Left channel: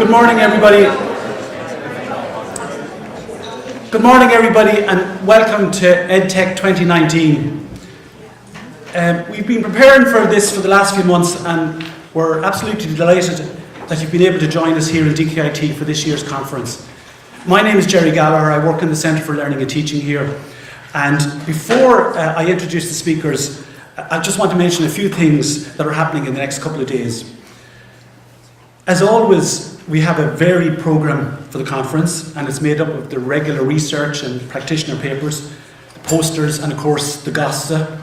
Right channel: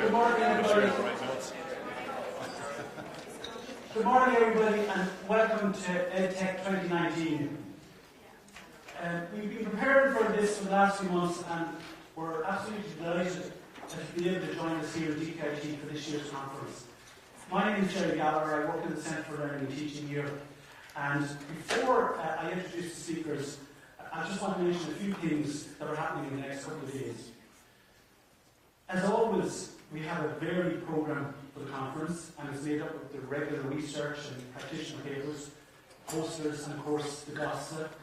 Good morning, everybody. Good morning, everybody, and welcome to EdTech 2019. We've been preparing for this for the last few months, and we're absolutely delighted that you've been able to join us here in DKIT for this year's conference. My name is Jerry Gallagher. I work in the Centre for Learning and Teaching here. And before I introduce the speakers, I just want to mention a few things that are happening in the next couple of days. As always, we have a varied programme for the conference, and it's made up of the regular research and practitioner papers, the posters, and of course the GOSTA.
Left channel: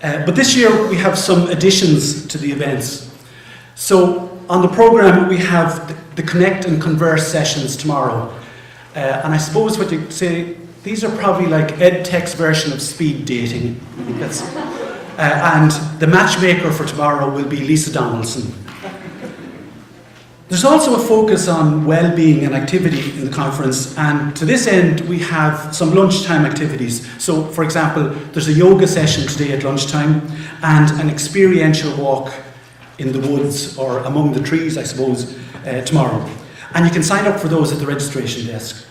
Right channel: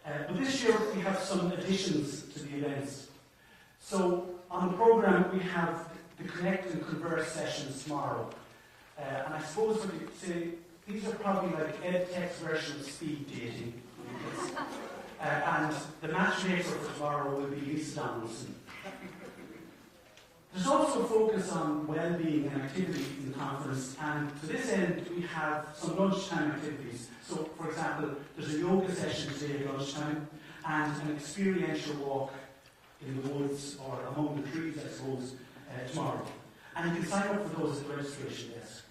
But this year we have some additions to the events. So on the programme we have the Connect and Converse sessions tomorrow. And I suppose what you say, these are probably like EdTech's version of speed dating. And the matchmaker for tomorrow will be Lisa Donaldson. There's also a focus on well-being and activity in the conference, and to this end we have some lunchtime activities. So for example, there's a yoga session today at lunchtime and an experiential walk in the woods, or among the trees I suppose, tomorrow. And you can sign up for those at the registration desk.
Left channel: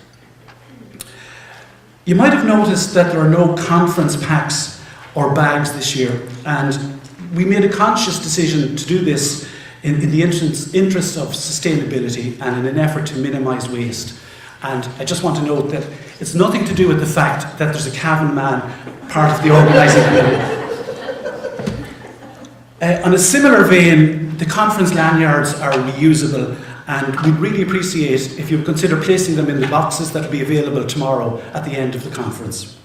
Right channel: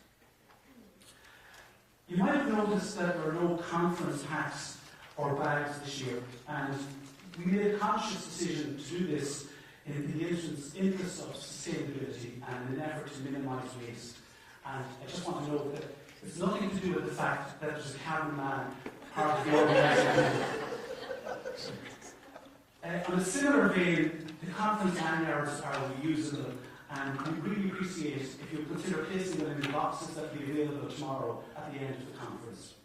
You might have noticed that there are no conference packs or bags this year, and we made a conscious decision to do this in the interest of sustainability and in an effort to minimise waste. And I just want to note that it's nothing to do with the fact that there's a Cavan man part of the organising committee. On a similar vein, the conference lanyards are reusable, and we'd really appreciate if you consider placing them in the boxes that will be available tomorrow at the end of the conference.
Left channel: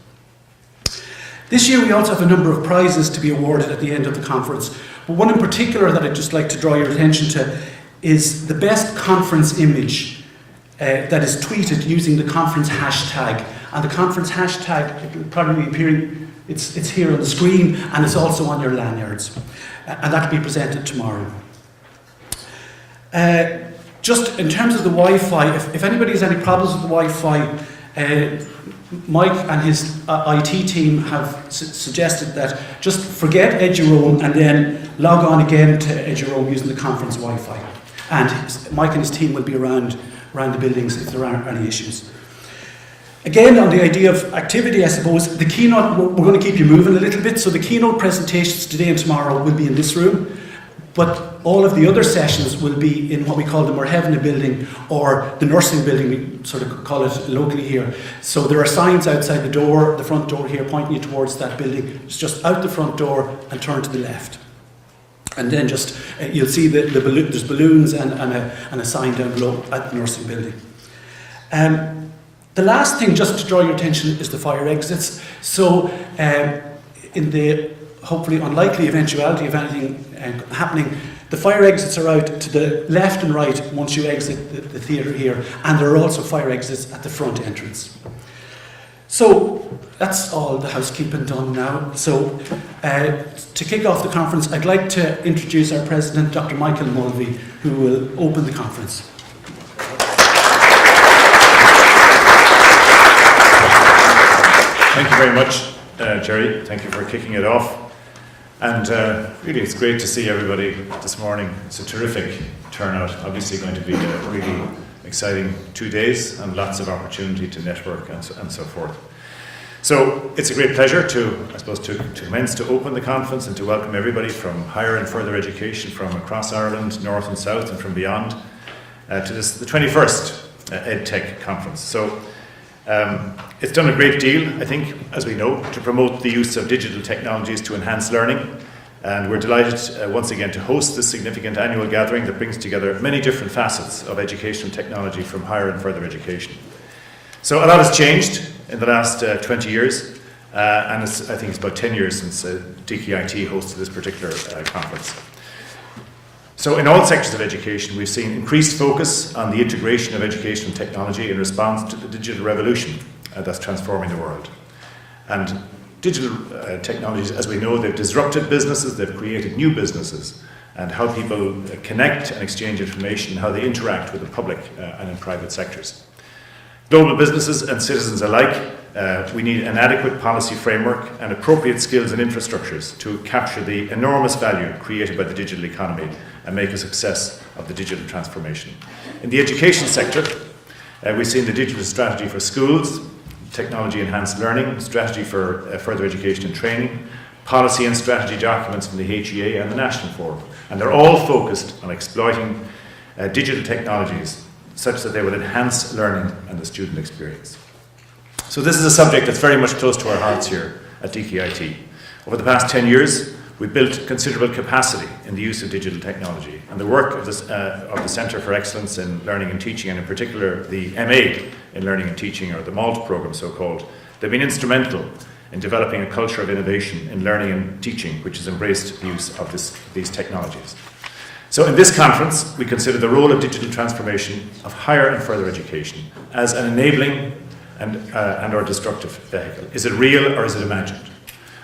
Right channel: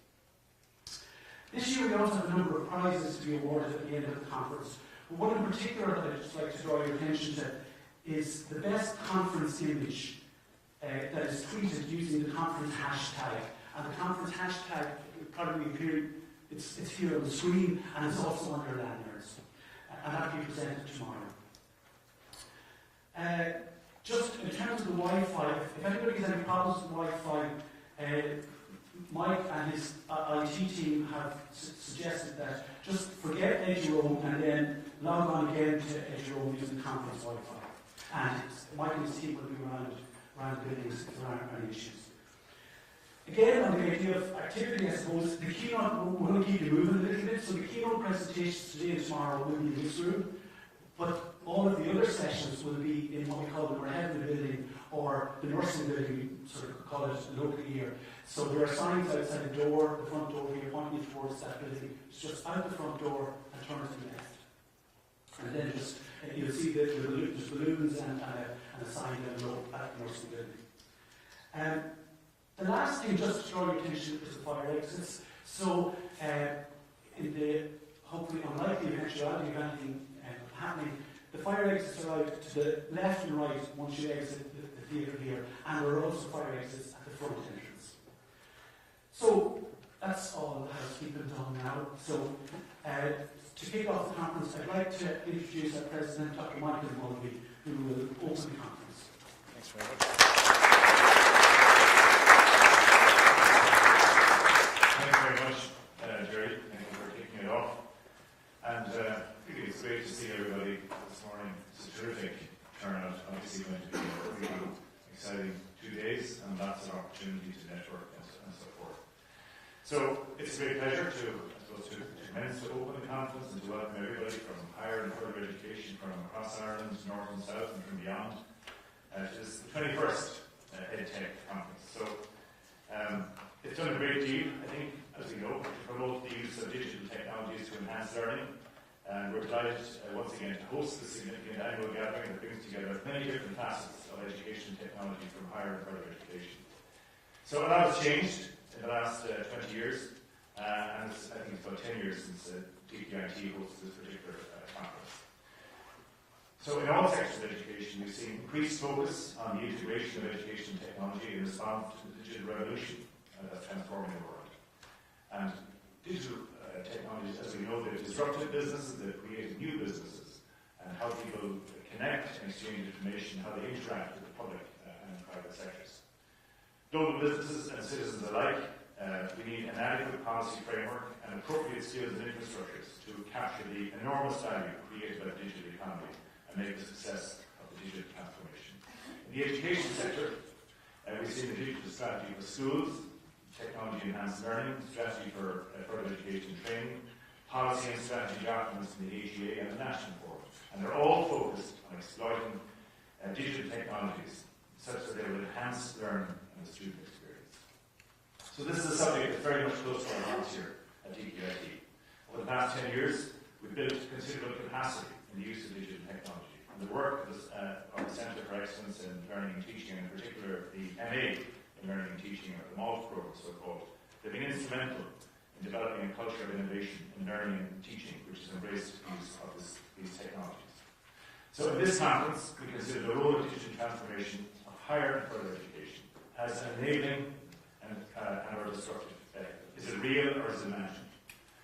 This year we also have a number of prizes to be awarded at the end of the conference, but one in particular that I'd just like to draw your attention to is the best conference image that is tweeted using the conference hashtag. And the conference hashtag, it will probably be appearing, it's here on the screen, and it's also on your lanyards. And that will be presented tomorrow. Just in terms of the Wi-Fi, if anybody has any problems with the Wi-Fi, Mike and his IT team have suggested that just forget Eduroam and then log on again to Eduroam using the conference Wi-Fi. And Mike and his team will be around the buildings if there aren't any issues. Again, on the idea of activity, I suppose, the keynote, we're going to keep you moving a little bit. So the keynote presentations today and tomorrow will be in this room. But all of the other sessions will be in what we call the Whitaker Building, or the nursing building, we sort of call it locally here. So there are signs outside the door, the front door here, pointing you towards that building. It's just out the front door and turn to the left. And then just, you'll see there's balloons and a sign down below at the nursing building. The last thing, just to draw your attention, is the fire exits. So in the hopefully unlikely eventuality of anything happening, the fire exits are out to the left and right once you exit the theatre here, and there are also fire exits at the front entrance. So that's all the housekeeping done now. So to kick off the conference, I'd like to introduce our president, Dr. Michael Mulvey, who will open the conference. Thank you very much, Jerry. Thank you for kicking it off. And really, it's great to see everybody this morning. It's a terrific turnout. Obviously going to be a really exciting 2 days and lots of opportunity to network and so forth. So it's a great pleasure to commence, to open the conference and to welcome everybody from higher and further education from across Ireland, north and south and from beyond, to the 21st EdTech conference. So it's done a great deal, I think, as we know, to promote the use of digital technologies to enhance learning. And we're delighted once again to host this significant annual gathering that brings together many different facets of educational technology from higher and further education. So a lot has changed in the last 20 years, and I think it's about 10 years since DKIT hosted this particular conference. So in all sectors of education, we've seen increased focus on the integration of educational technology in response to the digital revolution that's transforming the world. And digital technologies, as we know, they've disrupted businesses, they've created new businesses, and how people connect and exchange information, how they interact with the public and in private sectors. Global businesses and citizens alike, we need an adequate policy framework and appropriate skills and infrastructures to capture the enormous value created by the digital economy and make a success of the digital transformation. In the education sector, we've seen the digital strategy for schools, technology-enhanced learning, strategy for further education and training, policy and strategy documents from the HEA and the National Forum. And they're all focused on exploiting digital technologies such that they will enhance learning and the student experience. So this is a subject that's very much close to our hearts here at DKIT. Over the past 10 years, we've built considerable capacity in the use of digital technology, and the work of the Centre for Excellence in Learning and Teaching, and in particular the MA in Learning and Teaching, or the MALT programme so-called, they've been instrumental in developing a culture of innovation in learning and teaching which has embraced the use of these technologies. So in this conference, we consider the role of digital transformation of higher and further education as an enabling and or destructive vehicle. Is it real or is it imagined?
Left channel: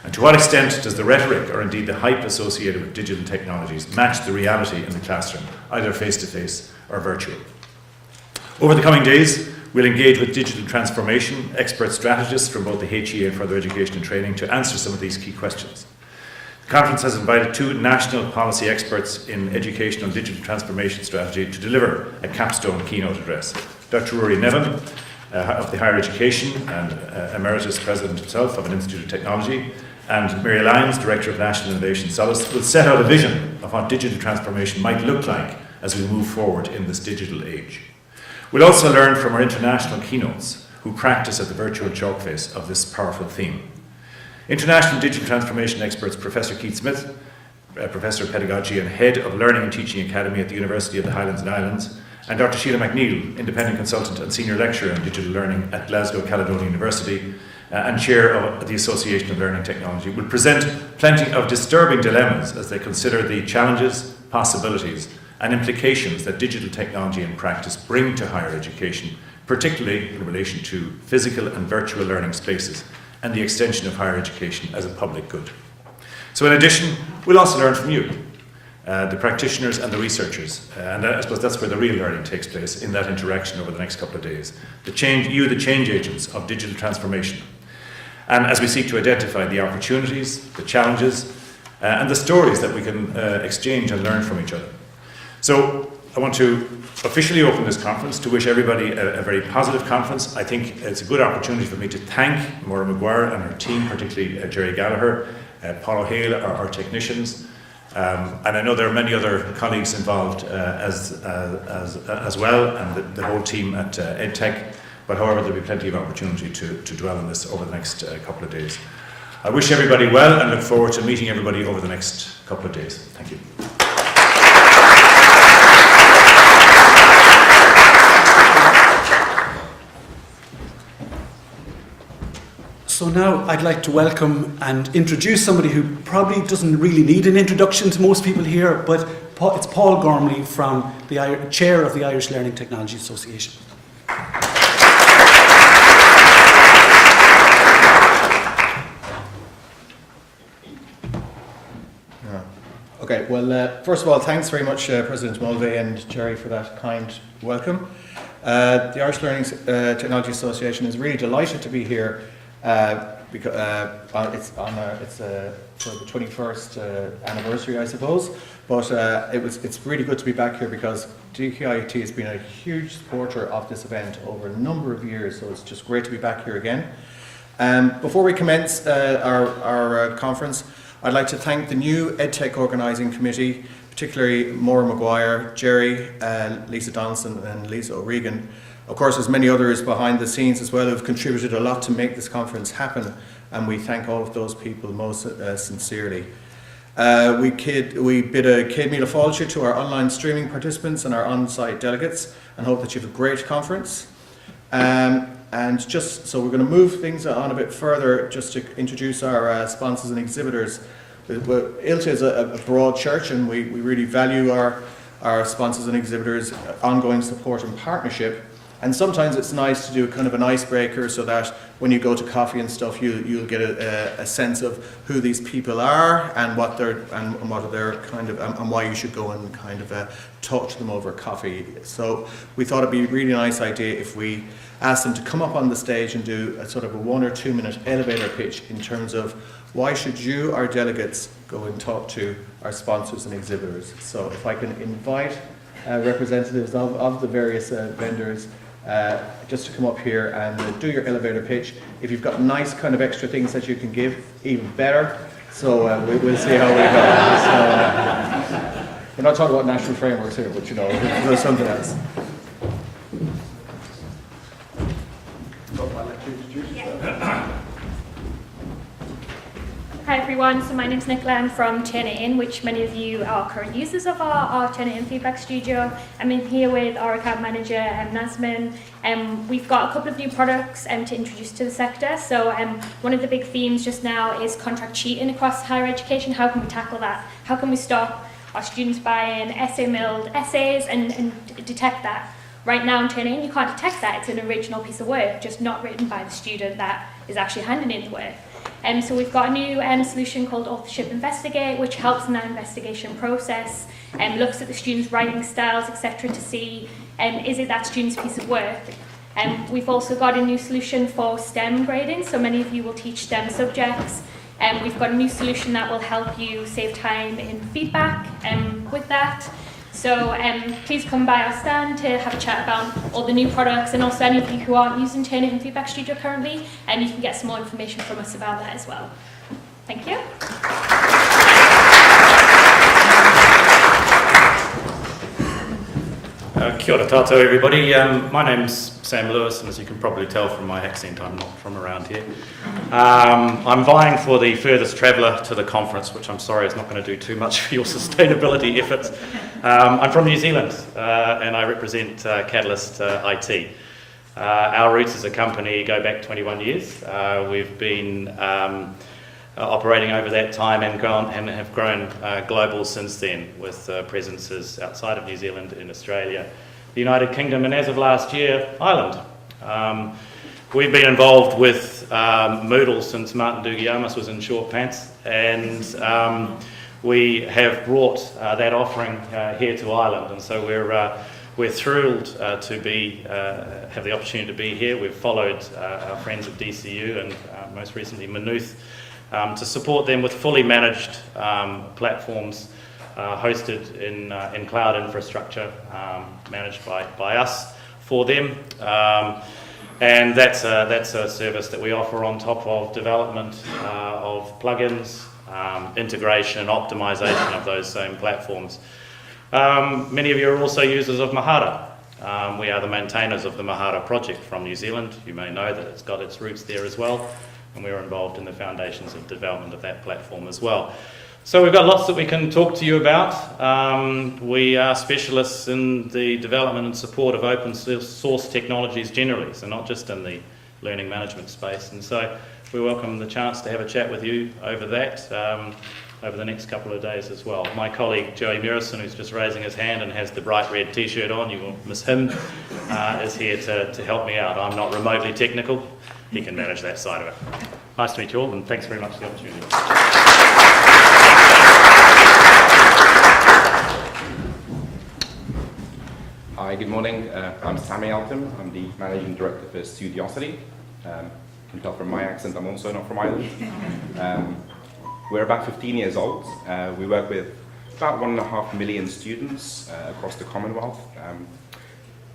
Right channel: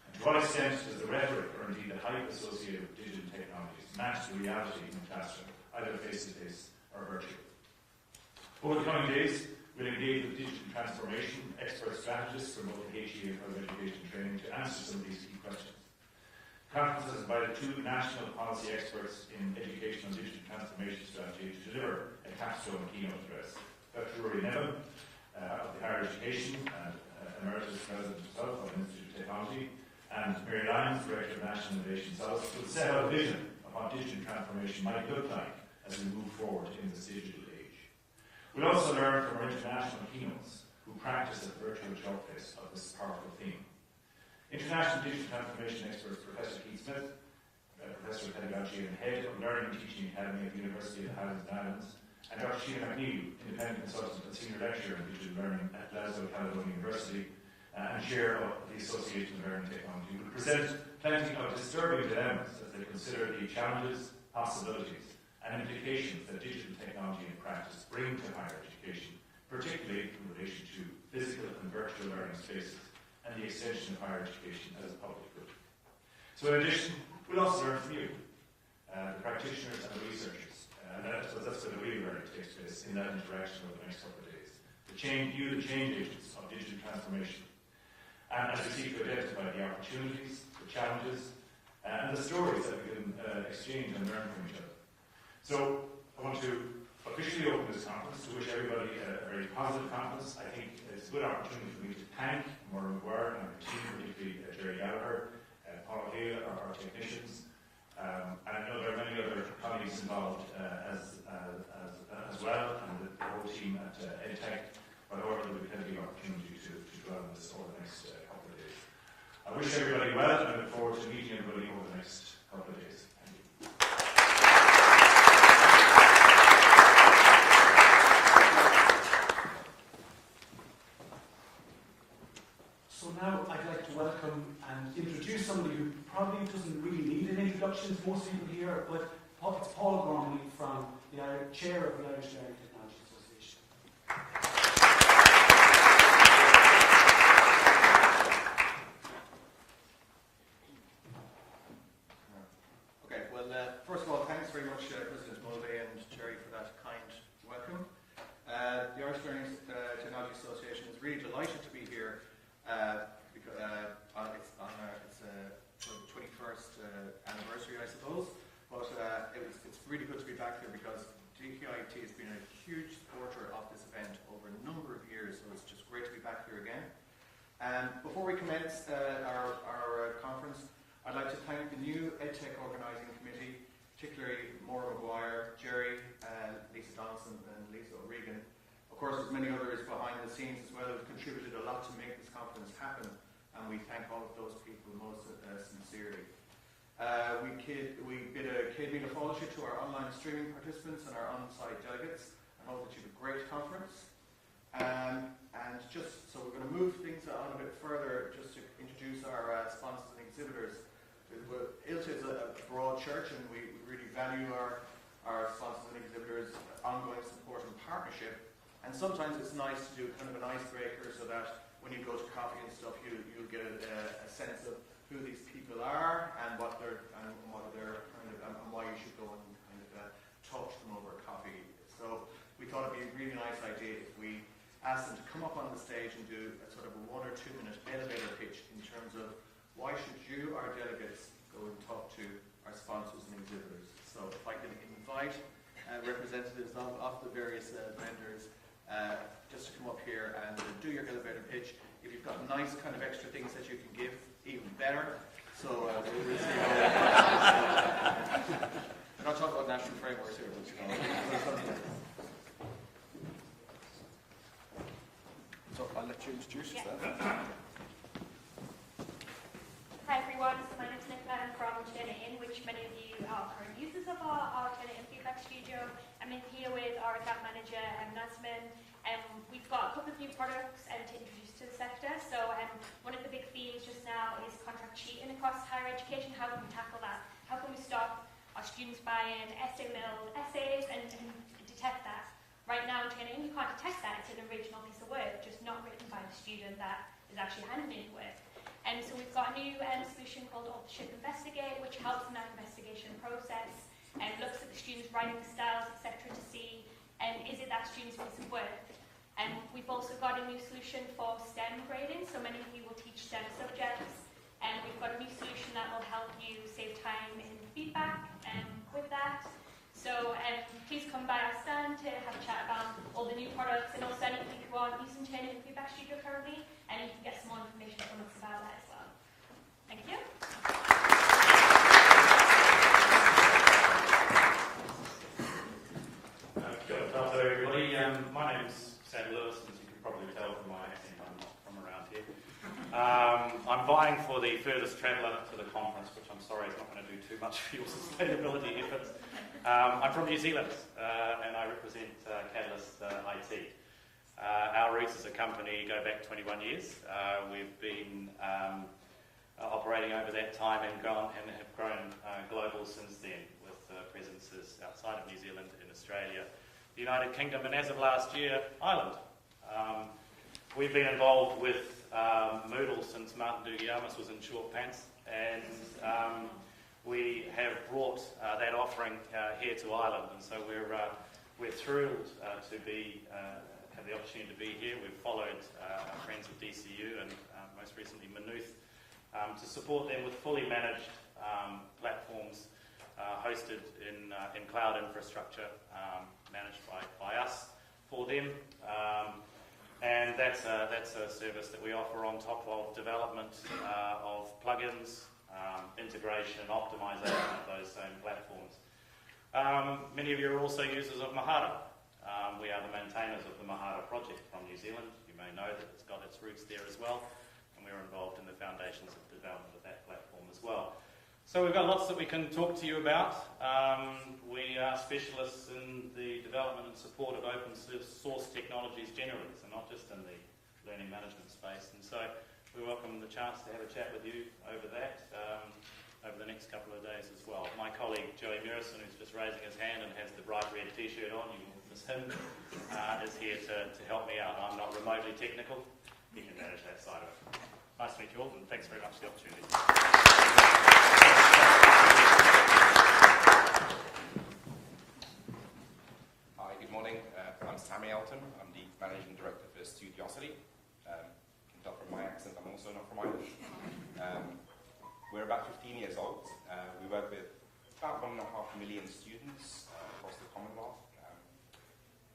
And to what extent does the rhetoric or indeed the hype associated with digital technologies match the reality in the classroom, either face-to-face or virtual? Over the coming days, we'll engage with digital transformation expert strategists from both the HEA and further education and training to answer some of these key questions. The conference has invited 2 national policy experts in education and digital transformation strategy to deliver a capstone keynote address. Dr. Rory Nevin of the Higher Education and Emeritus President himself of an Institute of Technology, and Mary Lyons, Director of National Innovation Solace, will set out a vision of what digital transformation might look like as we move forward in this digital age. We'll also learn from our international keynotes who practice at the virtual chalk face of this powerful theme. International digital transformation experts Professor Keith Smith, Professor of Pedagogy and Head of Learning and Teaching Academy at the University of the Highlands and Islands, and Dr. Sheila McNeill, Independent Consultant and Senior Lecturer in Digital Learning at Glasgow Caledonian University and Chair of the Association of Learning Technology, will present plenty of disturbing dilemmas as they consider the challenges, possibilities and implications that digital technology and practice bring to higher education, particularly in relation to physical and virtual learning spaces and the extension of higher education as a public good. So in addition, we'll also learn from you, the practitioners and the researchers, and I suppose that's where the real learning takes place, in that interaction over the next couple of days. The change agents of digital transformation. And as we seek to identify the opportunities, the challenges, and the stories that we can exchange and learn from each other. So I want to officially open this conference to wish everybody a very positive conference. I think it's a good opportunity for me to thank Maura Maguire and her team, particularly Jerry Gallagher, Paul O'Hale, our technicians, and I know there are many other colleagues involved as well, and the whole team at EdTech. But however, there'll be plenty of opportunity to dwell on this over the next couple of days. I wish everybody well and look forward to meeting everybody over the next couple of days. Thank you. So now I'd like to welcome and introduce somebody who probably doesn't really need an introduction to most people here, but it's Paul Gormley, from the Chair of the Irish Learning Technology Association. Okay, well, first of all, thanks very much, President Mulvey and Jerry, for that kind welcome. The Irish Learning Technology Association is really delighted to be here because it's for the 21st anniversary, I suppose. But it's really good to be back here because DKIT has been a huge supporter of this event over a number of years, so it's just great to be back here again. Before we commence our conference, I'd like to thank the new EdTech Organising Committee, particularly Maura Maguire, Jerry, Lisa Donaldson and Lisa O'Regan. Of course, there's many others behind the scenes as well who have contributed a lot to make this conference happen, and we thank all of those people most sincerely. We bid a Céad Míle Fáilte to our online streaming participants and our on-site delegates, and hope that you have a great conference. And just so we're going to move things on a bit further, just to introduce our sponsors and exhibitors. ILTA is a broad church, and we really value our sponsors and exhibitors' ongoing support and partnership. And sometimes it's nice to do kind of an icebreaker, so that when you go to coffee and stuff, you'll get a sense of who these people are and what they're kind of and why you should go and kind of talk to them over coffee. So we thought it'd be a really nice idea if we asked them to come up on the stage and do a sort of a 1 or 2 minute elevator pitch in terms of why should you, our delegates, go and talk to our sponsors and exhibitors. So if I can invite representatives of the various vendors just to come up here and do your elevator pitch. If you've got nice kind of extra things that you can give, even better. So we'll see how we go. So, we're not talking about national frameworks here, but there's something else. Hi everyone, so my name's Nicola. I'm from Turnitin, which many of you are current users of our Turnitin Feedback Studio. I'm in here with our account manager, Nasmin. We've got a couple of new products to introduce to the sector. So one of the big themes just now is contract cheating across higher education. How can we tackle that? How can we stop our students buying essay-milled essays and detect that? Right now in Turnitin, you can't detect that. It's an original piece of work, just not written by the student that is actually handing in the work. So we've got a new solution called Authorship Investigate, which helps in that investigation process and looks at the students' writing styles, etc., to see is it that student's piece of work. We've also got a new solution for STEM grading, so many of you will teach STEM subjects. We've got a new solution that will help you save time in feedback with that. So please come by our stand to have a chat about all the new products, and also any of you who aren't using Turnitin Feedback Studio currently, and you can get some more information from us about that as well. Thank you. Kia ora tātou everybody. My name's Sam Lewis, and as you can probably tell from my accent, I'm not from around here. I'm vying for the furthest traveller to the conference, which I'm sorry is not going to do too much for your sustainability efforts. I'm from New Zealand, and I represent Catalyst IT. Our roots as a company go back 21 years. We've been operating over that time and have grown global since then, with presences outside of New Zealand, in Australia, the United Kingdom, and as of last year, Ireland. We've been involved with Moodle since Martin Dugiamas was in short pants, and we have brought that offering here to Ireland, and so we're thrilled to have the opportunity to be here. We've followed our friends at DCU and most recently Maynooth to support them with fully managed platforms hosted in cloud infrastructure, managed by us for them. And that's a service that we offer on top of development of plugins, integration and optimization of those same platforms. Many of you are also users of Mahara. We are the maintainers of the Mahara project from New Zealand. You may know that it's got its roots there as well, and we're involved in the foundations of development of that platform as well. So we've got lots that we can talk to you about. We are specialists in the development and support of open source technologies generally, so not just in the learning management space. And so we welcome the chance to have a chat with you over that over the next couple of days as well. My colleague Joey Murison, who's just raising his hand and has the bright red t-shirt on, you will miss him, is here to help me out. I'm not remotely technical. He can manage that side of it. Nice to meet you all, and thanks very much for the opportunity. Hi, good morning. I'm Sammy Alton. I'm the Managing Director for Studiosity. You can tell from my accent I'm also not from Ireland. We're about 15 years old. We work with about 1.5 million students across the Commonwealth.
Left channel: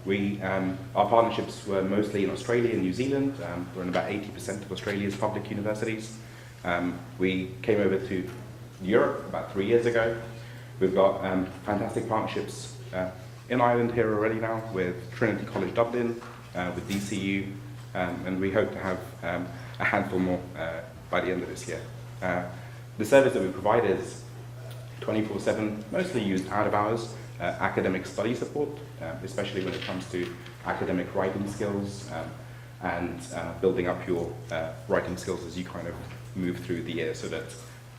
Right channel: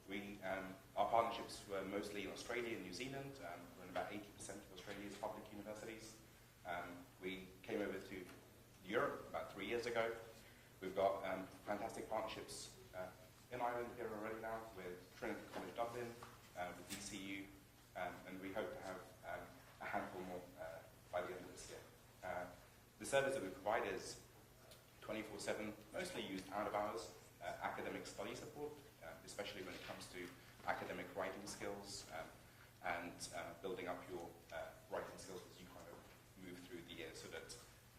Our partnerships were mostly in Australia and New Zealand. We're in about 80% of Australia's public universities. We came over to Europe about 3 years ago. We've got fantastic partnerships in Ireland here already now with Trinity College Dublin, with DCU, and we hope to have a handful more by the end of this year. The service that we provide is 24/7, mostly used out of hours, academic study support, especially when it comes to academic writing skills and building up your writing skills as you kind of move through the year, so that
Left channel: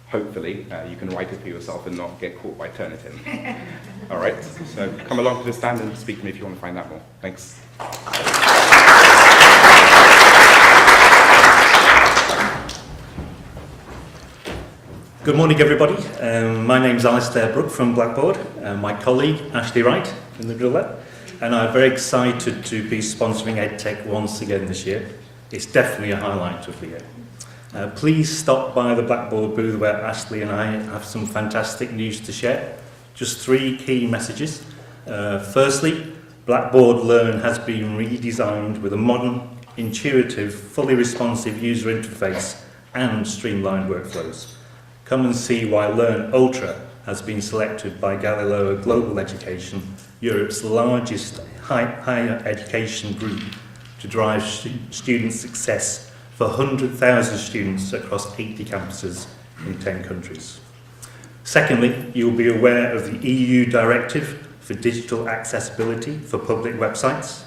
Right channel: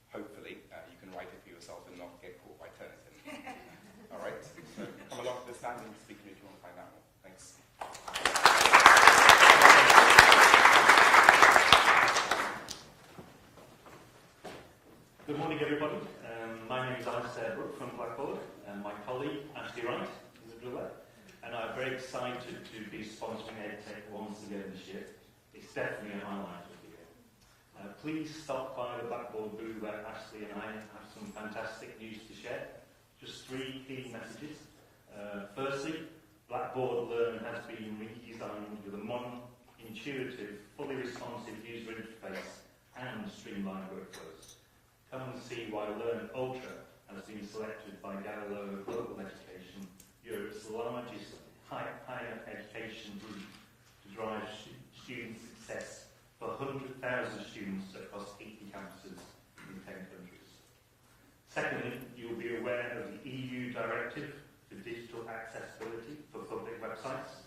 hopefully you can write it for yourself and not get caught by Turnitin. All right, so come along to the stand and speak to me if you want to find out more. Thanks. Good morning, everybody. My name's Alistair Brooke from Blackboard, my colleague Ashley Wright in the middle there, and I'm very excited to be sponsoring EdTech once again this year. It's definitely a highlight of the year. Please stop by the Blackboard booth where Ashley and I have some fantastic news to share. Just 3 key messages. Firstly, Blackboard Learn has been redesigned with a modern, intuitive, fully responsive user interface and streamlined workflows. Come and see why Learn Ultra has been selected by Galileo Global Education, Europe's largest higher education group, to drive student success for 100,000 students across 80 campuses in 10 countries. Secondly, you will be aware of the EU Directive for Digital Accessibility for Public Websites.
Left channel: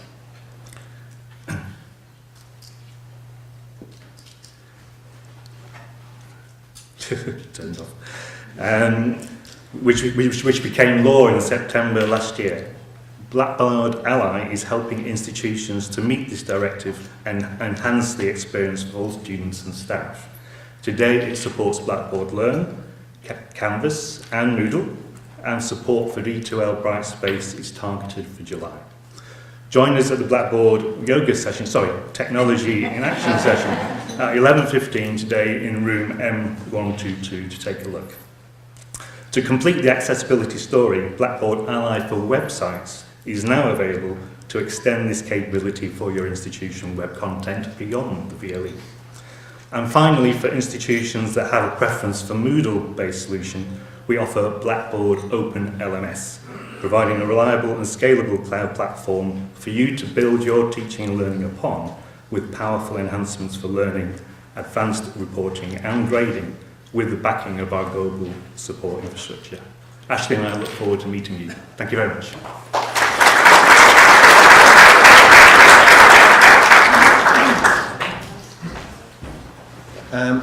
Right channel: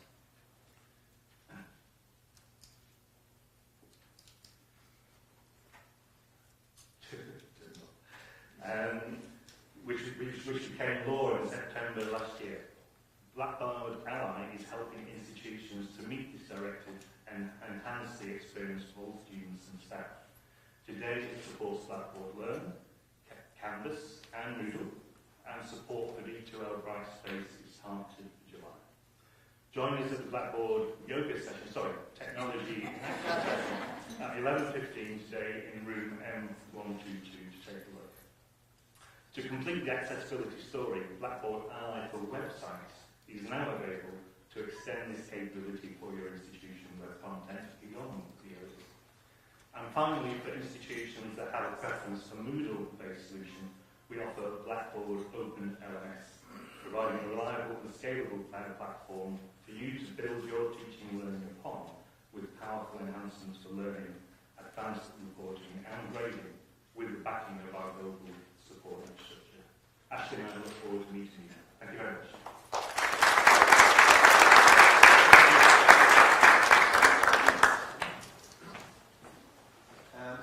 Turns off. Which became law in September last year. Blackboard Ally is helping institutions to meet this directive and enhance the experience for all students and staff. Today it supports Blackboard Learn, Canvas and Moodle, and support for D2L Brightspace is targeted for July. Join us at the Blackboard Technology in Action session at 11:15 today in room M122 to take a look. To complete the accessibility story, Blackboard Ally for Websites is now available to extend this capability for your institution web content beyond the VLE. And finally, for institutions that have a preference for Moodle-based solution, we offer Blackboard Open LMS, providing a reliable and scalable cloud platform for you to build your teaching and learning upon, with powerful enhancements for learning, advanced reporting and grading, with the backing of our global support infrastructure. Ashley and I look forward to meeting you. Thank you very much.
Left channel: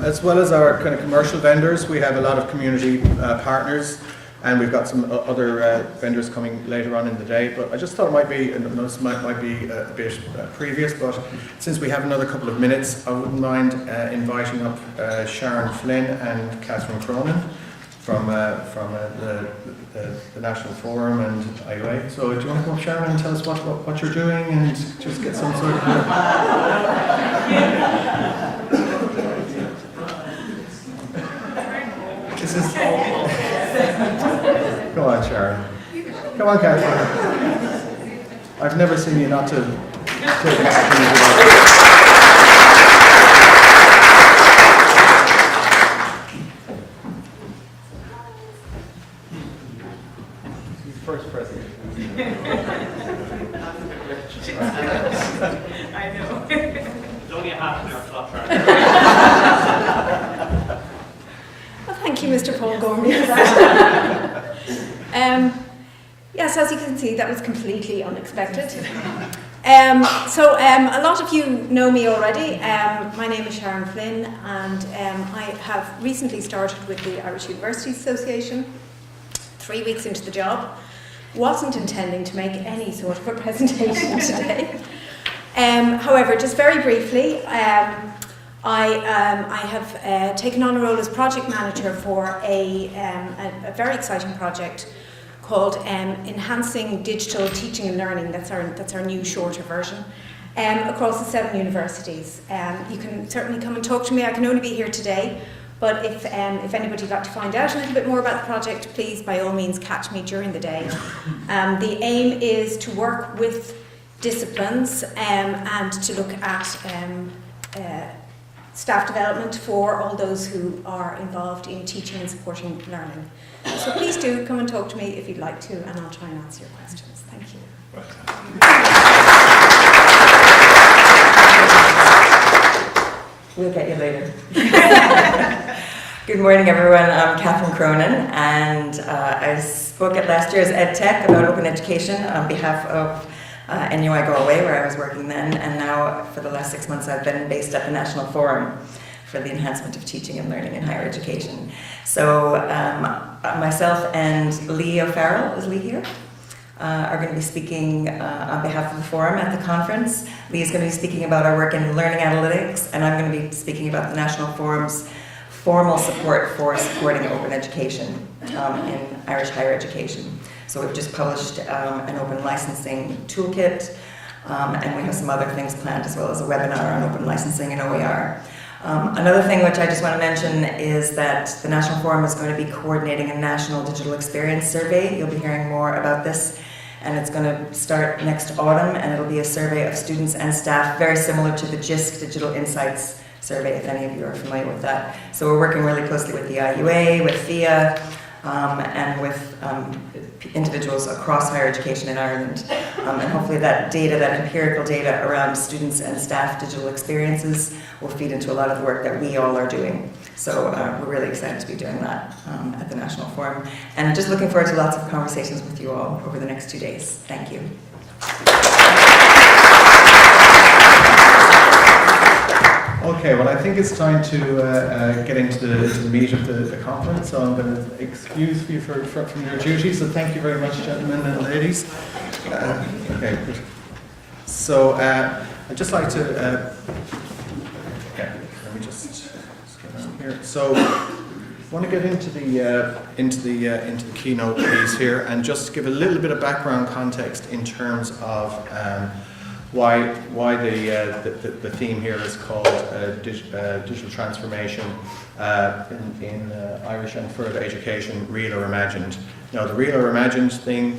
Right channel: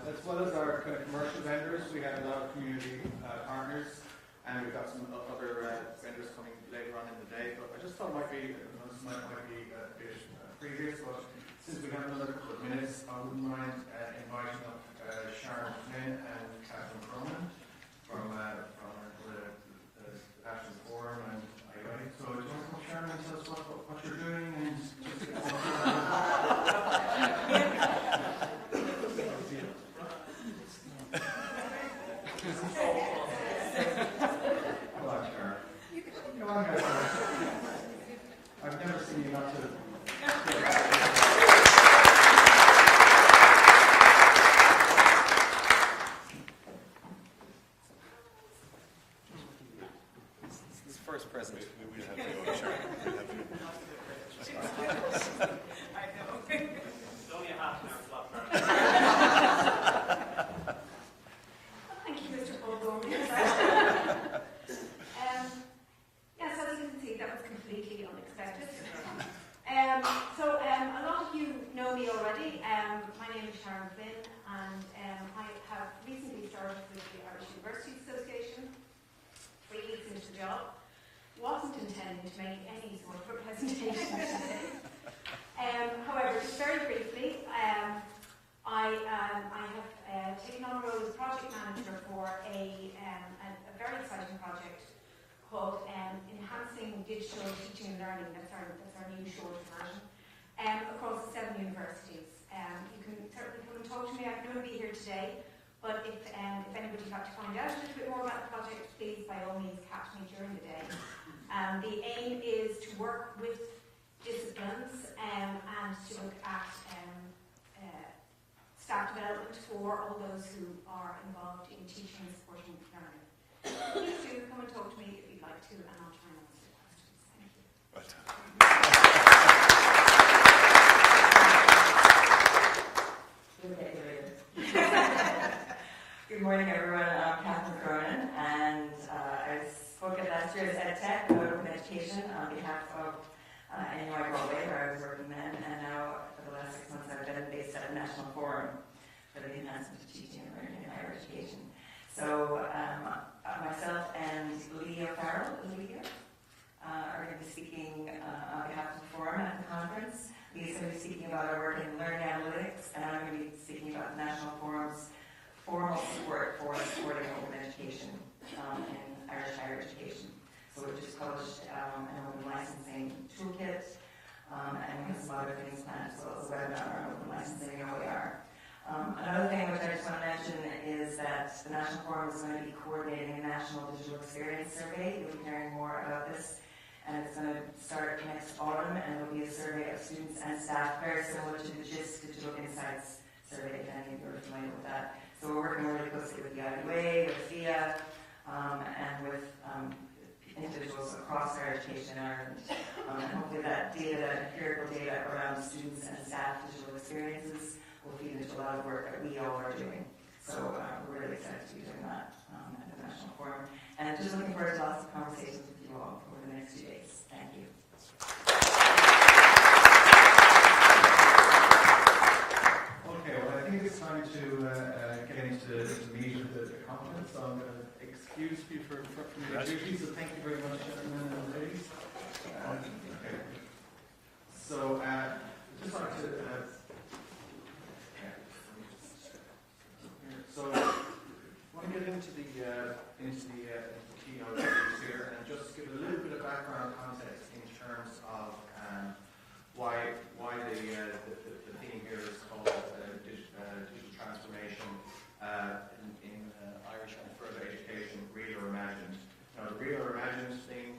As well as our kind of commercial vendors, we have a lot of community partners, and we've got some other vendors coming later on in the day. But I just thought it might be, and this might be a bit previous, but since we have another couple of minutes, I wouldn't mind inviting up Sharon Flynn and Catherine Cronin from the National Forum and IUA. So do you want to come up, Sharon, and tell us what you're doing and just get some sort of... This is... Come on, Sharon. Come on, Catherine. I've never seen you not to take an opportunity. He's first president. I know. It's only a half an hour slot. Well, thank you, Mr. Paul Gormley. Yes, as you can see, that was completely unexpected. A lot of you know me already. My name is Sharon Flynn, and I have recently started with the Irish Universities Association, 3 weeks into the job. Wasn't intending to make any sort of a presentation today. However, just very briefly, I have taken on a role as project manager for a very exciting project called Enhancing Digital Teaching and Learning. That's our new shorter version, across the 7 universities. You can certainly come and talk to me. I can only be here today, but if anybody would like to find out a little bit more about the project, please by all means catch me during the day. The aim is to work with disciplines and to look at staff development for all those who are involved in teaching and supporting learning. So please do come and talk to me if you'd like to, and I'll try and answer your questions. Thank you. We'll get you later. Good morning, everyone. I'm Catherine Cronin, and I spoke at last year's EdTech about open education on behalf of NUI Galway, where I was working then, and now for the last 6 months I've been based at the National Forum for the Enhancement of Teaching and Learning in Higher Education. So myself and Lee O'Farrell, is Lee here? Are going to be speaking on behalf of the Forum at the conference. Lee is going to be speaking about our work in learning analytics, and I'm going to be speaking about the National Forum's formal support for supporting open education in Irish higher education. So we've just published an open licensing toolkit, and we have some other things planned, as well as a webinar on open licensing and OER. Another thing which I just want to mention is that the National Forum is going to be coordinating a national digital experience survey. You'll be hearing more about this and it's going to start next autumn, and it'll be a survey of students and staff, very similar to the GISC Digital Insights survey, if any of you are familiar with that. So we're working really closely with the IUA, with FIA, and with individuals across higher education in Ireland. And hopefully that data, that empirical data around students and staff digital experiences will feed into a lot of the work that we all are doing. So we're really excited to be doing that at the National Forum. And just looking forward to lots of conversations with you all over the next 2 days. Thank you. Okay, well, I think it's time to get into the meat of the conference, so I'm going to excuse you from your duties, so thank you very much, gentlemen and ladies. Okay, good. So I'd just like to, let me just get down here. So I want to get into the keynote piece here and just give a little bit of background context in terms of why the theme here is called digital transformation in Irish and further education, real or imagined. Now, the real or imagined thing,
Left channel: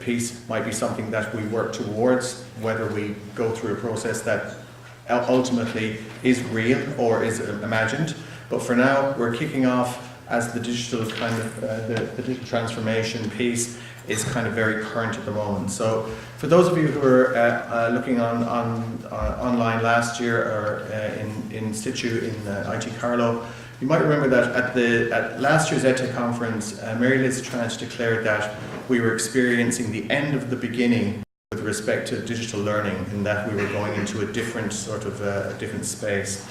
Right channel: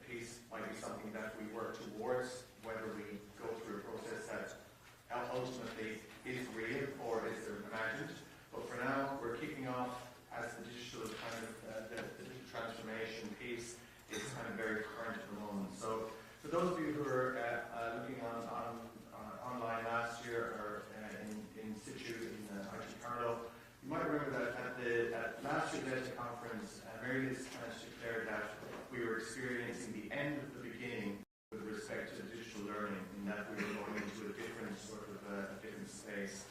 piece might be something that we work towards, whether we go through a process that ultimately is real or is imagined. But for now, we're kicking off as the digital kind of the digital transformation piece is kind of very current at the moment. So for those of you who were looking online last year or in situ in IT Carlo, you might remember that at last year's EdTech conference, Mary Liz Tranch declared that we were experiencing the end of the beginning with respect to digital learning, in that we were going into a different sort of different space.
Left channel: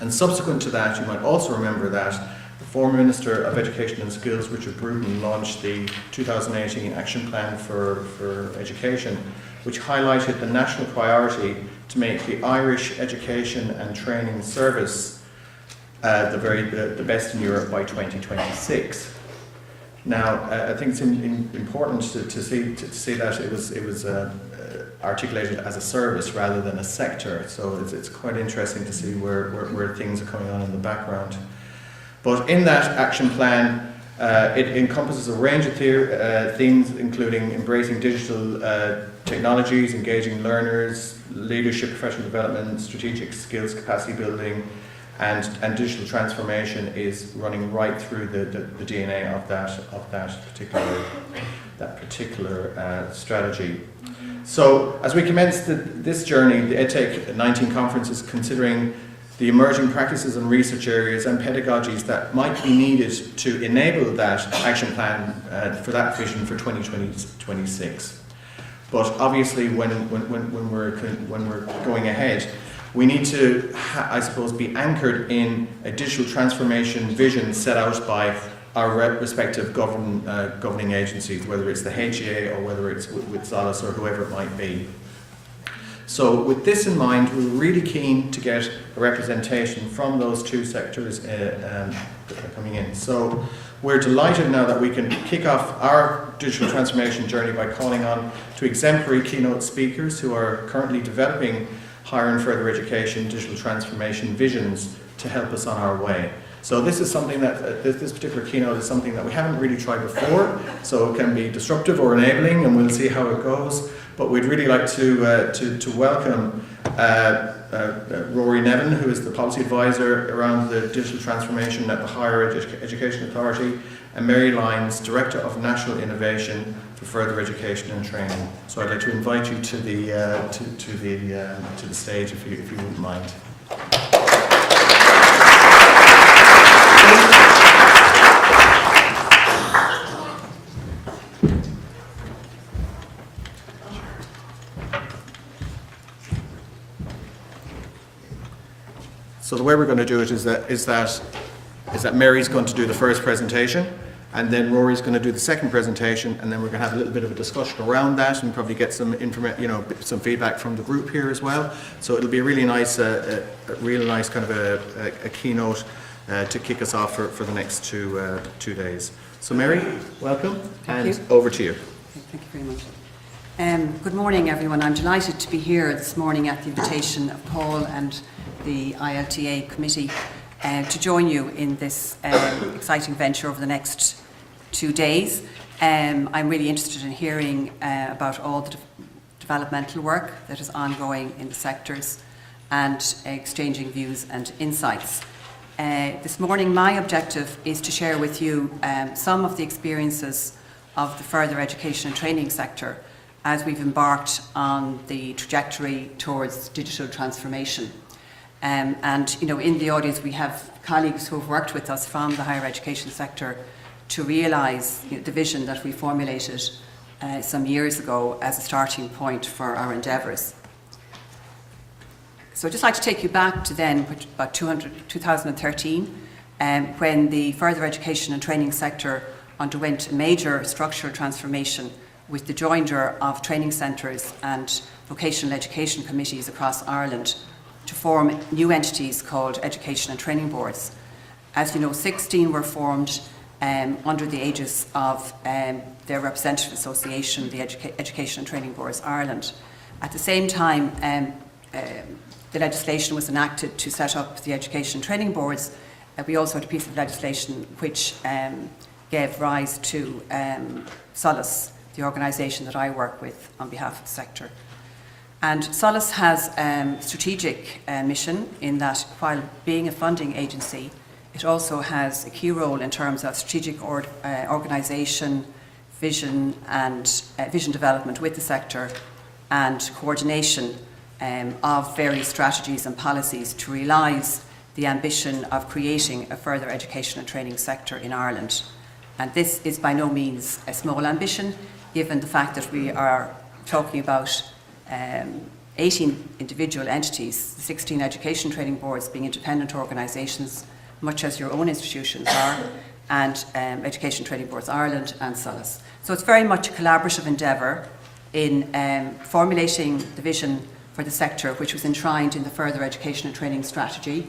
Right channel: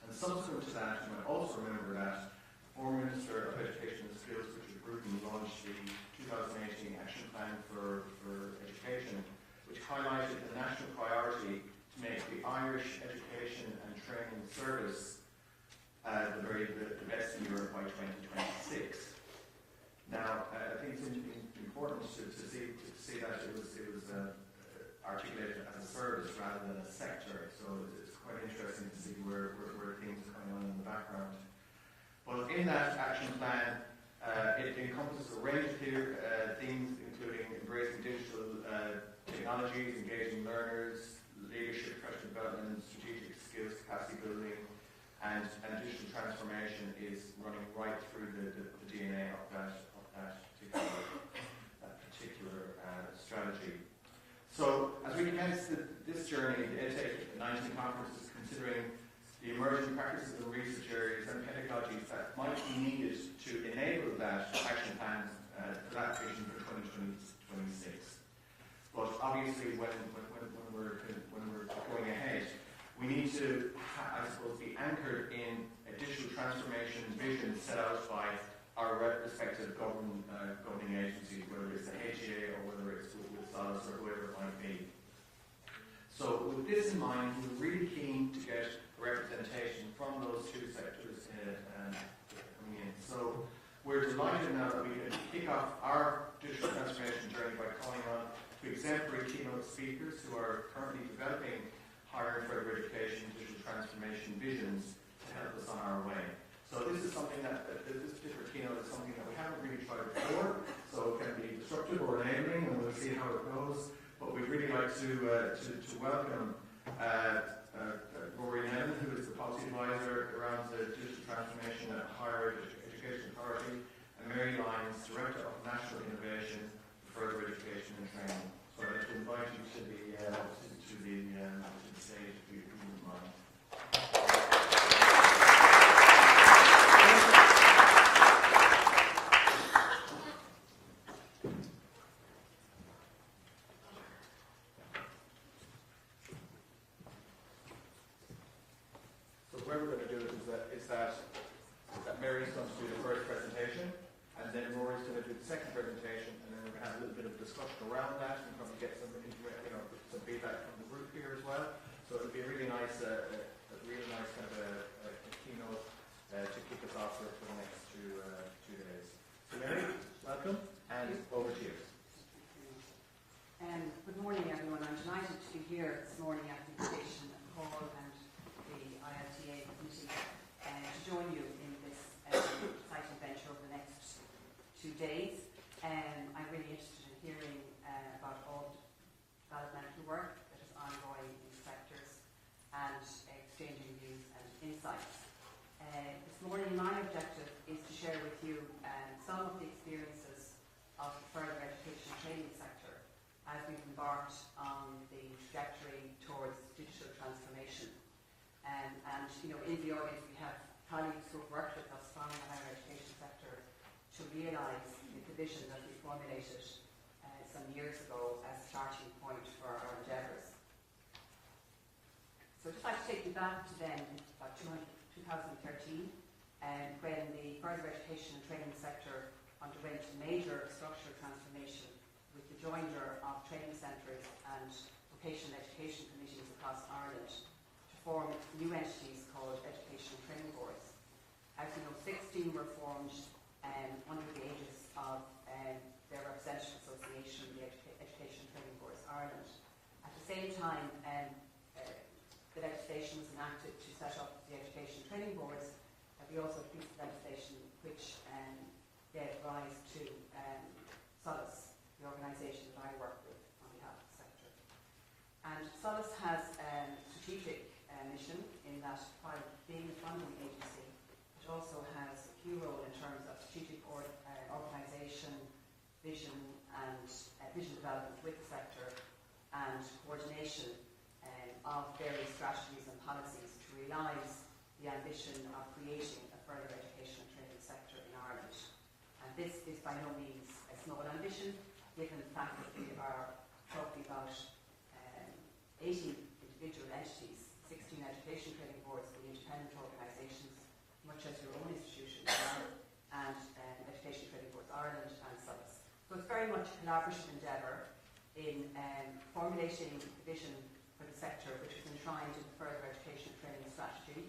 And subsequent to that, you might also remember that the former Minister of Education and Skills, Richard Bruton, launched the 2018 Action Plan for Education, which highlighted the national priority to make the Irish education and training service the best in Europe by 2026. Now, I think it's important to see that it was articulated as a service rather than a sector. So it's quite interesting to see where things are coming on in the background. But in that action plan, it encompasses a range of themes, including embracing digital technologies, engaging learners, leadership, professional development, strategic skills, capacity building, and digital transformation is running right through the DNA of that particular strategy. So as we commence this journey, the EdTech 19 conference is considering the emerging practices and research areas and pedagogies that might be needed to enable that action plan for that vision for 2026. But obviously, when we're going ahead, we need to, I suppose, be anchored in a digital transformation vision set out by our respective governing agencies, whether it's the HEA or whether it's with Solace or whoever it might be. So with this in mind, we're really keen to get a representation from those two sectors coming in. So we're delighted now that we can kick off our digital transformation journey by calling on to exemplary keynote speakers who are currently developing higher and further education digital transformation visions to help us on our way. So this is something that, this particular keynote is something that we haven't really tried before, so it can be disruptive or enabling, and we'll see how it goes. But we'd really like to welcome Rory Nevin, who is the policy advisor around the digital transformation at the Higher Education Authority, and Mary Lyons, Director of National Innovation for Further Education and Training. So I'd like to invite you to the stage if you wouldn't mind. So the way we're going to do it is that Mary's going to do the first presentation, and then Rory's going to do the second presentation, and then we're going to have a little bit of a discussion around that, and probably get some some feedback from the group here as well. So it'll be a really nice, really nice kind of a keynote to kick us off for the next 2 days. So Mary, welcome, and over to you. Thank you very much. Good morning, everyone. I'm delighted to be here this morning at the invitation of Paul and the ILTA committee to join you in this exciting venture over the next 2 days. I'm really interested in hearing about all the developmental work that is ongoing in the sectors and exchanging views and insights. This morning, my objective is to share with you some of the experiences of the further education and training sector as we've embarked on the trajectory towards digital transformation. And you know, in the audience we have colleagues who have worked with us from the higher education sector to realise the vision that we formulated some years ago as a starting point for our endeavours. So I'd just like to take you back to then, about 2013, when the further education and training sector underwent a major structural transformation with the joinder of training centres and vocational education committees across Ireland to form new entities called Education and Training Boards. As you know, 16 were formed under the aegis of their representative association, the Education and Training Boards Ireland. At the same time, the legislation was enacted to set up the Education and Training Boards. We also had a piece of legislation which gave rise to Solace, the organisation that I work with on behalf of the sector. And Solace has a strategic mission in that while being a funding agency, it also has a key role in terms of strategic organisation, vision and vision development with the sector and coordination of various strategies and policies to realise the ambition of creating a further education and training sector in Ireland. And this is by no means a small ambition, given the fact that we are talking about 18 individual entities, 16 education training boards being independent organisations, much as your own institutions are, and Education Training Boards Ireland and Solace. So it's very much a collaborative endeavour in formulating the vision for the sector, which was enshrined in the Further Education and Training Strategy,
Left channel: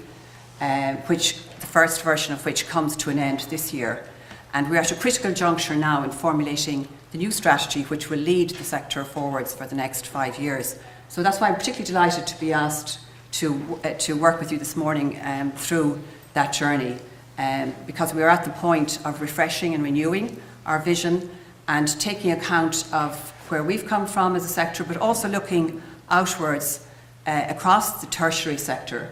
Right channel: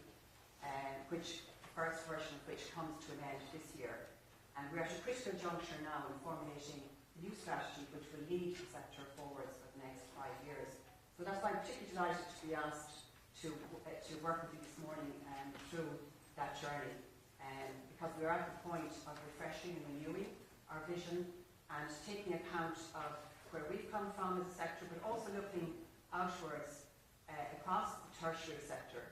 which the first version of which comes to an end this year. And we're at a critical juncture now in formulating the new strategy which will lead the sector forwards for the next 5 years. So that's why I'm particularly delighted to be asked to work with you this morning through that journey, because we are at the point of refreshing and renewing our vision and taking account of where we've come from as a sector, but also looking outwards across the tertiary sector,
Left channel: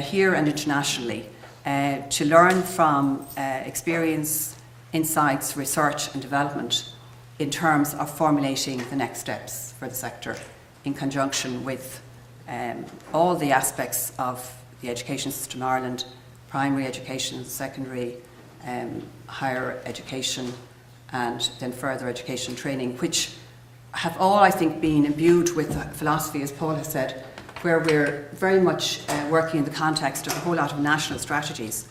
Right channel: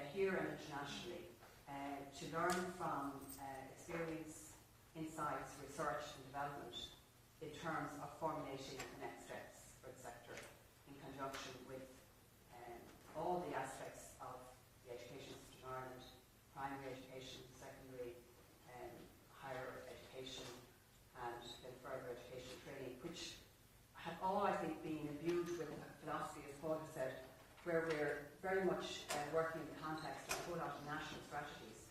here and internationally, to learn from experience, insights, research and development in terms of formulating the next steps for the sector in conjunction with all the aspects of the education system in Ireland, primary education, secondary, higher education and then further education training, which have all, I think, been imbued with philosophy, as Paul has said, where we're very much working in the context of a whole lot of national strategies.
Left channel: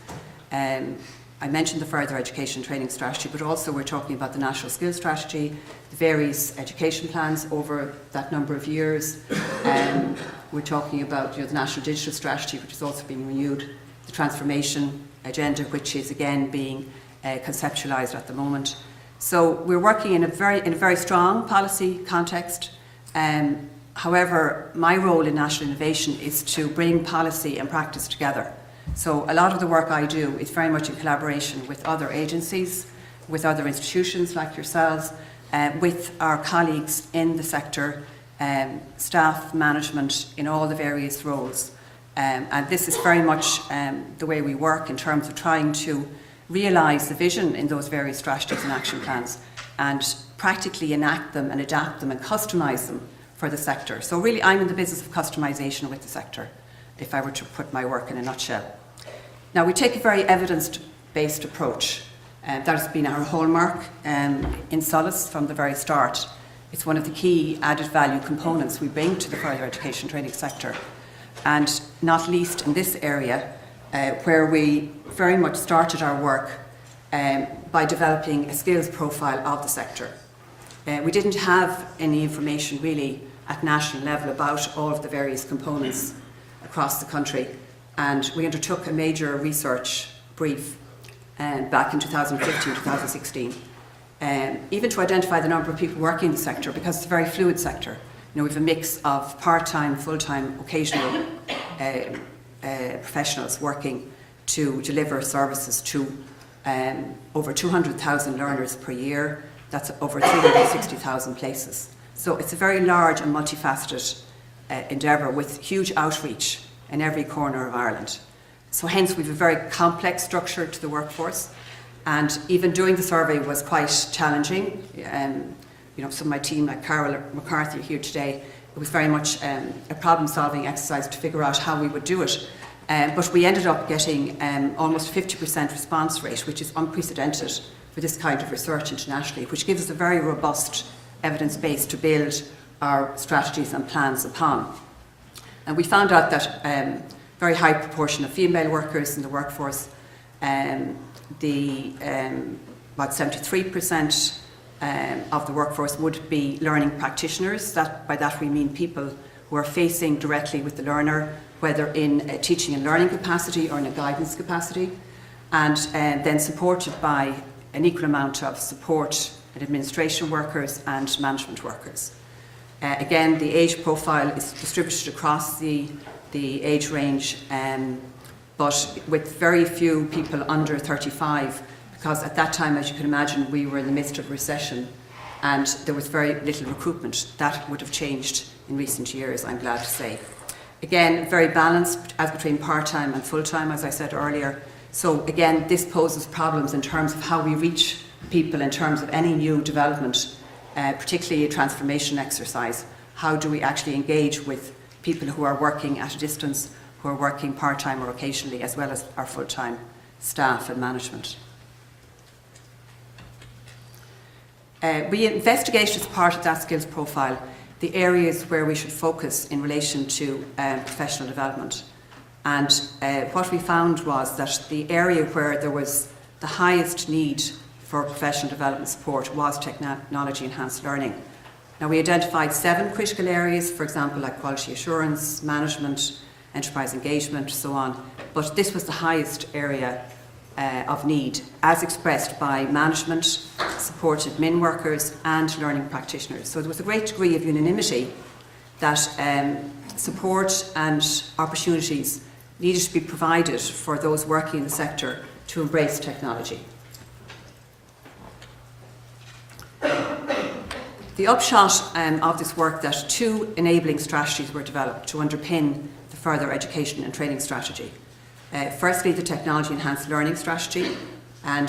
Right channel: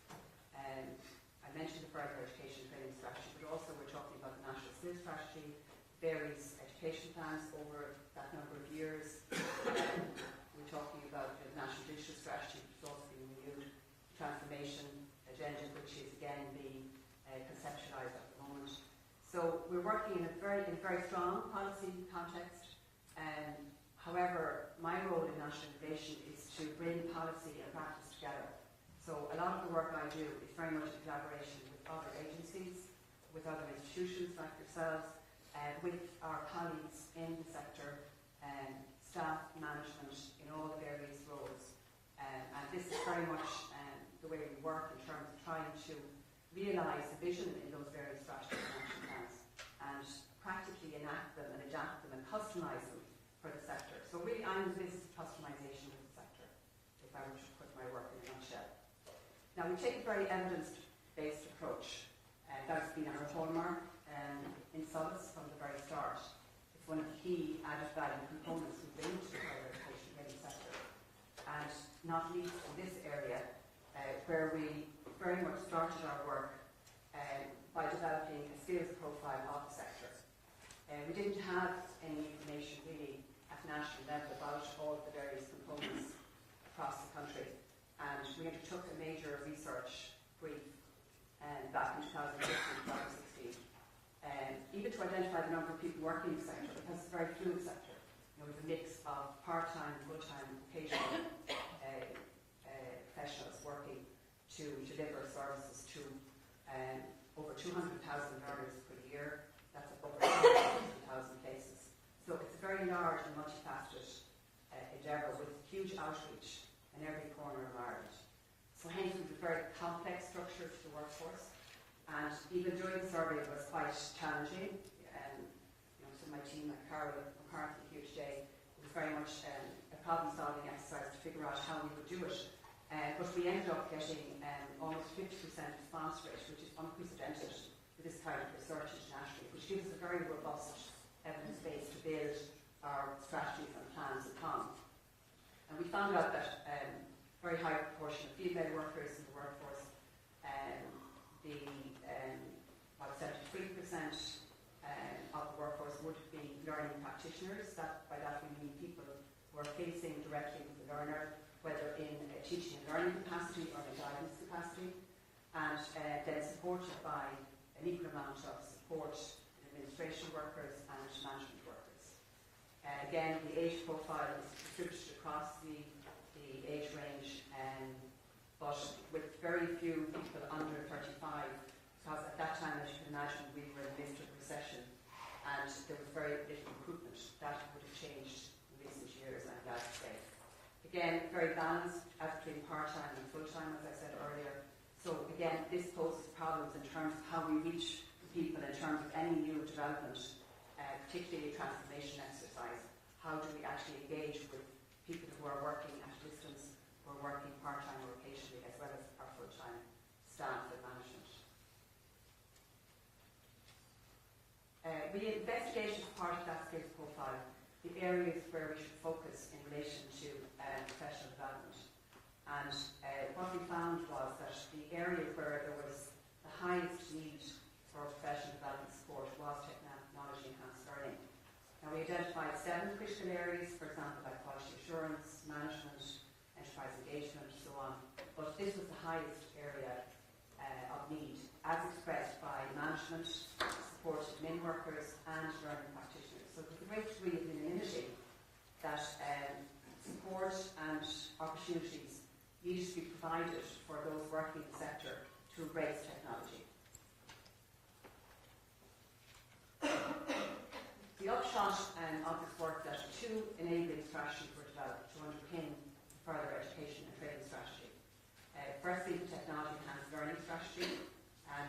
I mentioned the Further Education Training Strategy, but also we're talking about the National Skills Strategy, the various education plans over that number of years. We're talking about the National Digital Strategy, which is also being renewed, the Transformation Agenda, which is again being conceptualised at the moment. So we're working in a very strong policy context. However, my role in national innovation is to bring policy and practice together. So a lot of the work I do is very much in collaboration with other agencies, with other institutions like yourselves, with our colleagues in the sector, staff, management in all the various roles. And this is very much the way we work in terms of trying to realise the vision in those various strategies and action plans and practically enact them and adapt them and customise them for the sector. So really I'm in the business of customisation with the sector, if I were to put my work in a nutshell. Now we take a very evidence-based approach. That has been our hallmark in Solace from the very start. It's one of the key added value components we bring to the further education training sector, and not least in this area where we very much started our work by developing a skills profile of the sector. We didn't have any information really at national level about all of the various components across the country, and we undertook a major research brief back in 2015-2016, even to identify the number of people working in the sector, because it's a very fluid sector. We have a mix of part-time, full-time, occasional professionals working to deliver services to over 200,000 learners per year. that's over 360,000 places. So it's a very large and multifaceted endeavour with huge outreach in every corner of Ireland. So hence we have a very complex structure to the workforce, and even doing the survey was quite challenging. Some of my team, like Carol McCarthy here today, it was very much a problem-solving exercise to figure out how we would do it. But we ended up getting almost 50% response rate, which is unprecedented for this kind of research internationally, which gives us a very robust evidence base to build our strategies and plans upon. And we found out that very high proportion of female workers in the workforce, about 73% of the workforce would be learning practitioners. By that we mean people who are facing directly with the learner, whether in a teaching and learning capacity or in a guidance capacity, and then supported by an equal amount of support and administration workers and management workers. Again, the age profile is distributed across the age range, but with very few people under 35, because at that time, as you can imagine, we were in the midst of recession and there was very little recruitment. That would have changed in recent years, I'm glad to say. Again, very balanced as between part-time and full-time, as I said earlier. So again, this poses problems in terms of how we reach people in terms of any new development, particularly a transformation exercise. How do we actually engage with people who are working at a distance, who are working part-time or occasionally, as well as our full-time staff and management? We investigated as part of that skills profile the areas where we should focus in relation to professional development. And what we found was that the area where there was the highest need for professional development support was technology enhanced learning. Now, we identified 7 critical areas, for example, like quality assurance, management, enterprise engagement, so on. But this was the highest area of need, as expressed by management, support admin workers and learning practitioners. So there was a great degree of unanimity that support and opportunities needed to be provided for those working in the sector to embrace technology. The upshot of this work, that 2 enabling strategies were developed to underpin the further education and training strategy. Firstly, the technology enhanced learning strategy, and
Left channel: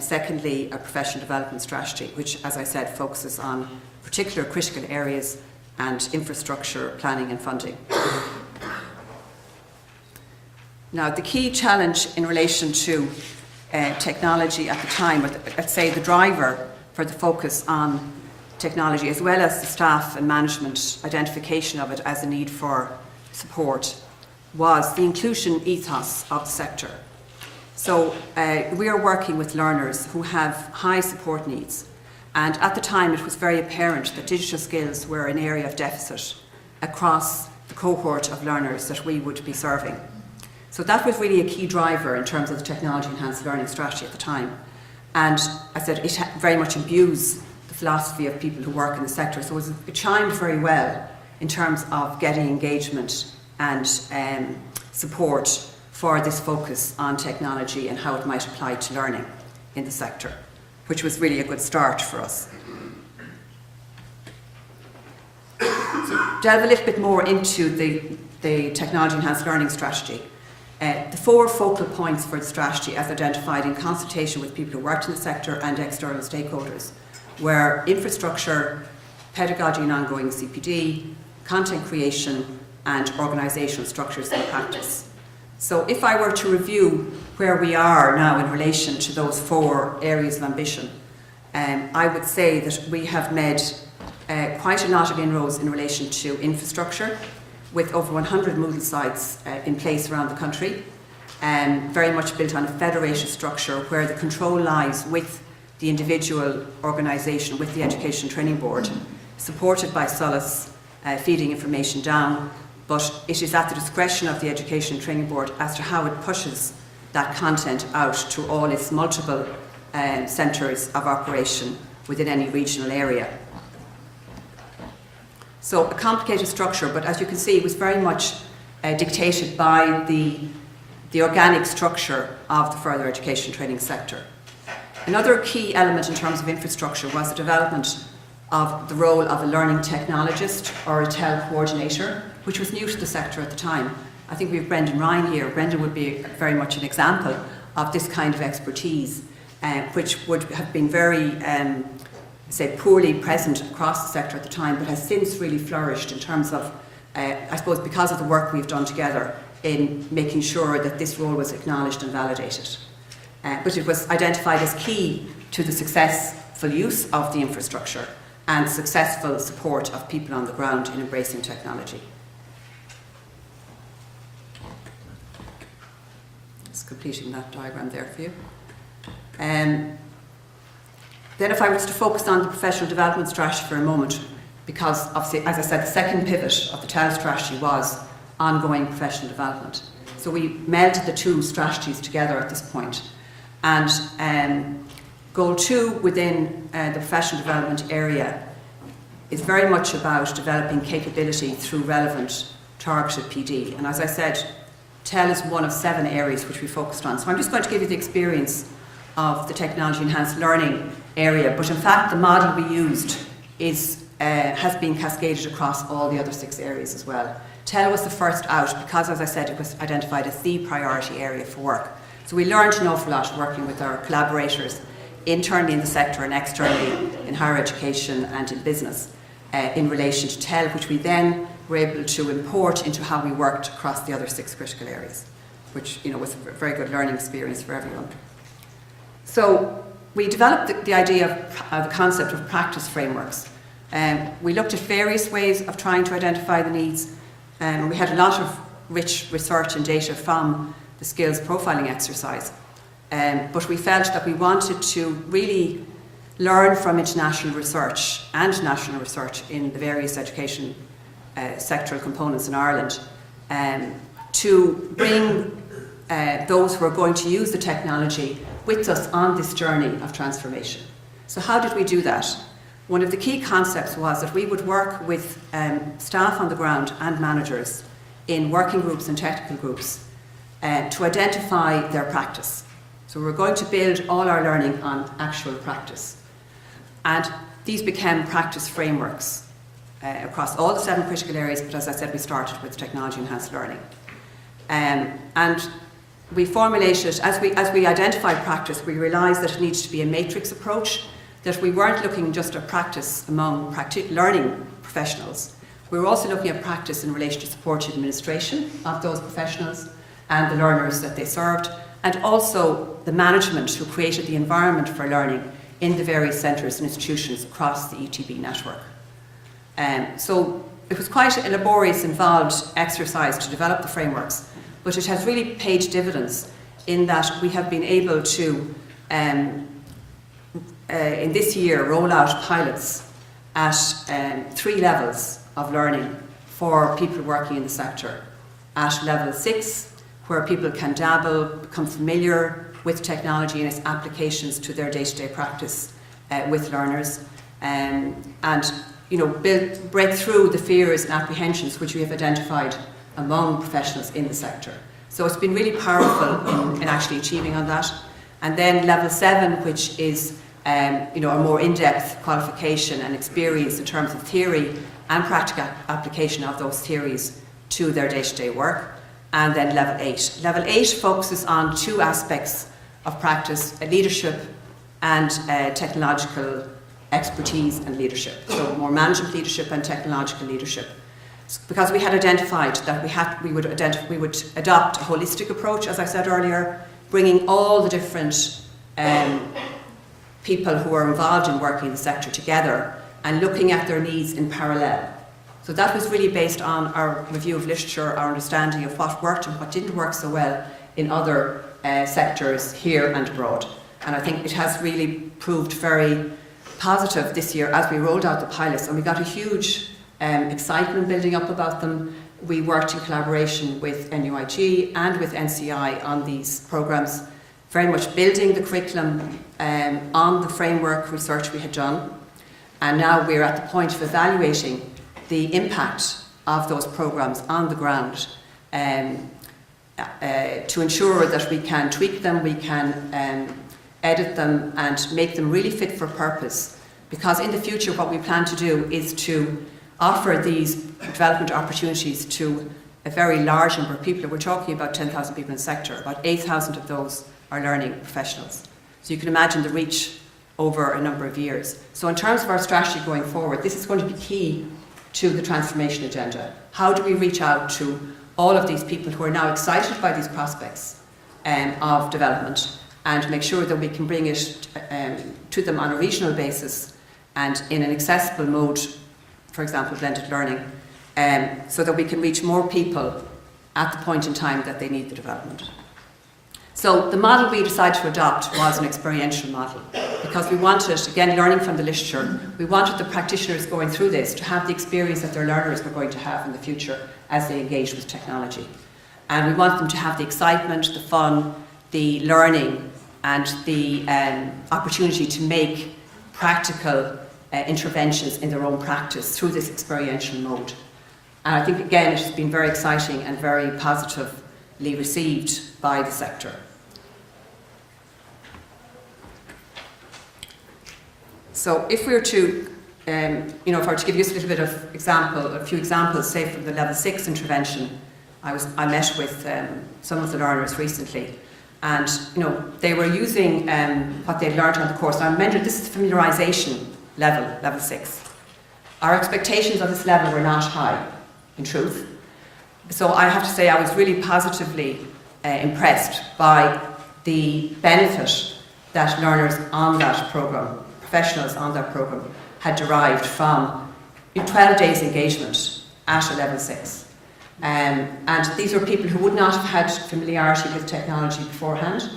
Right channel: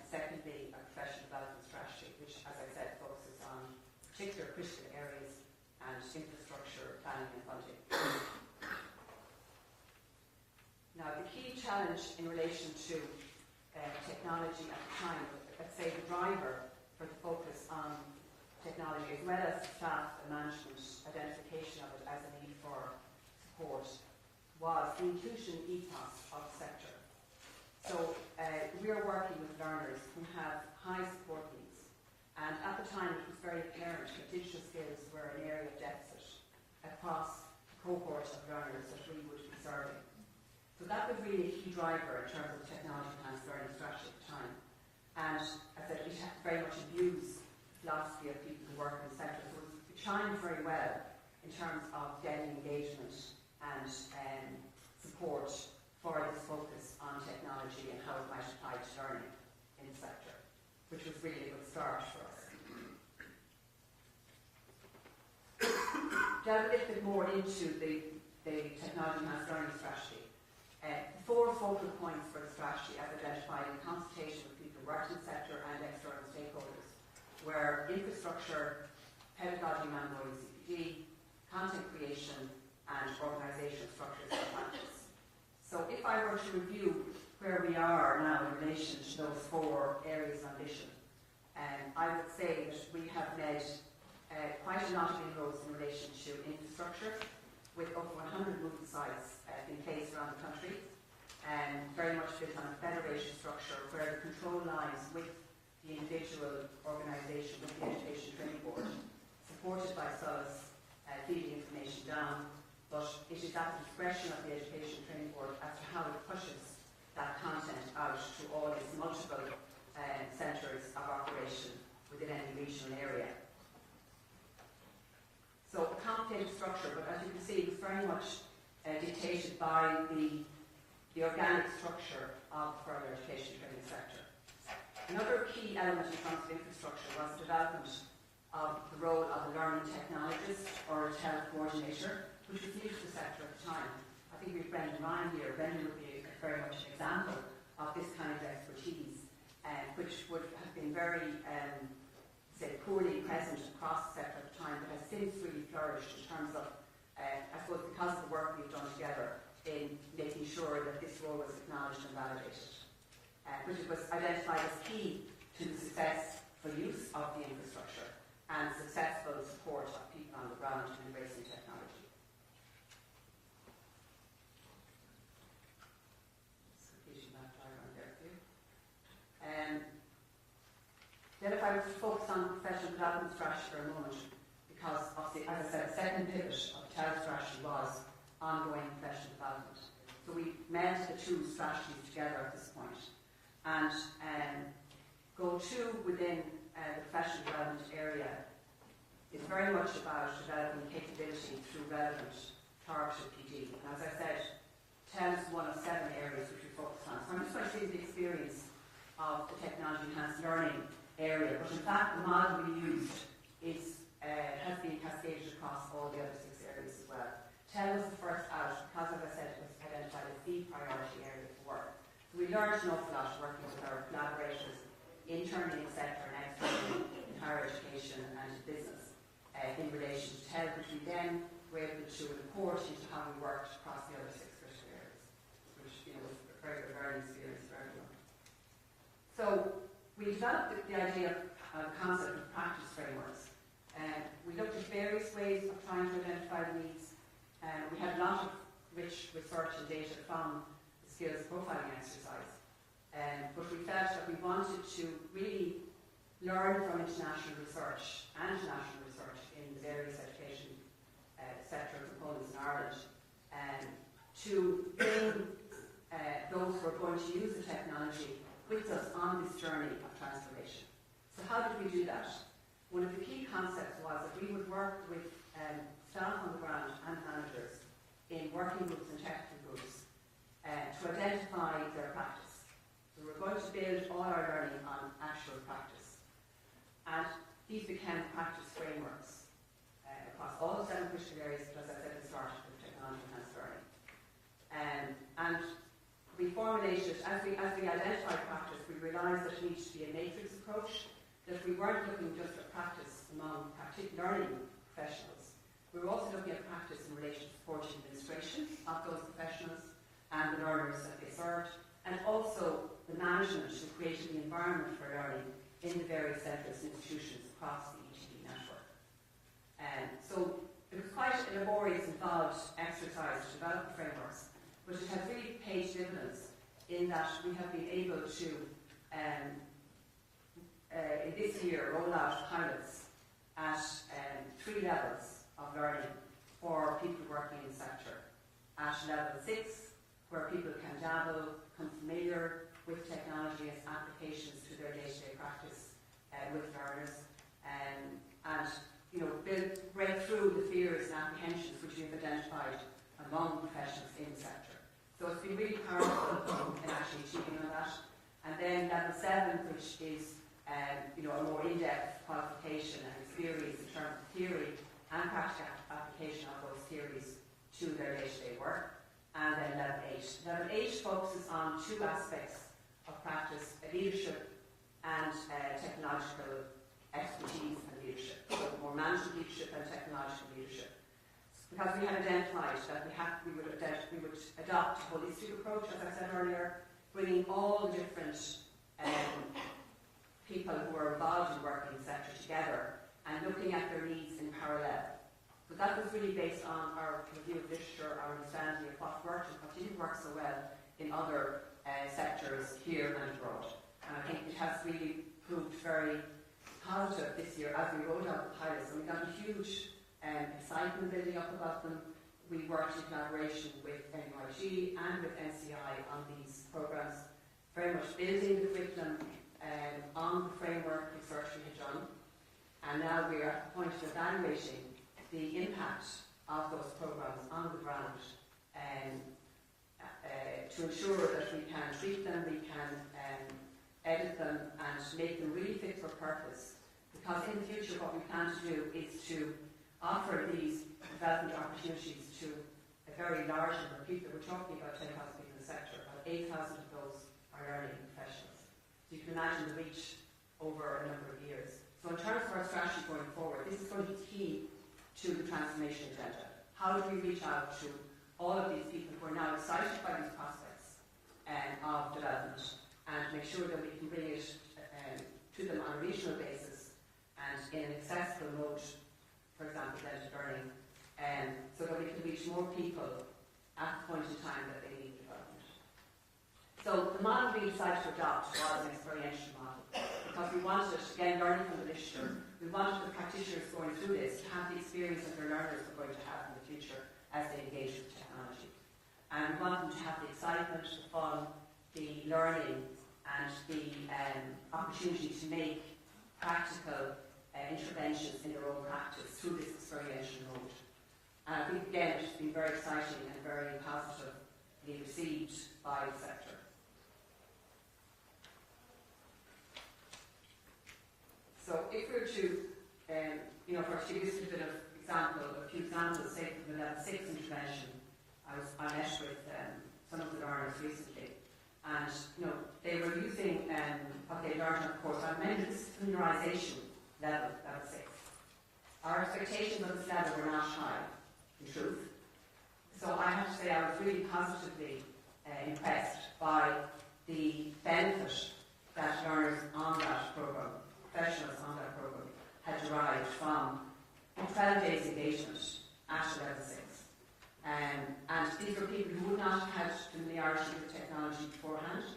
secondly, a professional development strategy, which, as I said, focuses on particular critical areas and infrastructure planning and funding. Now, the key challenge in relation to technology at the time, or let's say the driver for the focus on technology, as well as the staff and management identification of it as a need for support, was the inclusion ethos of the sector. So we are working with learners who have high support needs, and at the time it was very apparent that digital skills were an area of deficit across the cohort of learners that we would be serving. So that was really a key driver in terms of the technology enhanced learning strategy at the time. And I said it very much imbues the philosophy of people who work in the sector. So it chimed very well in terms of getting engagement and support for this focus on technology and how it might apply to learning in the sector, which was really a good start for us. So delve a little bit more into the technology enhanced learning strategy. The 4 focal points for the strategy, as identified in consultation with people who worked in the sector and external stakeholders, were infrastructure, pedagogy and ongoing CPD, content creation, and organisational structures and practice. So if I were to review where we are now in relation to those 4 areas of ambition, I would say that we have made quite a lot of inroads in relation to infrastructure, with over 100 Moodle sites in place around the country, very much built on a federated structure where the control lies with the individual organisation, with the Education Training Board, supported by Solace, feeding information down, but it is at the discretion of the Education Training Board as to how it pushes that content out to all its multiple centres of operation within any regional area. So a complicated structure, but as you can see, it was very much dictated by the organic structure of the further education training sector. Another key element in terms of infrastructure was the development of the role of a learning technologist or a TEL coordinator, which was new to the sector at the time. I think we have Brendan Ryan here. Brendan would be very much an example of this kind of expertise, which would have been very, say, poorly present across the sector at the time, but has since really flourished in terms of, I suppose, because of the work we've done together in making sure that this role was acknowledged and validated. But it was identified as key to the successful use of the infrastructure and successful support of people on the ground in embracing technology. Just completing that diagram there for you. Then if I was to focus on the professional development strategy for a moment, because obviously, as I said, the second pivot of the TEL strategy was ongoing professional development. So we melded the two strategies together at this point. And goal 2 within the professional development area is very much about developing capability through relevant targeted PD. And as I said, TEL is one of 7 areas which we focused on. So I'm just going to give you the experience of the technology enhanced learning area, but in fact the model we used has been cascaded across all the other 6 areas as well. TEL was the first out because, as I said, it was identified as the priority area for work. So we learned an awful lot working with our collaborators internally in the sector and externally in higher education and in business in relation to TEL, which we then were able to import into how we worked across the other 6 critical areas, which was a very good learning experience for everyone. So we developed the idea of the concept of practice frameworks. We looked at various ways of trying to identify the needs, and we had a lot of rich research and data from the skills profiling exercise. But we felt that we wanted to really learn from international research and national research in the various education sectoral components in Ireland to bring those who are going to use the technology with us on this journey of transformation. So how did we do that? One of the key concepts was that we would work with staff on the ground and managers in working groups and technical groups to identify their practice. So we're going to build all our learning on actual practice. And these became practice frameworks across all the 7 critical areas, but as I said, we started with technology enhanced learning. And we formulated, as we identified practice, we realised that it needs to be a matrix approach, that we weren't looking just at practice among learning professionals. We were also looking at practice in relation to supported administration of those professionals and the learners that they served, and also the management who created the environment for learning in the various centres and institutions across the ETB network. So it was quite a laborious, involved exercise to develop the frameworks, but it has really paid dividends in that we have been able to, in this year, roll out pilots at 3 levels of learning for people working in the sector. At level 6, where people can dabble, become familiar with technology and its applications to their day-to-day practice with learners, and break through the fears and apprehensions which we have identified among professionals in the sector. So it's been really powerful in actually achieving on that. And then level 7, which is a more in-depth qualification and experience in terms of theory and practical application of those theories to their day-to-day work. And then level 8. Level 8 focuses on 2 aspects of practice, leadership and technological expertise and leadership. So more management leadership and technological leadership. Because we had identified that we would adopt a holistic approach, as I said earlier, bringing all the different people who are involved in working in the sector together and looking at their needs in parallel. So that was really based on our review of literature, our understanding of what worked and what didn't work so well in other sectors here and abroad. And I think it has really proved very positive this year as we rolled out the pilots, and we got a huge excitement building up about them. We worked in collaboration with NUIG and with NCI on these programmes, very much building the curriculum on the framework research we had done. And now we're at the point of evaluating the impact of those programmes on the ground to ensure that we can tweak them, we can edit them and make them really fit for purpose. Because in the future what we plan to do is to offer these development opportunities to a very large number of people. We're talking about 10,000 people in the sector. About 8,000 of those are learning professionals. So you can imagine the reach over a number of years. So in terms of our strategy going forward, this is going to be key to the transformation agenda. How do we reach out to all of these people who are now excited by these prospects of development and make sure that we can bring it to them on a regional basis and in an accessible mode, for example, blended learning, so that we can reach more people at the point in time that they need the development. So the model we decided to adopt was an experiential model because we wanted, again, learning from the literature, we wanted the practitioners going through this to have the experience that their learners were going to have in the future as they engage with technology. And we want them to have the excitement, the fun, the learning, and the opportunity to make practical interventions in their own practice through this experiential mode. And I think, again, it has been very exciting and very positively received by the sector. So if we were to, if I were to give you a little bit of a few examples, say from the level 6 intervention, I met with some of the learners recently, and they were using what they learned on the course. Now remember, this is familiarisation level 6. Our expectations on this level were not high, in truth. So I have to say I was really positively impressed by the benefit that learners on that programme, professionals on that programme, had derived from 12 days engagement at a level 6. And these were people who would not have had familiarity with technology beforehand.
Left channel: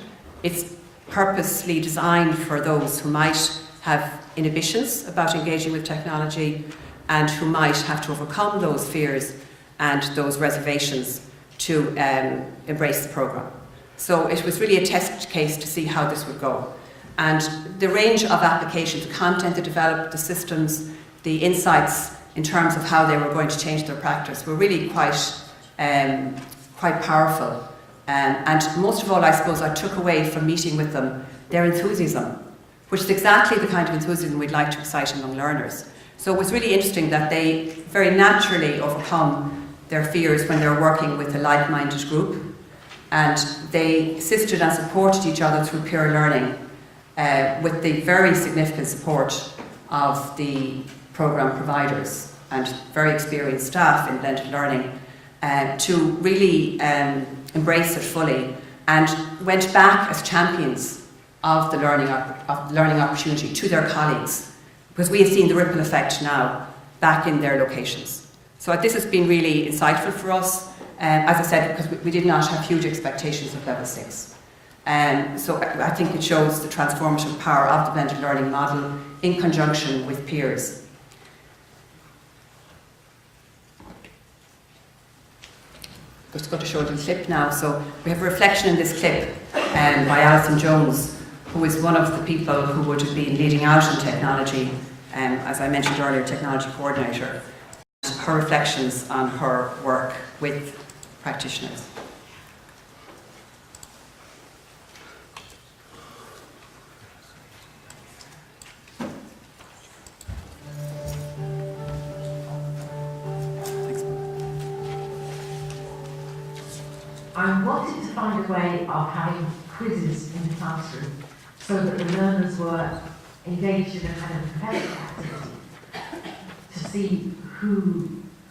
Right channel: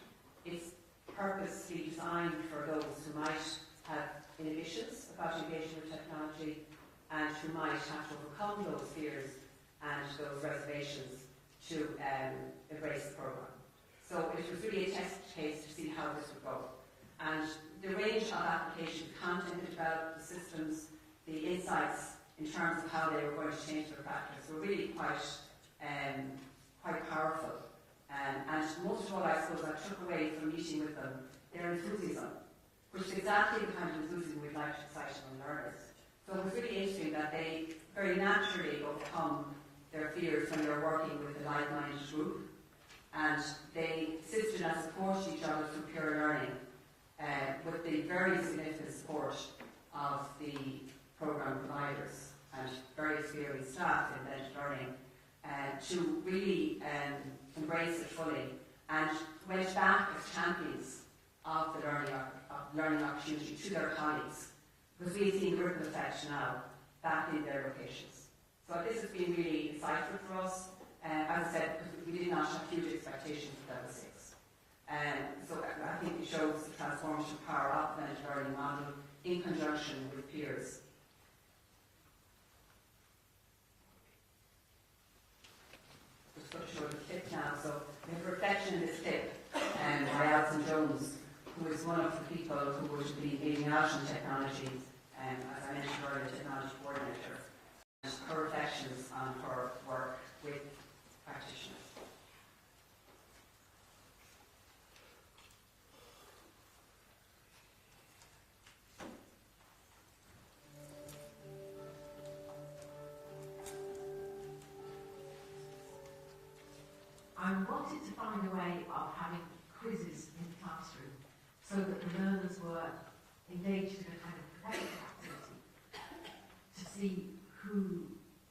It's purposely designed for those who might have inhibitions about engaging with technology and who might have to overcome those fears and those reservations to embrace the programme. So it was really a test case to see how this would go. And the range of applications, the content they developed, the systems, the insights in terms of how they were going to change their practice were really quite powerful. And most of all, I suppose, I took away from meeting with them their enthusiasm, which is exactly the kind of enthusiasm we'd like to excite among learners. So it was really interesting that they very naturally overcome their fears when they're working with a like-minded group, and they assisted and supported each other through peer learning with the very significant support of the programme providers and very experienced staff in blended learning to really embrace it fully, and went back as champions of the learning opportunity to their colleagues, because we have seen the ripple effect now back in their locations. So this has been really insightful for us, as I said, because we did not have huge expectations of level 6. So I think it shows the transformative power of the blended learning model in conjunction with peers. I'm just going to show you the clip now. So we have a reflection in this clip by Alison Jones, who is one of the people who would have been leading out in technology, as I mentioned earlier, technology coordinator. Her reflections on her work with practitioners. I wanted to find a way of having quizzes in the classroom so that the learners were engaged in a kind of competitive activity to see who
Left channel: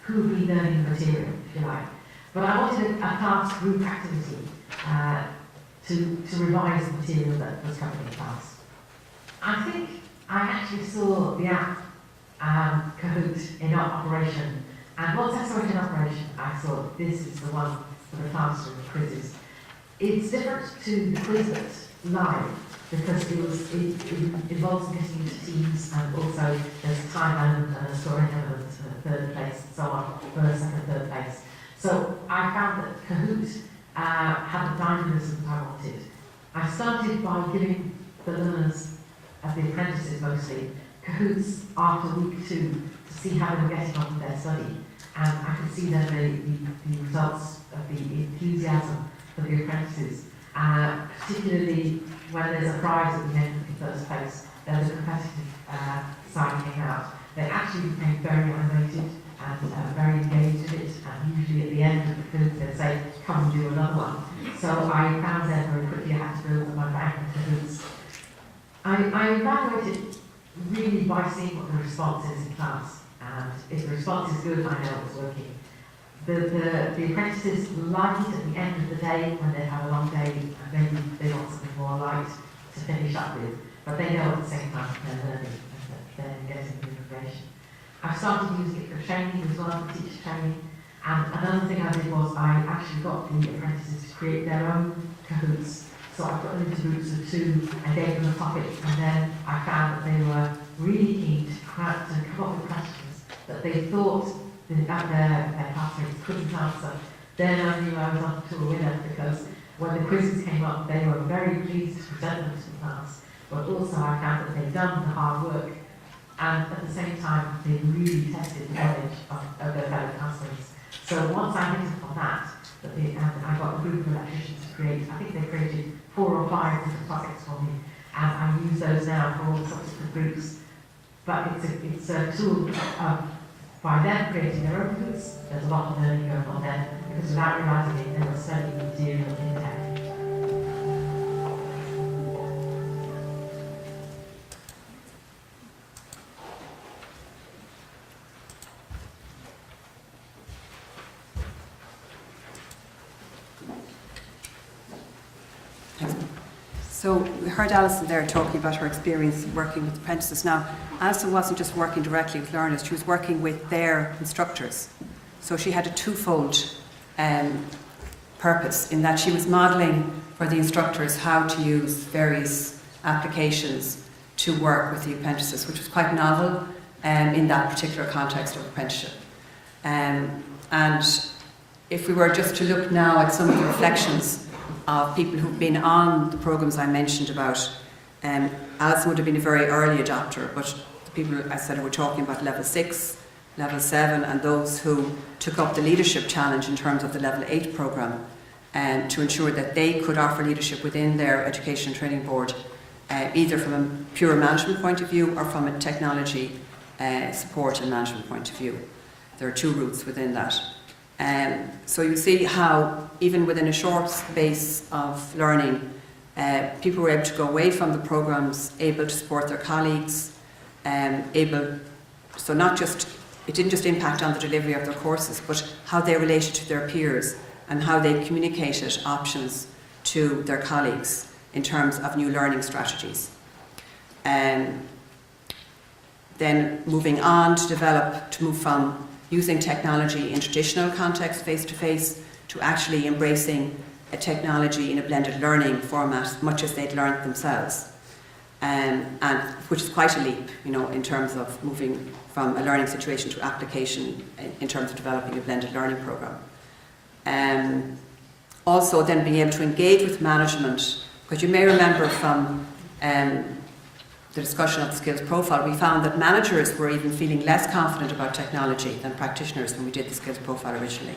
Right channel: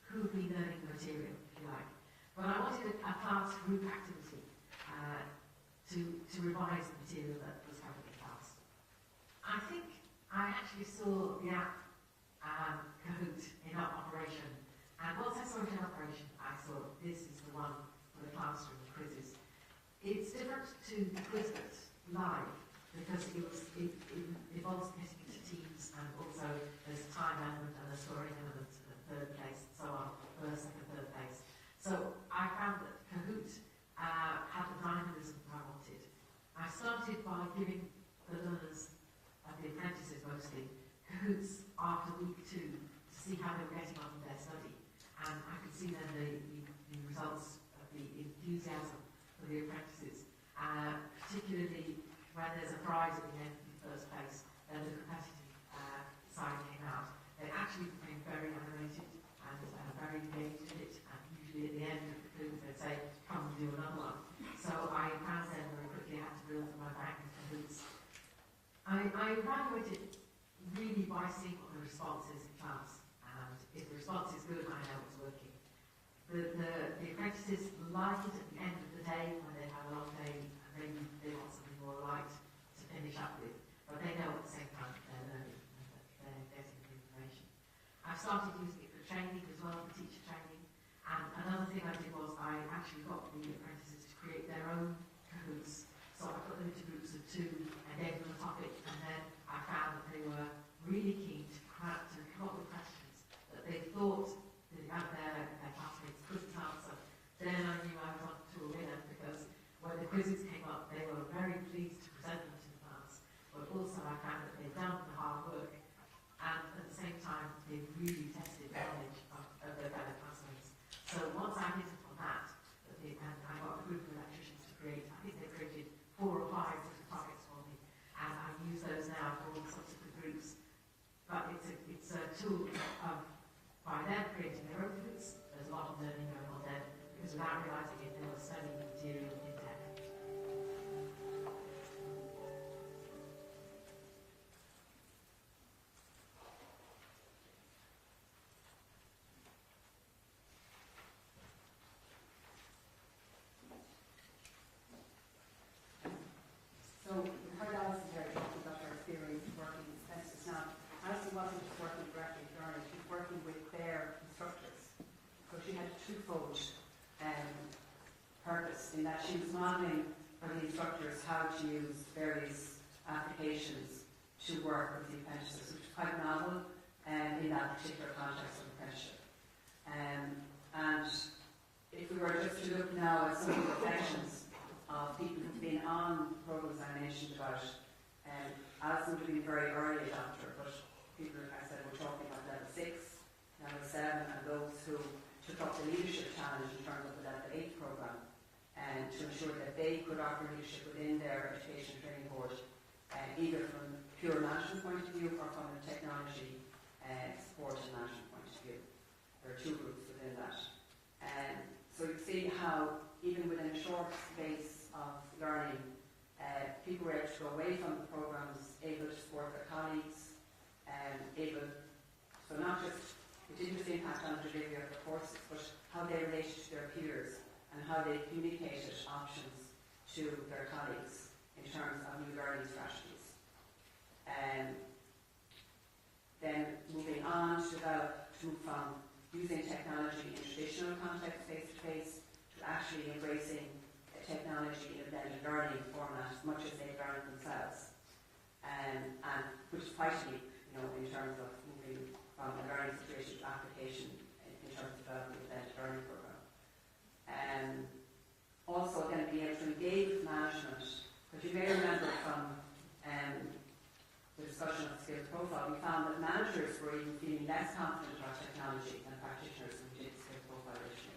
would be learning the material, if you like. But I wanted a class group activity to revise the material that was covered in class. I think I actually saw the app Kahoot in operation, and once I saw it in operation, I thought this is the one for the classroom quizzes. It's different to the quiz that's live because it involves getting into teams, and also there's a time element and a scoring element and a third place and so on, first, second, third place. So I found that Kahoot had the dynamism that I wanted. I started by giving the learners, the apprentices mostly, Kahoots after week 2 to see how they were getting on with their study. And I could see then the results of the enthusiasm for the apprentices, particularly when there's a prize at the end of the first place, then the competitive side came out. They actually became very animated and very engaged in it, and usually at the end of the quiz they'd say, come and do another one. So I found then very quickly I had to build my bank of Kahoots. I evaluated really by seeing what the response is in class, and if the response is good, I know it's working. The apprentices like it at the end of the day when they've had a long day and maybe they want something more light to finish up with, but they know at the same time that they're learning and that they're getting the information. I started using it for training as well, for teacher training, and another thing I did was I actually got the apprentices to create their own Kahoots. So I put them into groups of 2 and gave them a topic, and then I found that they were really keen to come up with questions that they thought that their classmates couldn't answer. Then I knew I was on to a winner, because when the quizzes came up, they were very pleased to present them to the class, but also I found that they'd done the hard work, and at the same time, they really tested the knowledge of their fellow classmates. So once I hit upon that, and I got a group of electricians to create, I think they created 4 or 5 different topics for me, and I use those now for all the subsequent groups. But it's a tool of, by them creating their own groups, there's a lot of learning going on there, because without realising it, they were studying material in tech. So we heard Alison there talking about her experience working with apprentices. Now, Alison wasn't just working directly with learners, she was working with their instructors. So she had a twofold purpose, in that she was modelling for the instructors how to use various applications to work with the apprentices, which was quite novel in that particular context of apprenticeship. And if we were just to look now at some of the reflections of people who've been on the programmes I mentioned about, Alison would have been a very early adopter, but the people I said were talking about level 6, level 7, and those who took up the leadership challenge in terms of the level 8 programme, to ensure that they could offer leadership within their education and training board, either from a pure management point of view or from a technology support and management point of view. There are 2 routes within that. So you see how even within a short space of learning, people were able to go away from the programmes, able to support their colleagues, so not just, it didn't just impact on the delivery of their courses, but how they related to their peers and how they communicated options to their colleagues in terms of new learning strategies. Then moving on to move from using technology in traditional context, face-to-face, to actually embracing a technology in a blended learning format, much as they'd learned themselves. And which is quite a leap, in terms of moving from a learning situation to application in terms of developing a blended learning programme. Also then being able to engage with management, because you may remember from the discussion of the skills profile, we found that managers were even feeling less confident about technology than practitioners when we did the skills profile originally.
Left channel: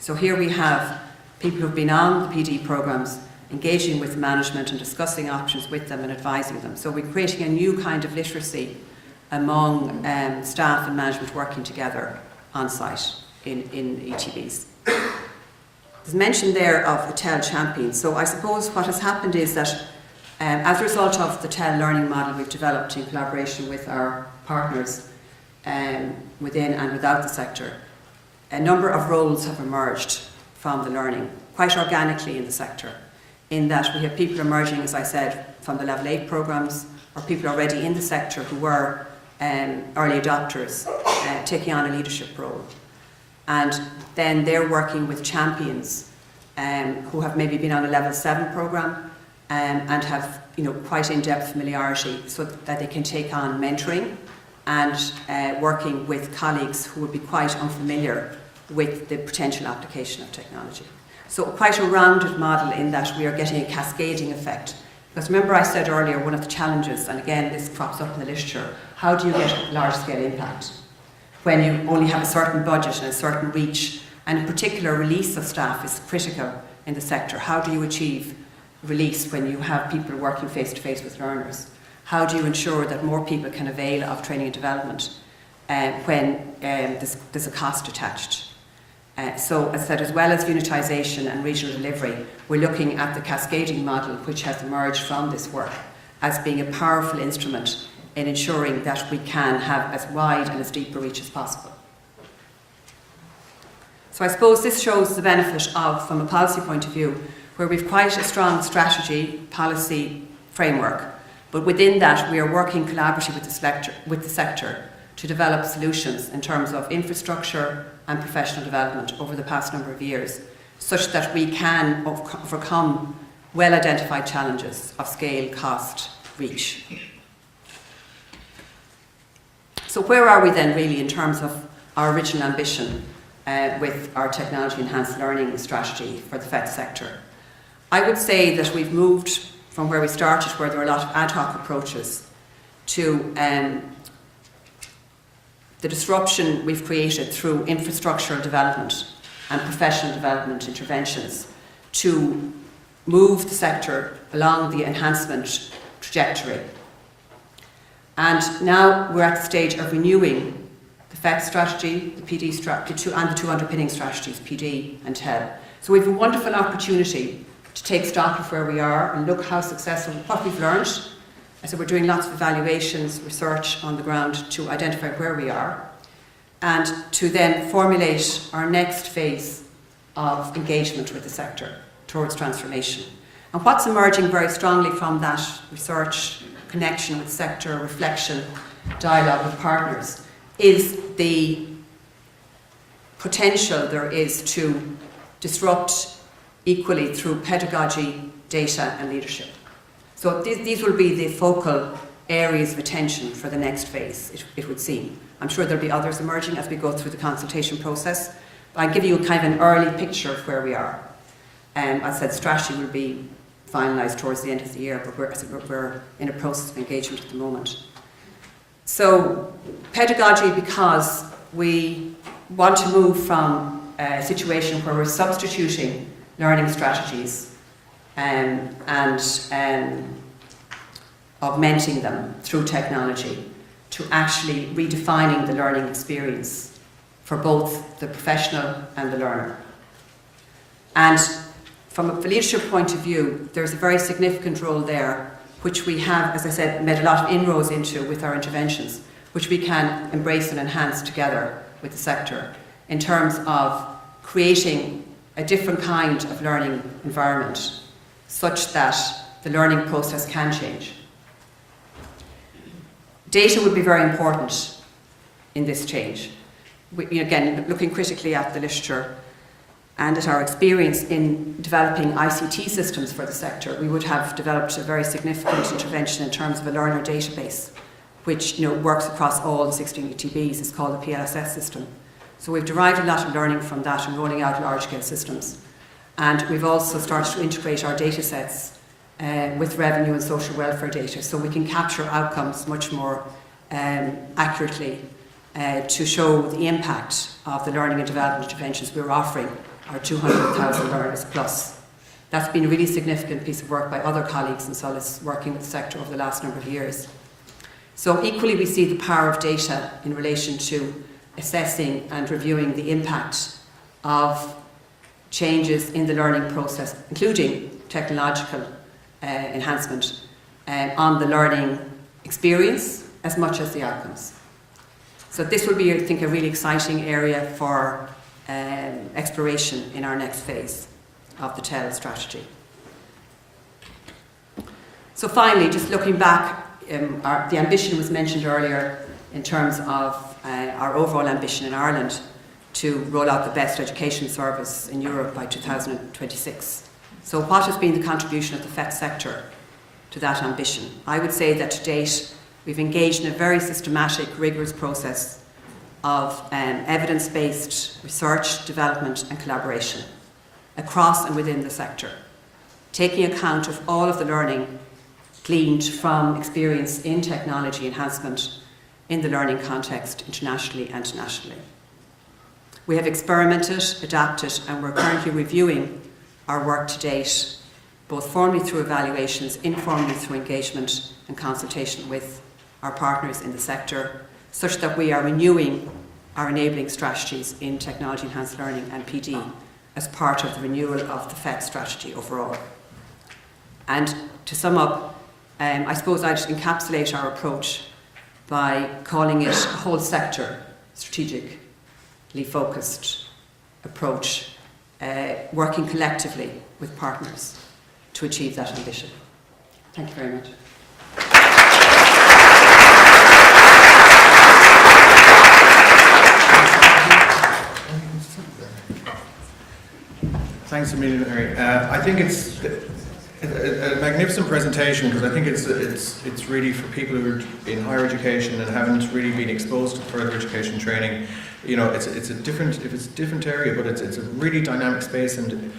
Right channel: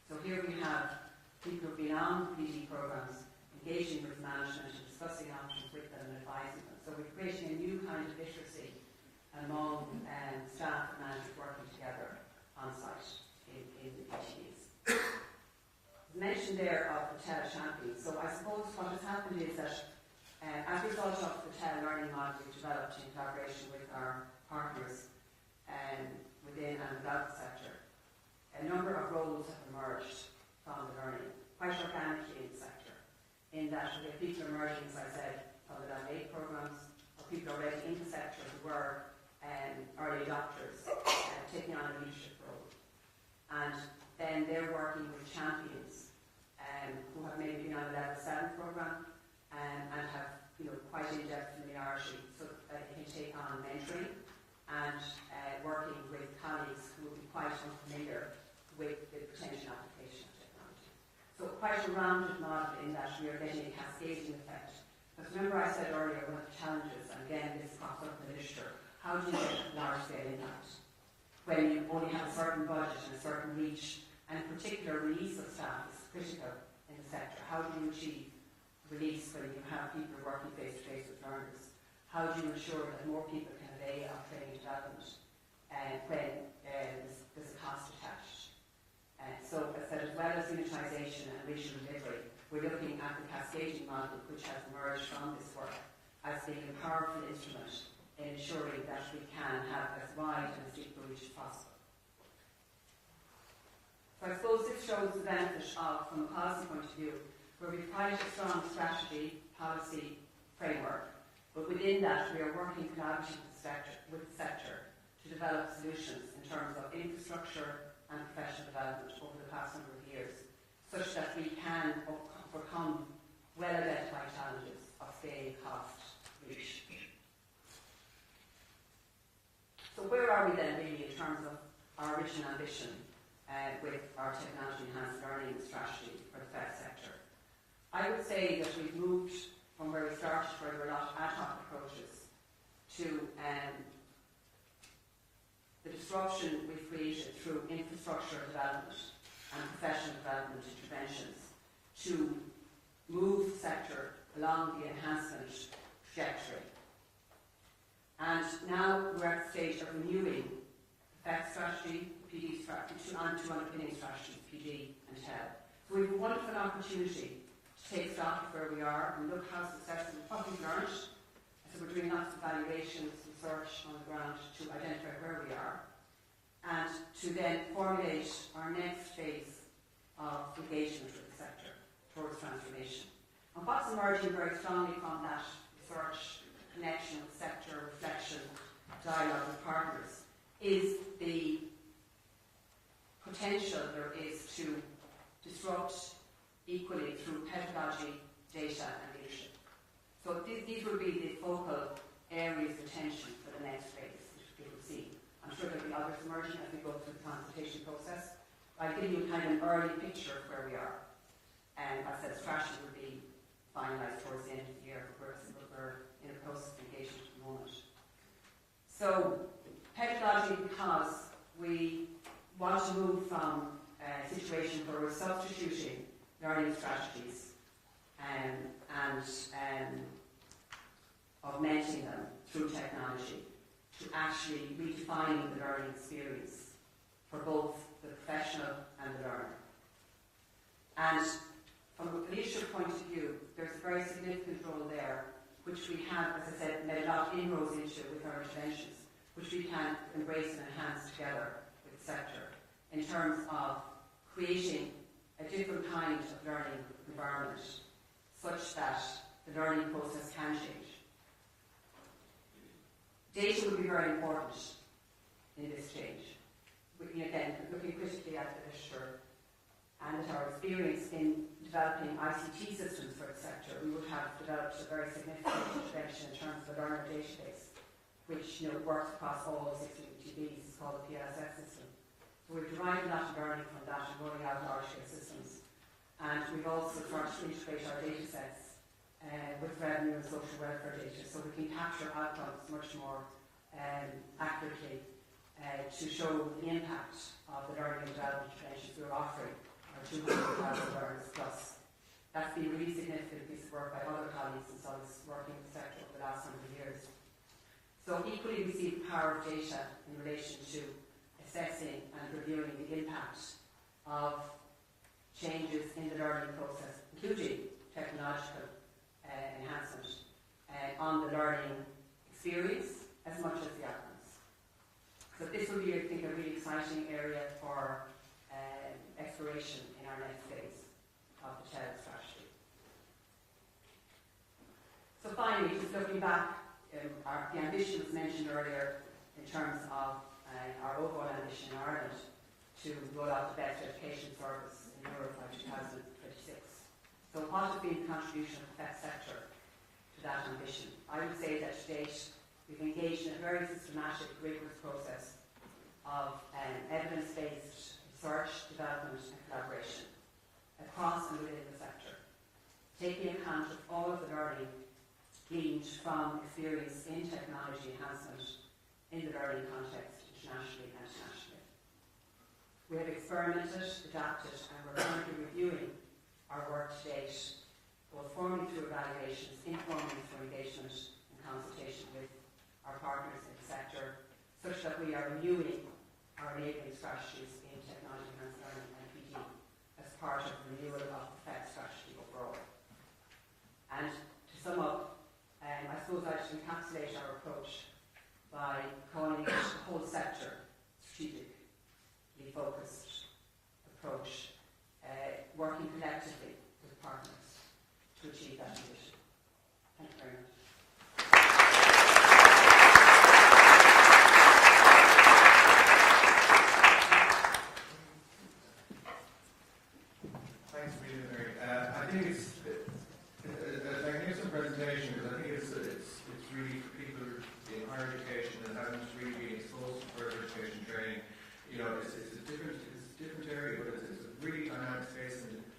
So here we have people who've been on the PD programmes engaging with management and discussing options with them and advising them. So we're creating a new kind of literacy among staff and management working together on site in ETBs. There's mention there of a TEL champion. So I suppose what has happened is that as a result of the TEL learning model we've developed in collaboration with our partners within and without the sector, a number of roles have emerged from the learning, quite organically in the sector, in that we have people emerging, as I said, from the level 8 programmes, or people already in the sector who were early adopters, taking on a leadership role. And then they're working with champions who have maybe been on a level 7 programme and have quite in-depth familiarity, so that they can take on mentoring and working with colleagues who would be quite unfamiliar with the potential application of technology. So quite a rounded model in that we are getting a cascading effect. Because remember I said earlier, one of the challenges, and again this crops up in the literature, how do you get a large-scale impact when you only have a certain budget and a certain reach, and in particular release of staff is critical in the sector. How do you achieve release when you have people working face-to-face with learners? How do you ensure that more people can avail of training and development when there's a cost attached? So, as I said, as well as unitisation and regional delivery, we're looking at the cascading model which has emerged from this work as being a powerful instrument in ensuring that we can have as wide and as deep a reach as possible. So I suppose this shows the benefit of, from a policy point of view, where we've quite a strong strategy, policy framework, but within that we are working collaboratively with the sector to develop solutions in terms of infrastructure and professional development over the past number of years, such that we can overcome well-identified challenges of scale, cost, reach. So where are we then really in terms of our original ambition with our technology enhanced learning strategy for the FET sector? I would say that we've moved from where we started, where there were a lot of ad hoc approaches, to the disruption we've created through infrastructural development and professional development interventions to move the sector along the enhancement trajectory. And now we're at the stage of renewing the FET strategy, the PD strategy, and the two underpinning strategies, PD and TEL. So we have a wonderful opportunity to take stock of where we are and look how successful, what we've learned. So we're doing lots of evaluations, research on the ground to identify where we are, and to then formulate our next phase of engagement with the sector towards transformation. And what's emerging very strongly from that research, connection with sector, reflection, dialogue with partners, is the potential there is to disrupt equally through pedagogy, data and leadership. So these will be the focal areas of attention for the next phase, it would seem. I'm sure there'll be others emerging as we go through the consultation process, but I'll give you kind of an early picture of where we are. As I said, strategy will be finalised towards the end of the year, but we're in a process of engagement at the moment. So pedagogy, because we want to move from a situation where we're substituting learning strategies and augmenting them through technology to actually redefining the learning experience for both the professional and the learner. And from a leadership point of view, there's a very significant role there, which we have, as I said, made a lot of inroads into with our interventions, which we can embrace and enhance together with the sector in terms of creating a different kind of learning environment such that the learning process can change. Data will be very important in this change. Again, looking critically at the literature and at our experience in developing ICT systems for the sector, we would have developed a very significant intervention in terms of a learner database, which works across all the 16 ETBs. It's called the PLSS system. So we've derived a lot of learning from that and rolling out large-scale systems. And we've also started to integrate our data sets with revenue and social welfare data, so we can capture outcomes much more accurately to show the impact of the learning and development interventions we're offering our 200,000 learners plus. That's been a really significant piece of work by other colleagues in Solus working with the sector over the last number of years. So equally we see the power of data in relation to assessing and reviewing the impact of changes in the learning process, including technological enhancement on the learning experience as much as the outcomes. So this will be, I think, a really exciting area for exploration in our next phase of the TEL strategy. So finally, just looking back, the ambition was mentioned earlier in terms of our overall ambition in Ireland to roll out the best education service in Europe by 2026. So what has been the contribution of the FET sector to that ambition? I would say that to date we've engaged in a very systematic, rigorous process of evidence-based research, development and collaboration across and within the sector, taking account of all of the learning gleaned from experience in technology enhancement in the learning context internationally and nationally. We have experimented, adapted, and we're currently reviewing our work to date both formally through evaluations, informally through engagement and consultation with our partners in the sector, such that we are renewing our enabling strategies in technology enhanced learning and PD as part of the renewal of the FET strategy overall. And to sum up, I suppose I'd encapsulate our approach by calling it a whole sector, strategically focused approach, working collectively with partners to achieve that ambition. Thank you very much. Thanks a million, Mary. I think it's a magnificent presentation, because I think it's really for people who are in higher education and haven't really been exposed to further education training. You know, it's a different area, but it's a really dynamic space, and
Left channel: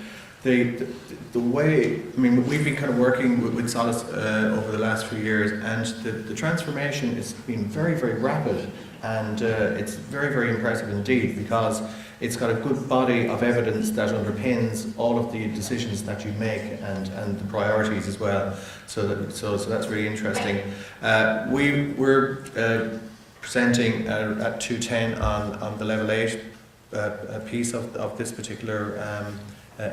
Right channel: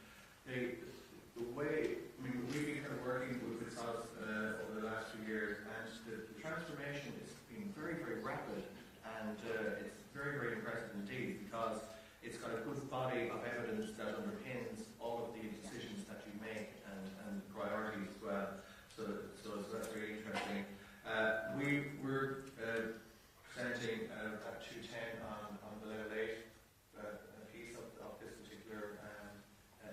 the way, I mean, we've been kind of working with Solace over the last few years, and the transformation has been very, very rapid, and it's very, very impressive indeed, because it's got a good body of evidence that underpins all of the decisions that you make, and the priorities as well. So that's really interesting. We're presenting at 2:10 on the level 8 piece of this particular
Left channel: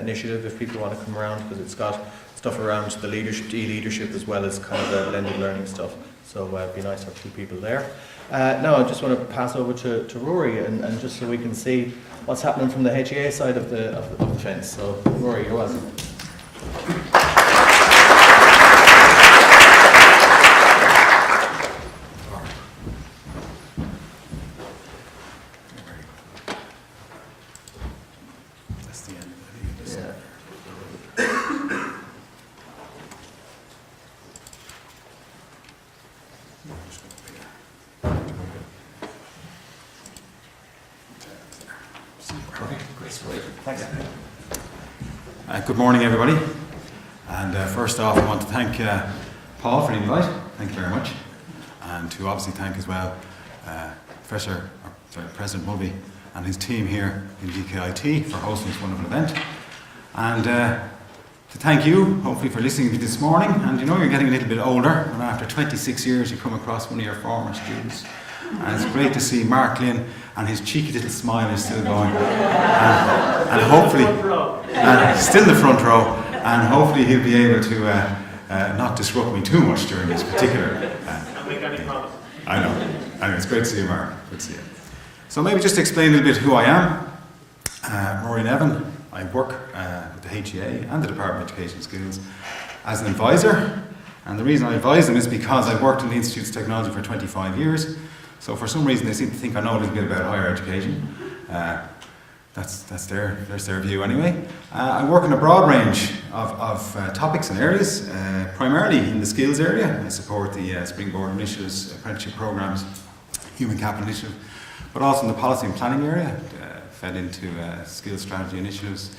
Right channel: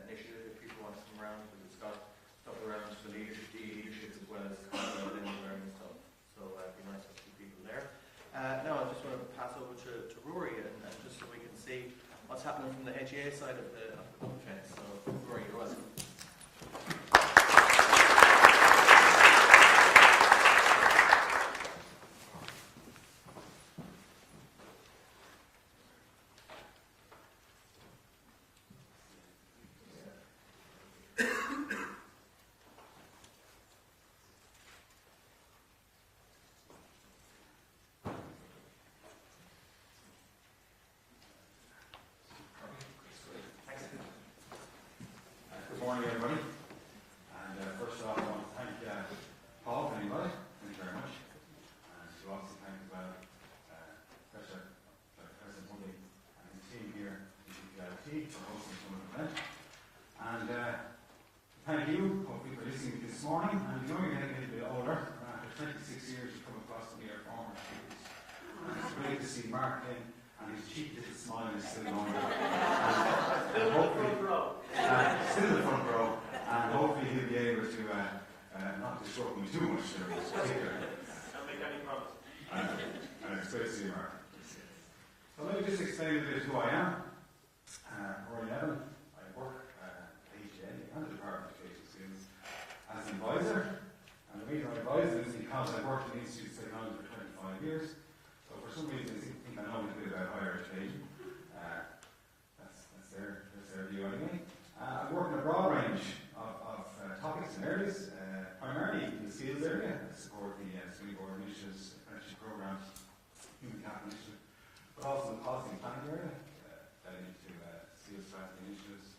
initiative, if people want to come around, because it's got stuff around the leadership, e-leadership, as well as kind of the blended learning stuff. So it'd be nice to have two people there. Now I just want to pass over to Rory, and just so we can see what's happening from the HEA side of the fence. So Rory, you're welcome. Good morning, everybody. And first off, I want to thank Paul for the invite. Thank you very much. And to obviously thank as well President Mulvey and his team here in GKIT for hosting this wonderful event. And to thank you, hopefully, for listening to me this morning. And you know, you're getting a little bit older, and after 26 years you come across one of your former students. And it's great to see Mark Lynn, and his cheeky little smile is still going. And hopefully, still in the front row, and hopefully he'll be able to not disrupt me too much during this particular I know. Anyway, it's great to see you, Mark. Good to see you. So maybe just to explain a little bit who I am. Rory Nevin. I work with the HEA and the Department of Education Skills as an advisor. And the reason I advise them is because I've worked in the Institute's Technology for 25 years. So for some reason they seem to think I know a little bit about higher education. That's their view anyway. I work in a broad range of topics and areas, primarily in the skills area. I support the Springboard Initiatives, apprenticeship programs, human capital initiative, but also in the policy and planning area, fed into skills strategy initiatives,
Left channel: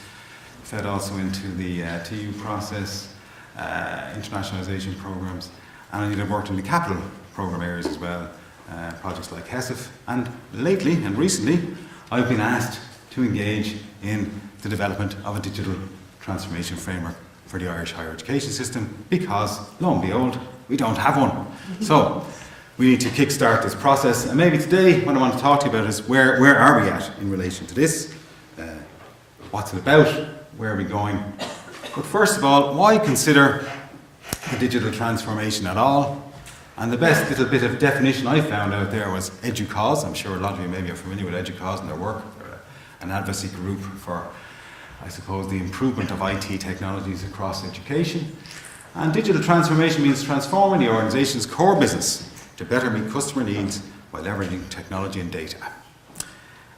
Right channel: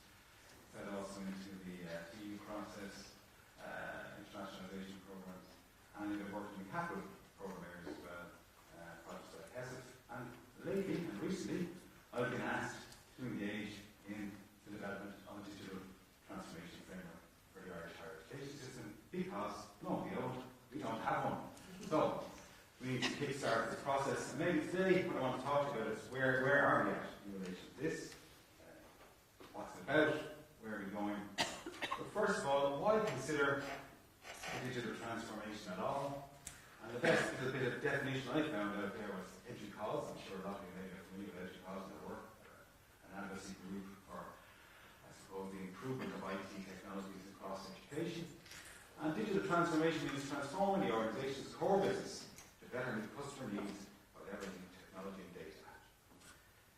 fed also into the TU process, internationalisation programs, and I've worked in the capital program areas as well, projects like HESF, and lately and recently I've been asked to engage in the development of a digital transformation framework for the Irish higher education system, because, lo and behold, we don't have one. So we need to kickstart this process, and maybe today what I want to talk to you about is where are we at in relation to this, what's it about, where are we going. But first of all, why consider the digital transformation at all? And the best little bit of definition I found out there was EDUCAUSE. I'm sure a lot of you maybe are familiar with EDUCAUSE and their work. An advocacy group for, I suppose, the improvement of IT technologies across education. And digital transformation means transforming the organisation's core business to better meet customer needs while leveraging technology and data.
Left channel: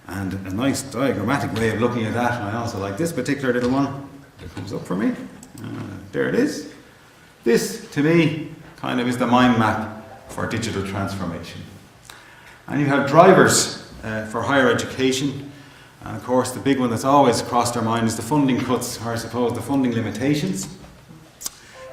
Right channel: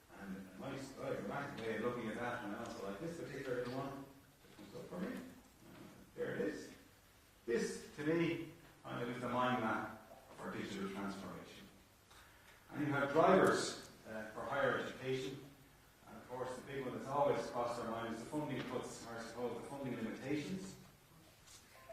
And a nice diagrammatic way of looking at that, and I also like this particular little one that comes up for me. There it is. This, to me, kind of is the mind map for digital transformation. And you have drivers for higher education. And of course, the big one that's always crossed our mind is the funding cuts, or I suppose the funding limitations,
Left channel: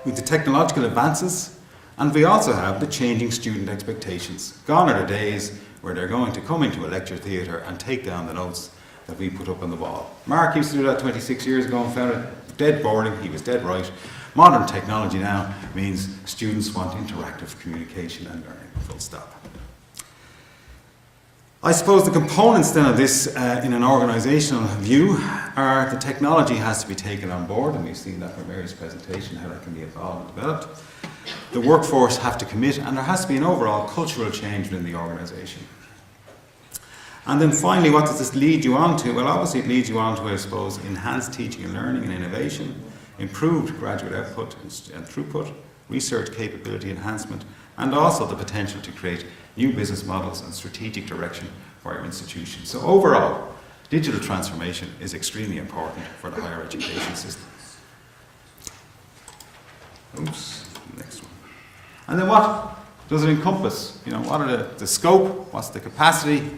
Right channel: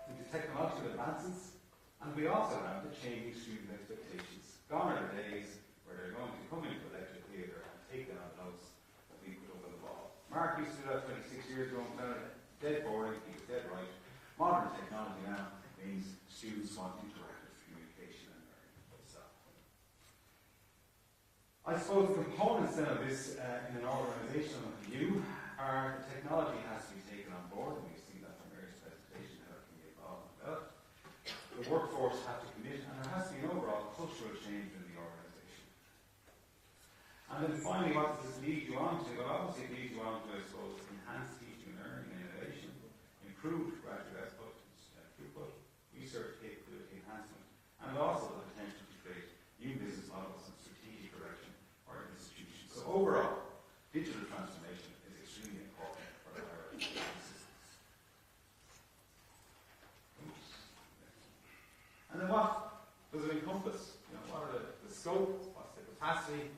with the technological advances, and we also have the changing student expectations. Gone are the days where they're going to come into a lecture theatre and take down the notes that we put up on the wall. Mark used to do that 26 years ago and found it dead boring. He was dead right. Modern technology now means students want interactive communication and learning, full stop. I suppose the components then of this in an organisational view are the technology has to be taken on board, and we've seen that from Mary's presentation, how that can be evolved and developed. The workforce have to commit, and there has to be an overall cultural change within the organisation. And then finally, what does this lead you on to? Well, obviously it leads you on to, I suppose, enhanced teaching and learning and innovation, improved graduate output and throughput, research capability enhancement, and also the potential to create new business models and strategic direction for our institution. So overall, digital transformation is extremely important for the higher education system. Oops, next one. And then what does it encompass? You know, what are the scope? What's the capacity?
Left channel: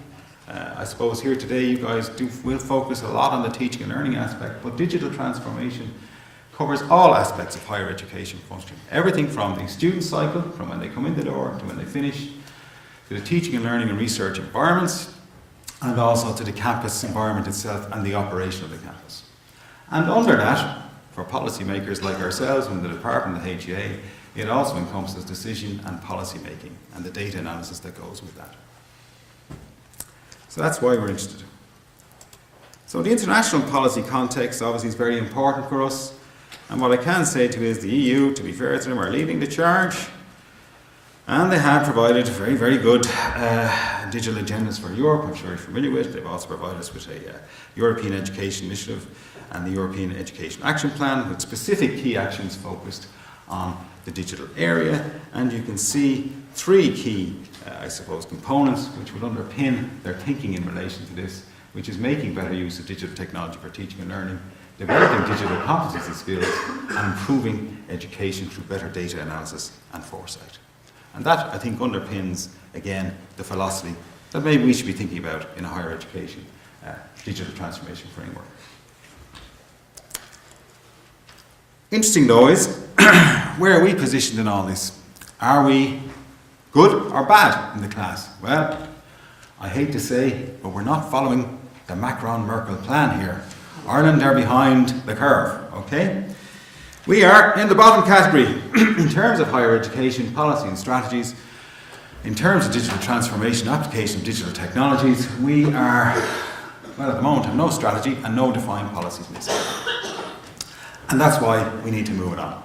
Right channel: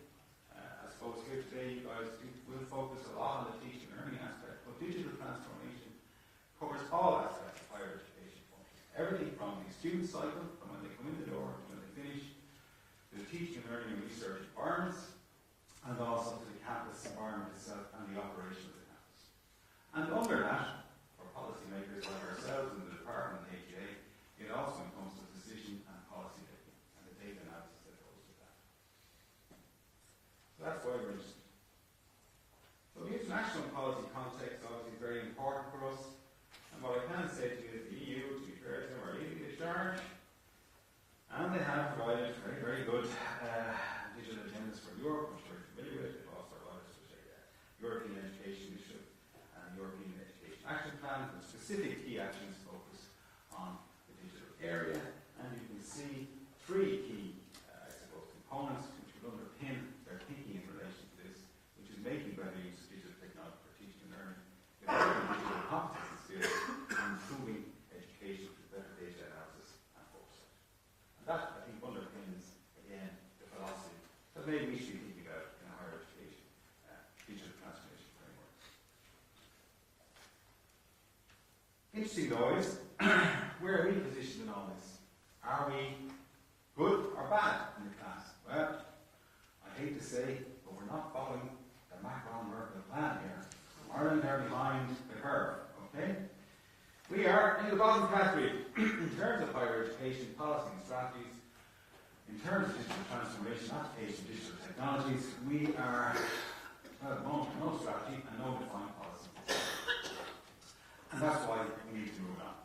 I suppose here today you guys will focus a lot on the teaching and learning aspect, but digital transformation covers all aspects of higher education function. Everything from the student cycle, from when they come in the door to when they finish, to the teaching and learning and research environments, and also to the campus environment itself and the operation of the campus. And under that, for policymakers like ourselves in the department, the HEA, it also encompasses decision and policy making and the data analysis that goes with that. So that's why we're interested. So the international policy context obviously is very important for us. And what I can say to you is the EU, to be fair to them, are leading the charge. And they have provided very, very good digital agendas for Europe, I'm sure you're familiar with. They've also provided us with a European Education Initiative and the European Education Action Plan with specific key actions focused on the digital area. And you can see three key, I suppose, components which would underpin their thinking in relation to this, which is making better use of digital technology for teaching and learning, developing digital competency skills, and improving education through better data analysis and foresight. And that, I think, underpins, again, the philosophy that maybe we should be thinking about in a higher education digital transformation framework. Interesting, though, is where are we positioned in all this? Are we good or bad in the class? Well, I hate to say, but we're not following the Macron-Merkel plan here. Ireland are behind the curve, okay? We are in the bottom category in terms of higher education policy and strategies. In terms of digital transformation, application of digital technologies, we are, well, at the moment have no strategy and no defined policies in this area. And that's why we need to move it on.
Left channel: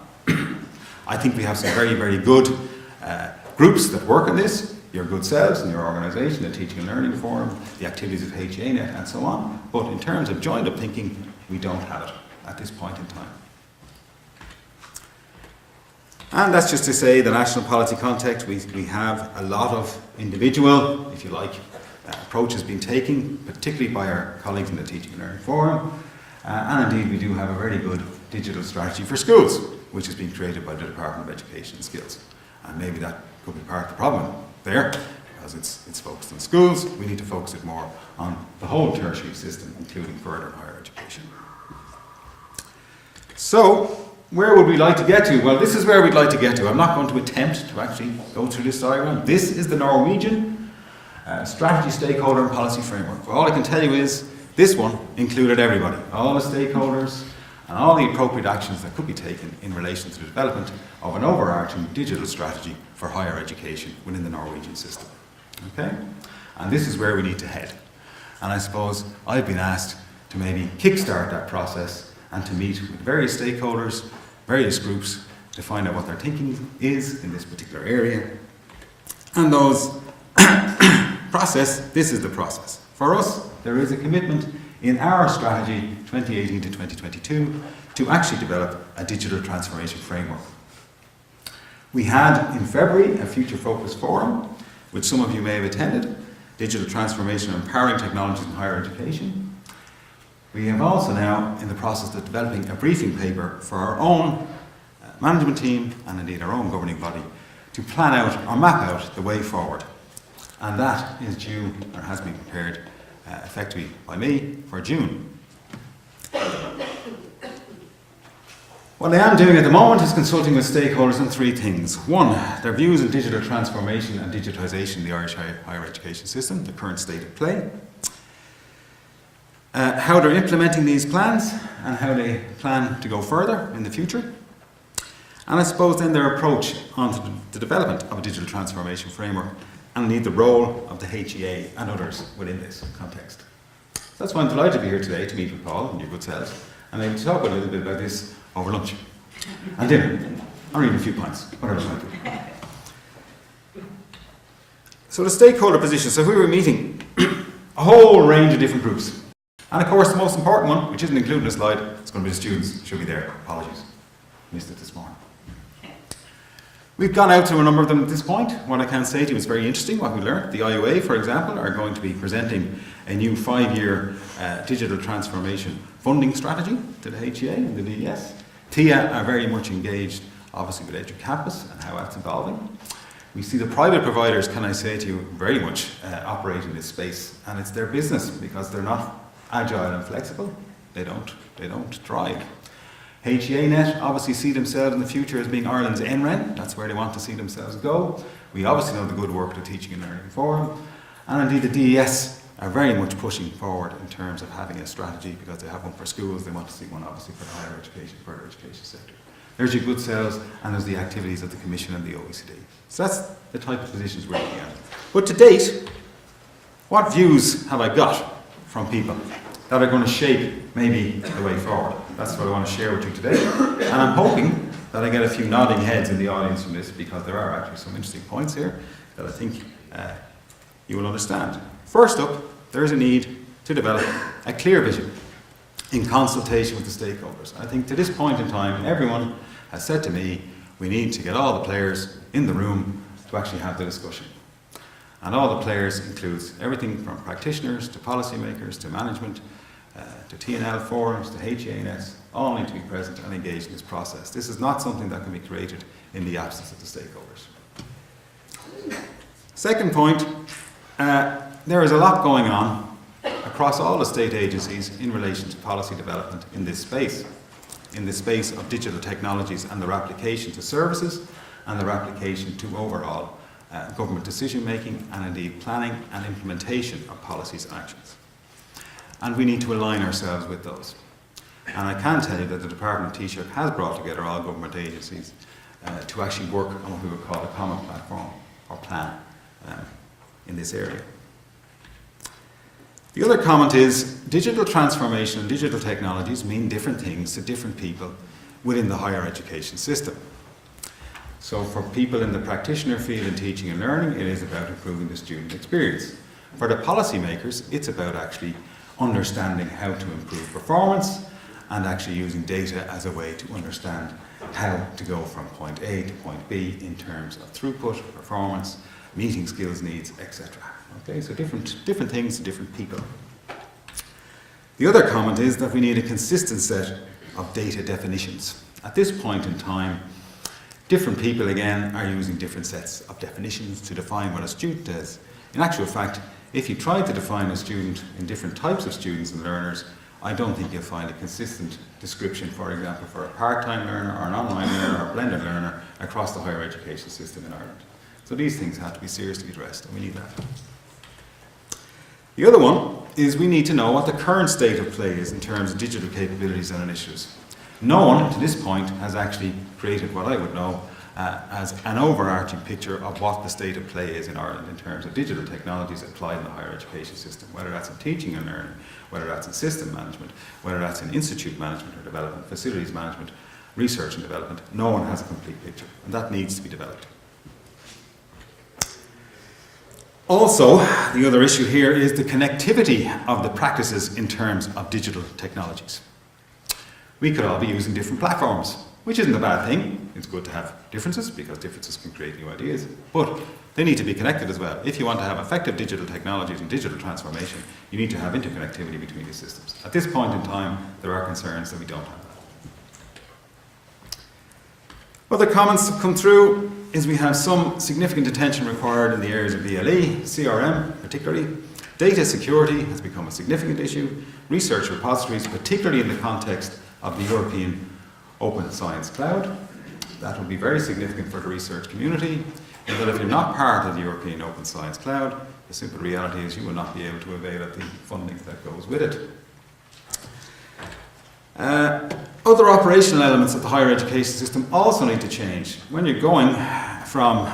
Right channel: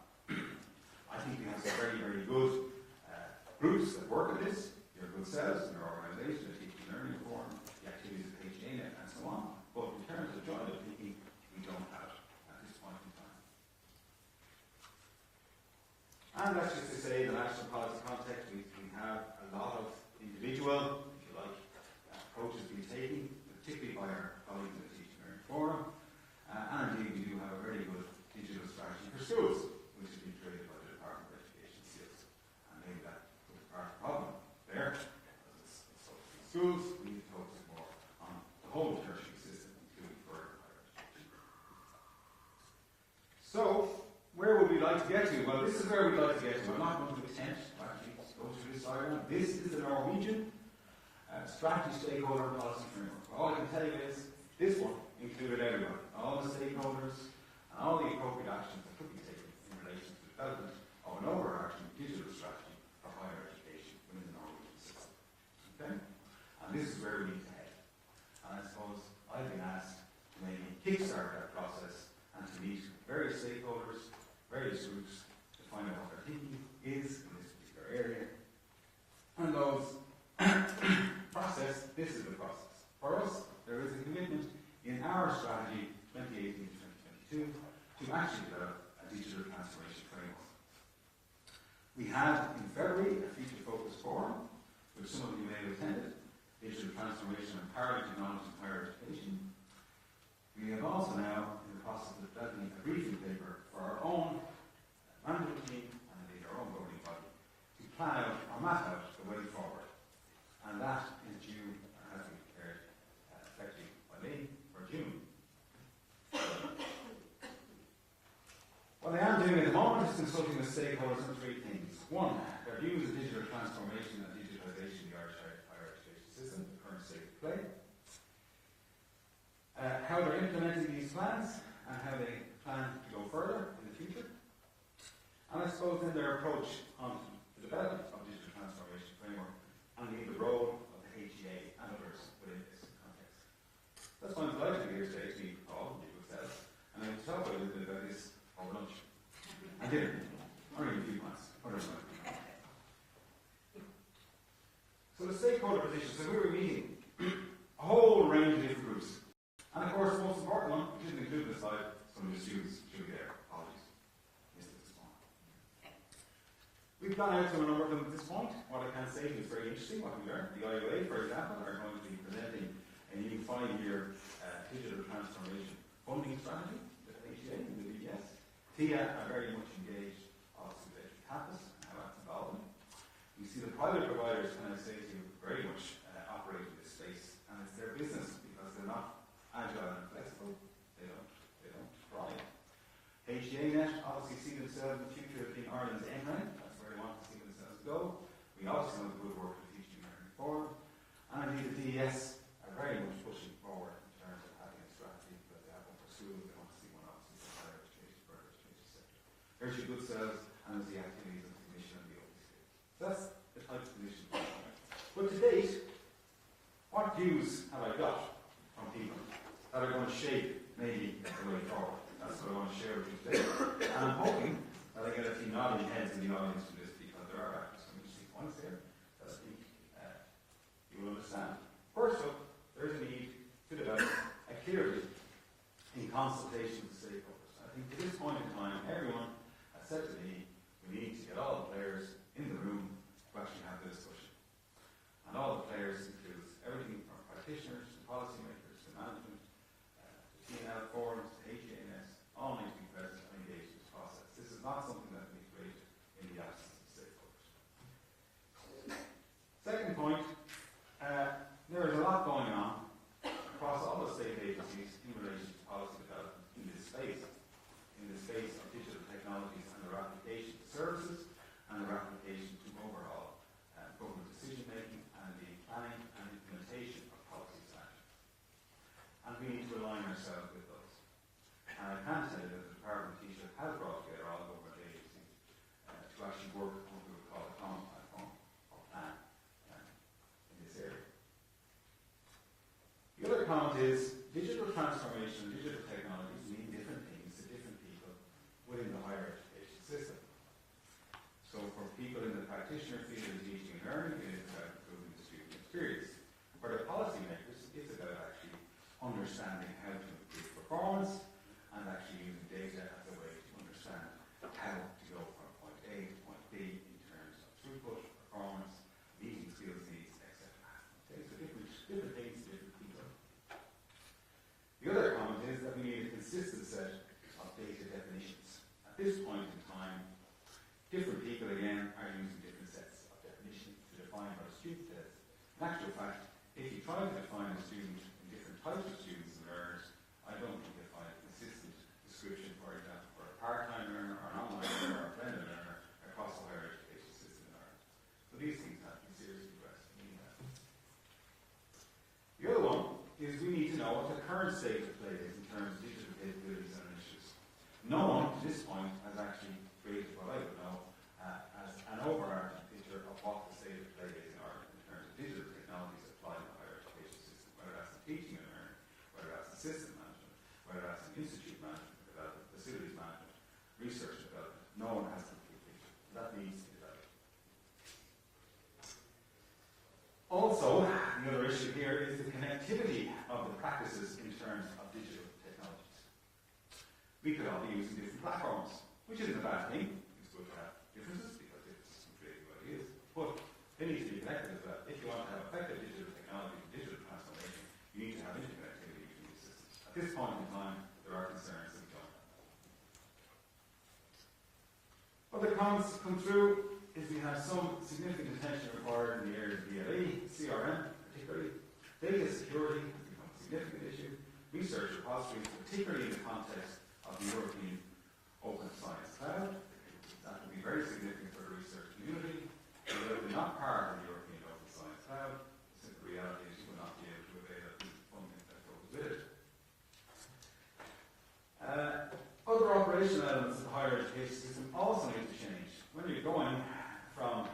I think we have some very, very good groups that work on this, your good selves and your organisation, the Teaching and Learning Forum, the activities of HEANet and so on. But in terms of joined up thinking, we don't have it at this point in time. And that's just to say the national policy context, we have a lot of individual, if you like, approaches being taken, particularly by our colleagues in the Teaching and Learning Forum. And indeed we do have a very good digital strategy for schools, which is being created by the Department of Education and Skills. And maybe that could be part of the problem there, because it's focused on schools. We need to focus it more on the whole tertiary system, including further and higher education. So, where would we like to get to? Well, this is where we'd like to get to. I'm not going to attempt to actually go through this diagram. This is the Norwegian strategy, stakeholder and policy framework. Well, all I can tell you is this one included everybody, all the stakeholders and all the appropriate actions that could be taken in relation to the development of an overarching digital strategy for higher education within the Norwegian system. Okay? And this is where we need to head. And I suppose I've been asked to maybe kickstart that process and to meet with various stakeholders, various groups, to find out what their thinking is in this particular area. And those this is the process. For us, there is a commitment in our strategy 2018 to 2022 to actually develop a digital transformation framework. We had in February a Future Focus Forum, which some of you may have attended, Digital Transformation and Empowering Technologies in Higher Education. We have also now in the process of developing a briefing paper for our own management team and indeed our own governing body to plan out or map out the way forward. And that is due, or has been prepared effectively by me for June. What I am doing at the moment is consulting with stakeholders on three things. One, their views on digital transformation and digitisation of the Irish higher education system, the current state of play. how they're implementing these plans and how they plan to go further in the future. And I suppose then their approach onto the development of a digital transformation framework and indeed the role of the HEA and others within this context. So that's why I'm delighted to be here today to meet with Paul and your good selves and maybe to talk a little bit about this over lunch and dinner, or even a few pints, whatever it might be. So the stakeholder position, so we were meeting a whole range of different groups. And of course the most important one, which isn't included in the slide, is going to be the students. Should be there. Apologies. Missed it this morning. We've gone out to a number of them at this point. What I can say to you is very interesting what we learned. The IOA, for example, are going to be presenting a new 5-year digital transformation funding strategy to the HEA and the DES. TIA are very much engaged, obviously, with EduCampus and how that's evolving. We see the private providers, can I say to you, very much operate in this space, and it's their business because they're not agile and flexible. They don't thrive. HEAnet obviously see themselves in the future as being Ireland's NREN. That's where they want to see themselves go. We obviously know the good work the Teaching and Learning Forum. And indeed the DES are very much pushing forward in terms of having a strategy because they have one for schools. They want to see one obviously for the higher education, further education sector. There's your good selves and there's the activities of the Commission and the OECD. So that's the type of positions we're looking at. But to date, what views have I got from people that are going to shape maybe the way forward? That's what I want to share with you today. And I'm hoping that I get a few nodding heads in the audience from this because there are actually some interesting points here that I think you will understand. First up, there is a need to develop a clear vision in consultation with the stakeholders. I think to this point in time, everyone has said to me, we need to get all the players in the room to actually have the discussion. And all the players includes everything from practitioners to policymakers to management, to T&L forums, to HEANS, all need to be present and engaged in this process. This is not something that can be created in the absence of the stakeholders. Second point, there is a lot going on across all the state agencies in relation to policy development in this space of digital technologies and their application to services and their application to overall government decision making and indeed planning and implementation of policies and actions. And we need to align ourselves with those. And I can tell you that the Department of Taoiseach has brought together all government agencies to actually work on what we would call a common platform or plan in this area. The other comment is digital transformation and digital technologies mean different things to different people within the higher education system. So for people in the practitioner field in teaching and learning, it is about improving the student experience. For the policymakers, it's about actually understanding how to improve performance and actually using data as a way to understand how to go from point A to point B in terms of throughput, performance, meeting skills needs, etc. Okay, so different things to different people. The other comment is that we need a consistent set of data definitions. At this point in time, different people again are using different sets of definitions to define what a student is. In actual fact, if you try to define a student in different types of students and learners, I don't think you'll find a consistent description, for example, for a part-time learner or an online learner or a blended learner across the higher education system in Ireland. So these things have to be seriously addressed, and we need that. The other one is we need to know what the current state of play is in terms of digital capabilities and initiatives. No one, to this point, has actually created what I would know as an overarching picture of what the state of play is in Ireland in terms of digital technologies applied in the higher education system, whether that's in teaching and learning, whether that's in system management, whether that's in institute management or development, facilities management, research and development. No one has a complete picture, and that needs to be developed. Also, the other issue here is the connectivity of the practices in terms of digital technologies. We could all be using different platforms, which isn't a bad thing. It's good to have differences because differences can create new ideas, but they need to be connected as well. If you want to have effective digital technologies and digital transformation, you need to have interconnectivity between these systems. At this point in time, there are concerns that we don't have that. Other comments that come through is we have some significant attention required in the areas of VLE, CRM particularly. Data security has become a significant issue. Research repositories, particularly in the context of the European Open Science Cloud. That will be very significant for the research community, and that if you're not part of the European Open Science Cloud, the simple reality is you will not be able to avail of the funding that goes with it. Other operational elements of the higher education system also need to change. When you're going from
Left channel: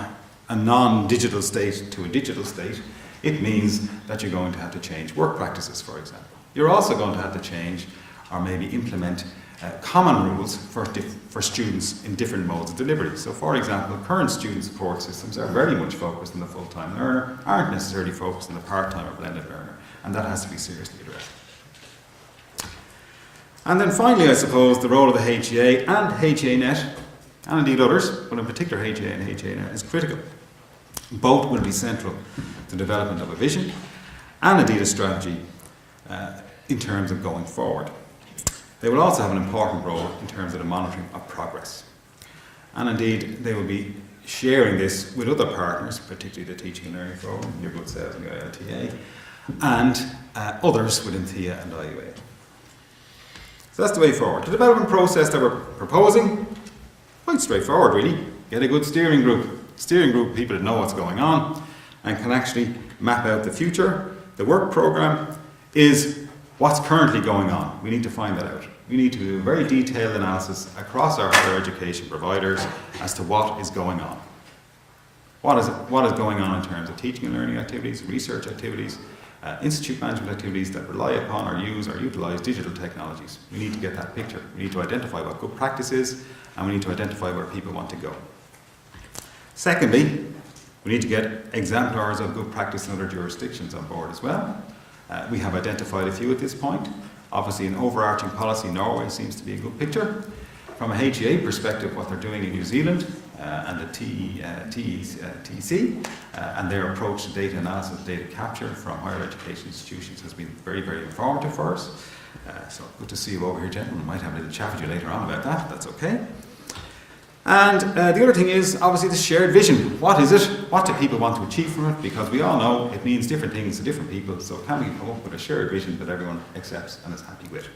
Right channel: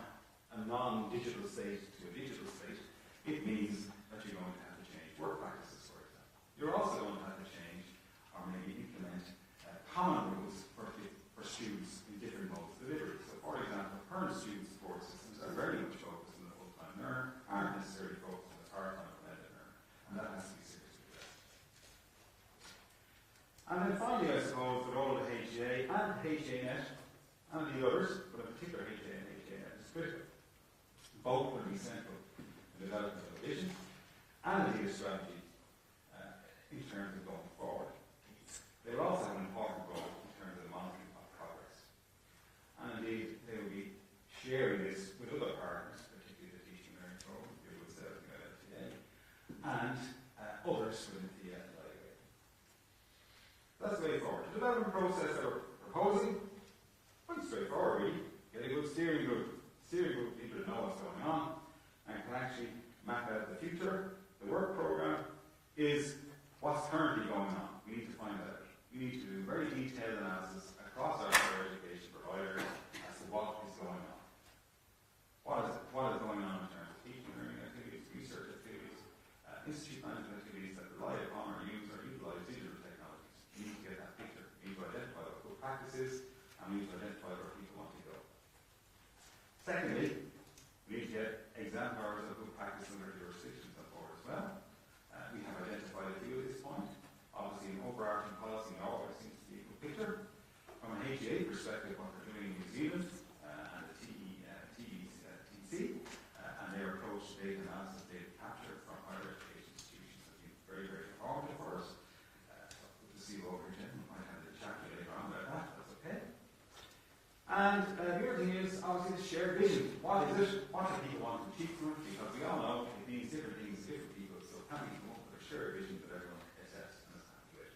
a non-digital state to a digital state, it means that you're going to have to change work practices, for example. You're also going to have to change or maybe implement common rules for students in different modes of delivery. So, for example, current student support systems are very much focused on the full-time learner, aren't necessarily focused on the part-time or blended learner, and that has to be seriously addressed. And then finally, I suppose, the role of the HEA and HEAnet, and indeed others, but in particular HEA and HEAnet, is critical. Both will be central to the development of a vision and indeed a strategy in terms of going forward. They will also have an important role in terms of the monitoring of progress. And indeed, they will be sharing this with other partners, particularly the Teaching and Learning Forum, your good selves and ILTA, and others within TIA and IUA. So that's the way forward. The development process that we're proposing, quite straightforward really. Get a good steering group of people that know what's going on and can actually map out the future. The work programme is what's currently going on. We need to find that out. We need to do a very detailed analysis across our higher education providers as to what is going on. What is going on in terms of teaching and learning activities, research activities, institute management activities that rely upon or use or utilise digital technologies. We need to get that picture. We need to identify what good practice is, and we need to identify where people want to go. Secondly, we need to get exemplars of good practice in other jurisdictions on board as well. We have identified a few at this point. Obviously, an overarching policy, Norway seems to be a good picture. From a HEA perspective, what they're doing in New Zealand and the TEC and their approach to data analysis, data capture from higher education institutions has been very, very informative for us. So good to see you over here, gentlemen. I might have a little chat with you later on about that. That's okay. And the other thing is obviously the shared vision. What is it? What do people want to achieve from it? Because we all know it means different things to different people. So can we come up with a shared vision that everyone accepts and is happy with?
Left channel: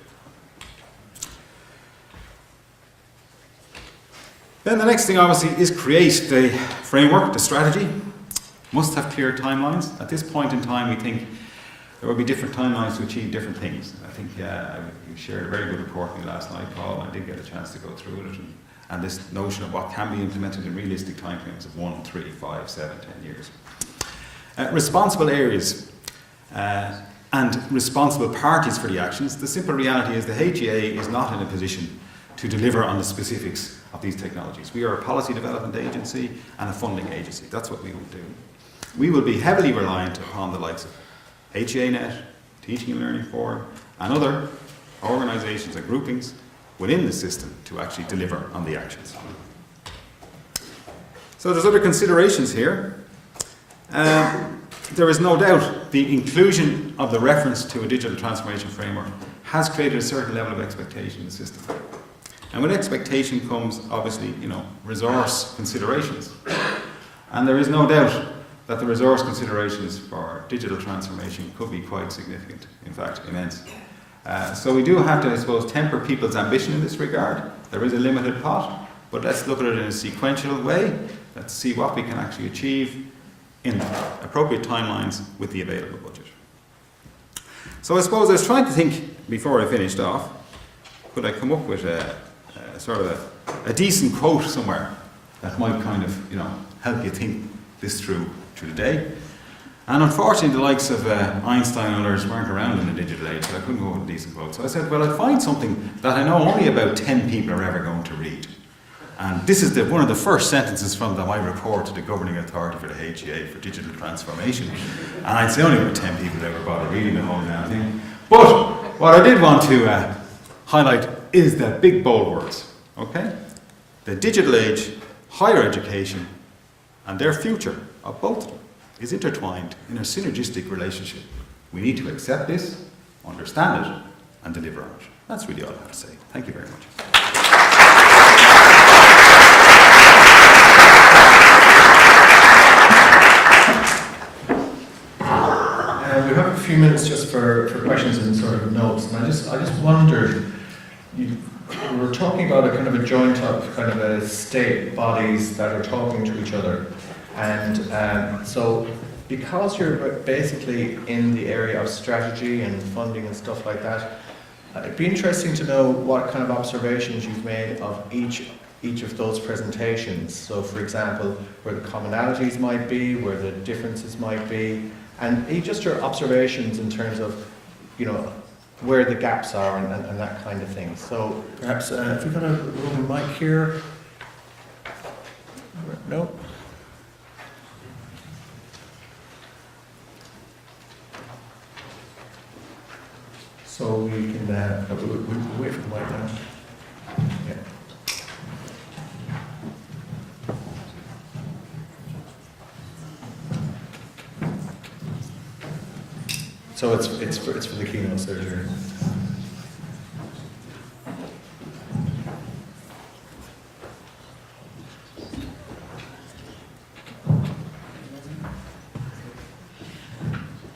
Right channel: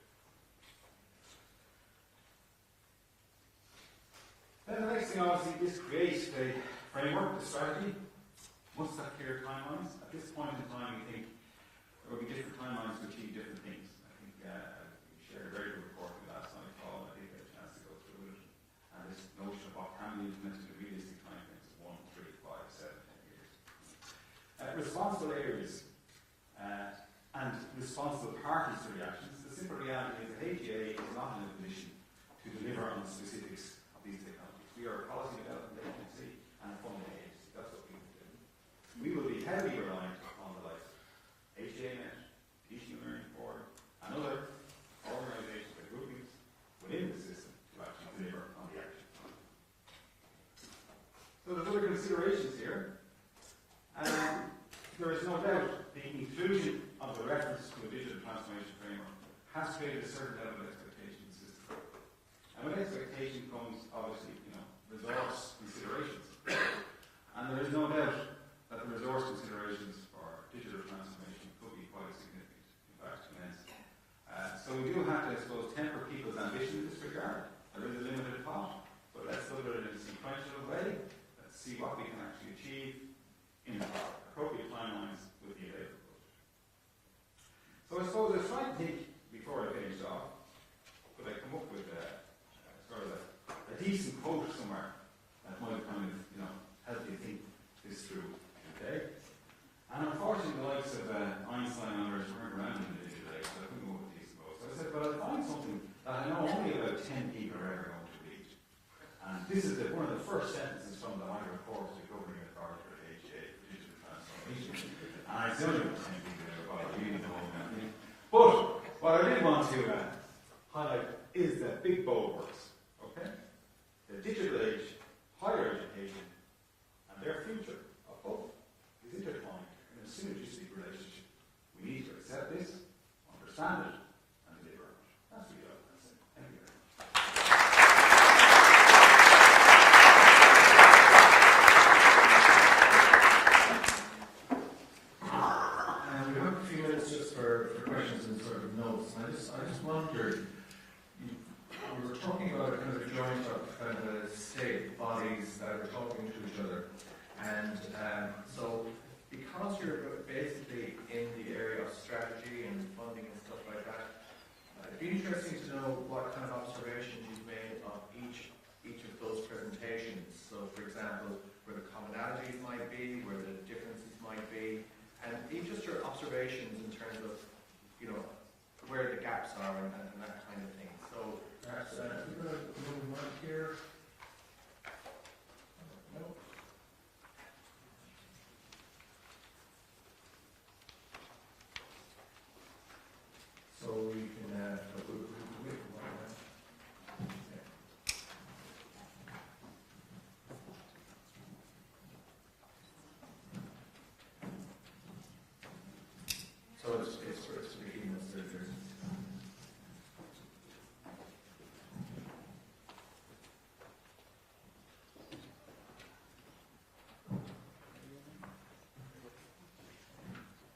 Then the next thing obviously is create the framework, the strategy. Must have clear timelines. At this point in time we think there will be different timelines to achieve different things. I think you shared a very good report with me last night, Paul, and I did get a chance to go through it. And this notion of what can be implemented in realistic timeframes of 1, 3, 5, 7, 10 years. Responsible areas and responsible parties for the actions. The simple reality is the HEA is not in a position to deliver on the specifics of these technologies. We are a policy development agency and a funding agency. That's what we will do. We will be heavily reliant upon the likes of HEAnet, Teaching and Learning Forum, and other organisations and groupings within the system to actually deliver on the actions. So there's other considerations here. There is no doubt the inclusion of the reference to a digital transformation framework has created a certain level of expectation in the system. And with expectation comes obviously, resource considerations. And there is no doubt that the resource considerations for digital transformation could be quite significant, in fact immense. So we do have to, I suppose, temper people's ambition in this regard. There is a limited pot, but let's look at it in a sequential way. Let's see what we can actually achieve in appropriate timelines with the available budget. So I suppose I was trying to think, before I finished off, could I come up with a decent quote somewhere that might kind of, help you think this through the day. And unfortunately, the likes of Einstein and others weren't around in the digital age, so I couldn't go with a decent quote. So I said, well, I'd find something that I know only about 10 people are ever going to read. And this is one of the first sentences from my report to the governing authority for the HEA for digital transformation. And I'd say only about 10 people ever bother reading the whole damn thing. But what I did want to highlight is the big bold words, okay? The digital age, higher education, and their future of both of them is intertwined in a synergistic relationship. We need to accept this, understand it, and deliver on it. That's really all I have to say. Thank you very much. We have a few minutes just for questions and sort of notes, and I just wondered, you were talking about a kind of a joint of kind of a state bodies that are talking to each other. And so because you're basically in the area of strategy and funding and stuff like that, It'd be interesting to know what kind of observations you've made of each of those presentations. So, for example, where the commonalities might be, where the differences might be, and just your observations in terms of, where the gaps are and that kind of thing. So, perhaps if we've got a roving mic here. No. So we can we'll wait for the mic now. Yeah. So it's for the keynote surgery.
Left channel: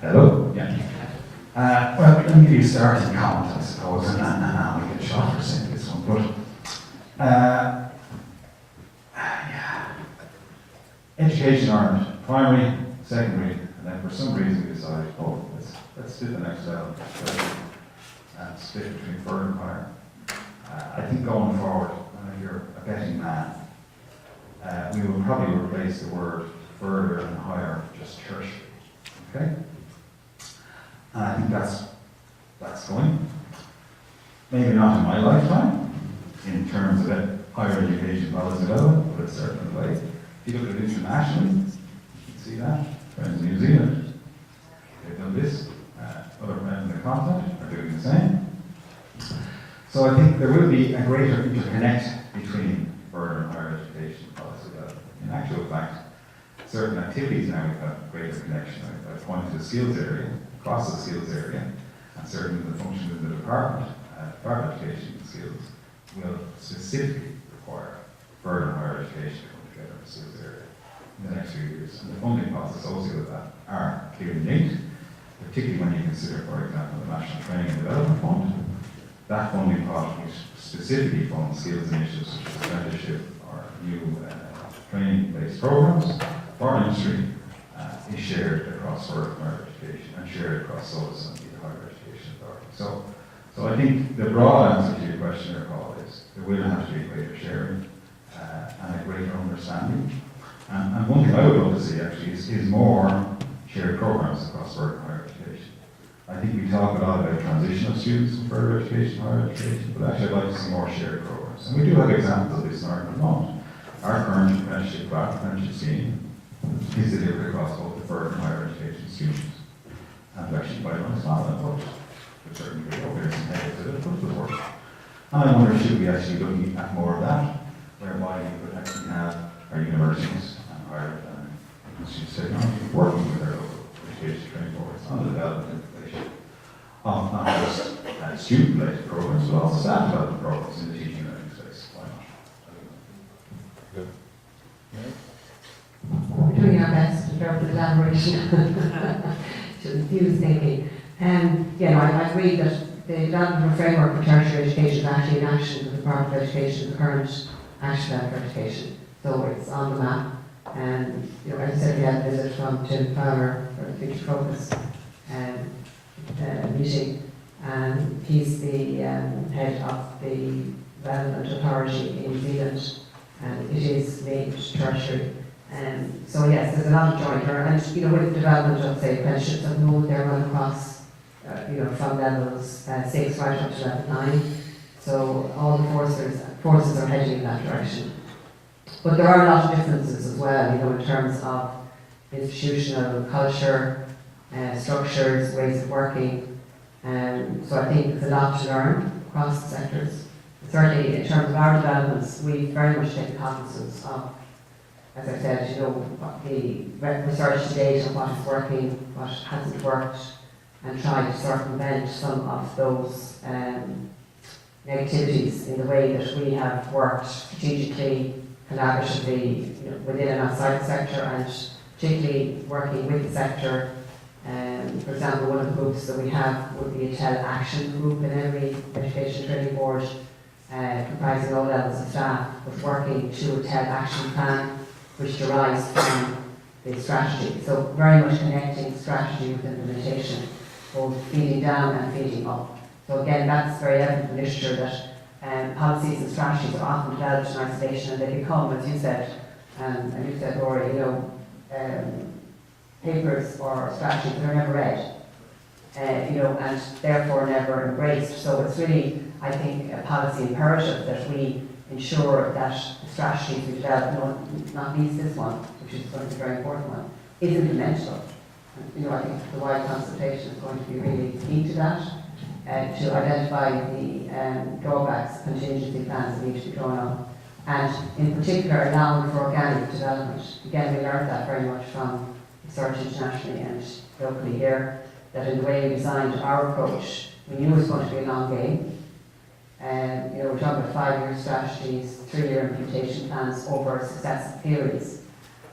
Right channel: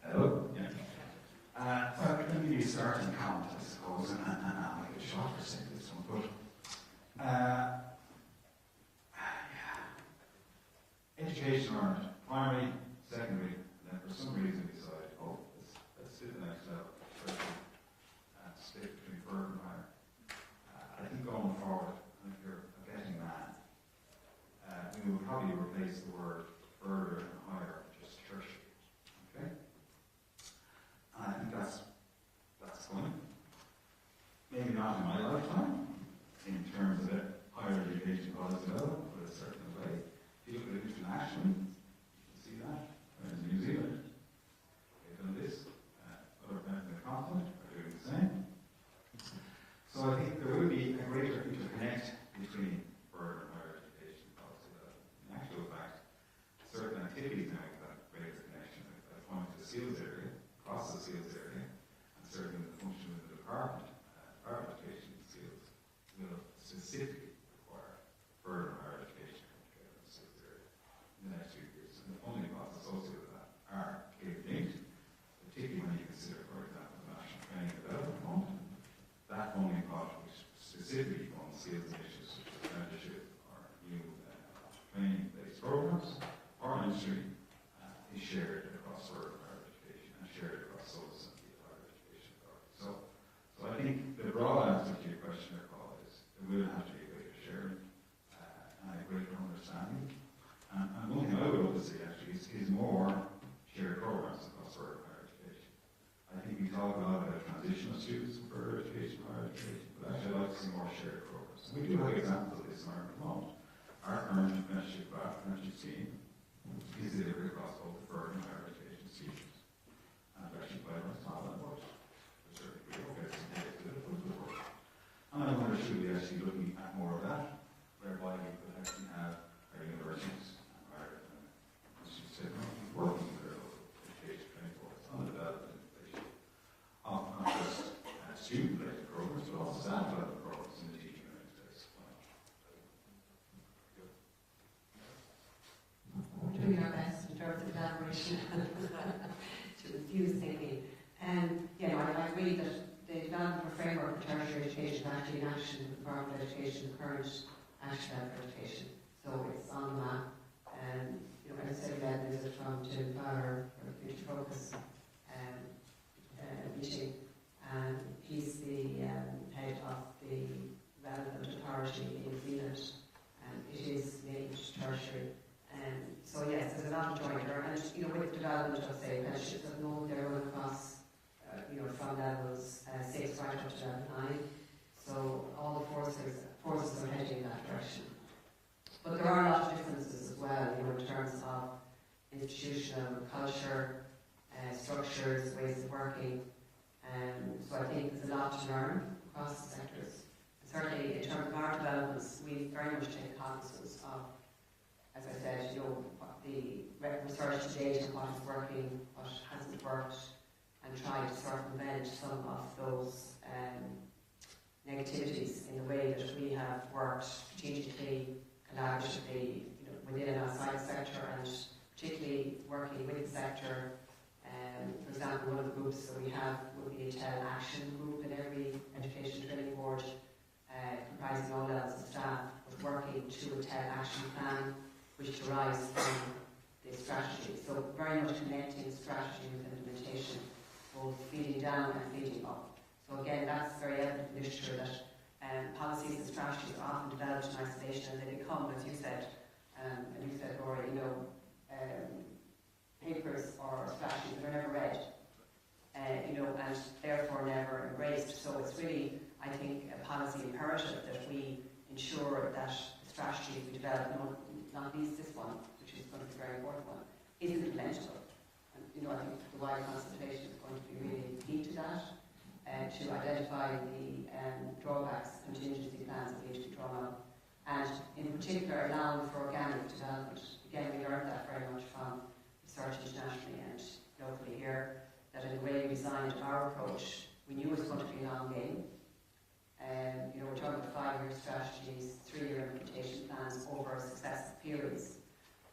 Hello? Yeah. Well, let me give you a starting comment, I suppose, and I'll make it short for saying this one. But, yeah. Education Ireland, primary, secondary, and then for some reason we decided, let's do the next level. And split between further and higher. I think going forward, and if you're a betting man, we will probably replace the word further and higher with just tertiary. Okay? And I think that's going. Maybe not in my lifetime, in terms of higher education policy development, but it's certainly the way. If you look at it internationally, you can see that. Friends in New Zealand, they've done this. Other friends in the continent are doing the same. So I think there will be a greater interconnect between further and higher education policy development. In actual fact, certain activities now have greater connection. I pointed to the skills area, across the skills area, and certainly the function of the department of education and skills will specifically require further and higher education to come together in the skills area in the next few years. And the funding costs associated with that are clearly linked, particularly when you consider, for example, the National Training and Development Fund. That funding pot, which specifically funds skills initiatives such as apprenticeship or new training-based programs for industry, is shared across further higher education and shared across SOLAS and the Higher Education Authority. So I think the broad answer to your question there, Paul, is there will have to be greater sharing and a greater understanding. And one thing I would love to see actually is more shared programs across further higher education. I think we talk a lot about transitional students from further education, higher education, but actually I'd like to see more shared programs. And we do have examples of this in Ireland at the moment. Our current apprenticeship scheme is delivered across both the further and higher education students. And actually quite honest, not that much. But certainly there's some negatives to it, but it works. And I wonder, should we actually looking at more of that, whereby we could actually have our universities and higher institutes of technology working with our local education training boards on the development and implementation of not just student-related programs, but also staff development programs in the teaching and learning space. Why not? Good. We're doing our best in terms of elaboration to infuse thinking. I agree that the development of a framework for tertiary education is actually in action with the Department of Education, the current action plan for education. So it's on the map. And as I said, we had a visit from Tim Fowler for the Future Focus meeting, and he's the head of the relevant authority in New Zealand, and it is linked tertiary. So yes, there's a lot of joint there, and with the development of say apprenticeships at the moment, they're run across from levels 6 right up to level 9. So all the forces are heading in that direction. But there are a lot of differences as well, in terms of institutional culture, structures, ways of working. So I think there's a lot to learn across the sectors. Certainly in terms of our developments, we very much take cognizance of, as I said, what the research to date on what is working, what hasn't worked, and try to circumvent some of those negativities in the way that we have worked strategically, collaboratively, within and outside the sector, and particularly working with the sector. For example, one of the groups that we have would be a TEL action group in every education training board, comprising all levels of staff, but working to a TEL action plan which derives from the strategy. So very much connecting strategy with implementation, both feeding down and feeding up. So again, that's very evident in literature that policies and strategies are often developed in isolation, and they become, as you said, and you said, Rory, papers or strategies that are never read, and therefore never embraced. So it's really, I think, a policy imperative that we ensure that the strategies we develop, not least this one, which is going to be a very important one, is implementable. I think the wide consultation is going to be really key to that, to identify the drawbacks, contingency plans that need to be drawn up, and in particular allowing for organic development. Again, we learned that very much from research internationally and locally here, that in the way we designed our approach, we knew it was going to be a long game. We're talking about 5-year strategies, 3-year implementation plans over successive periods,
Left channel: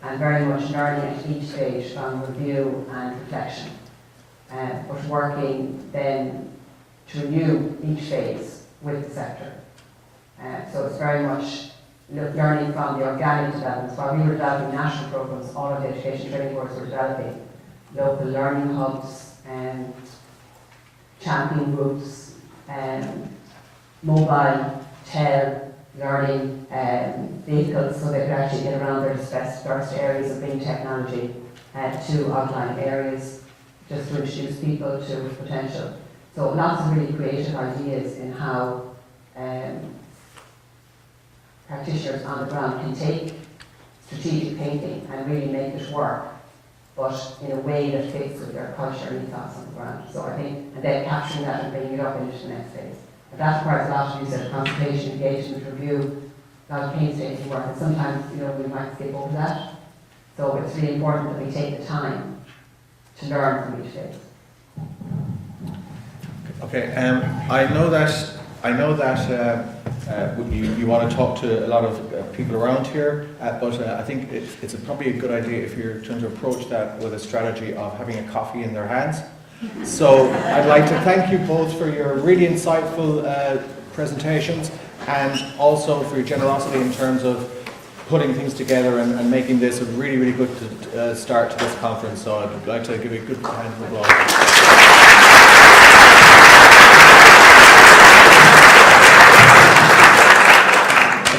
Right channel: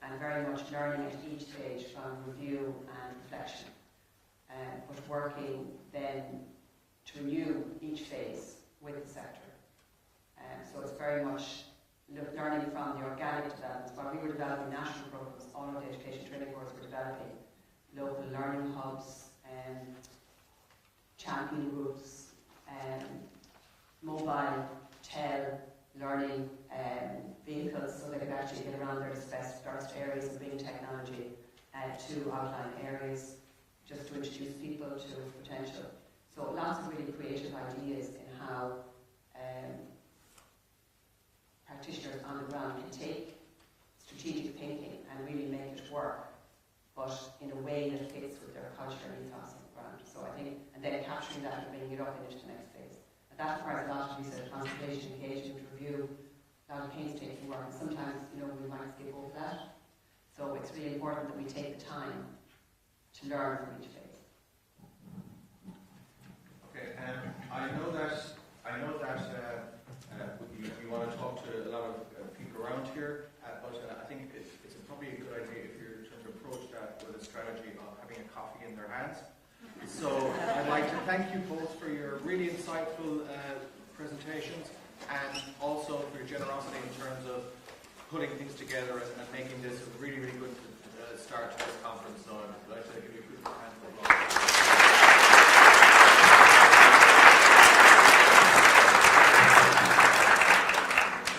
and very much learning at each stage from review and reflection, but working then to renew each phase with the sector. So it's very much learning from the organic developments. While we were developing national programs, all of the education training boards were developing local learning hubs, champion groups, mobile learning vehicles, so they could actually get around their dispersed areas of being technology to outlying areas, just to introduce people to potential. So lots of really creative ideas in how practitioners on the ground can take strategic thinking and really make it work, but in a way that fits with their culture and ethos on the ground. So I think, and then capturing that and bringing it up into the next phase. And that requires a lot of, you said, consultation, engagement, review, a lot of painstaking work, and sometimes, we might skip over that. So it's really important that we take the time to learn from each phase. Okay, I know that you want to talk to a lot of people around here, but I think it's probably a good idea if you're trying to approach that with a strategy of having a coffee in their hands. So I'd like to thank you both for your really insightful presentations, and also for your generosity in terms of putting things together and making this a really, really good start to this conference. So I'd like to give you a good hand of applause.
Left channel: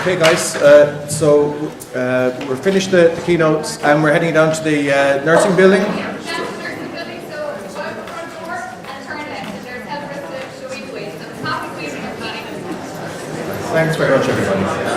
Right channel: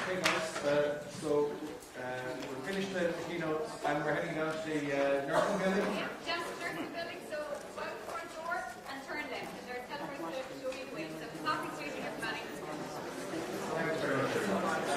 Okay guys, so we're finished the keynotes and we're heading down to the nursing building. Thanks very much everybody.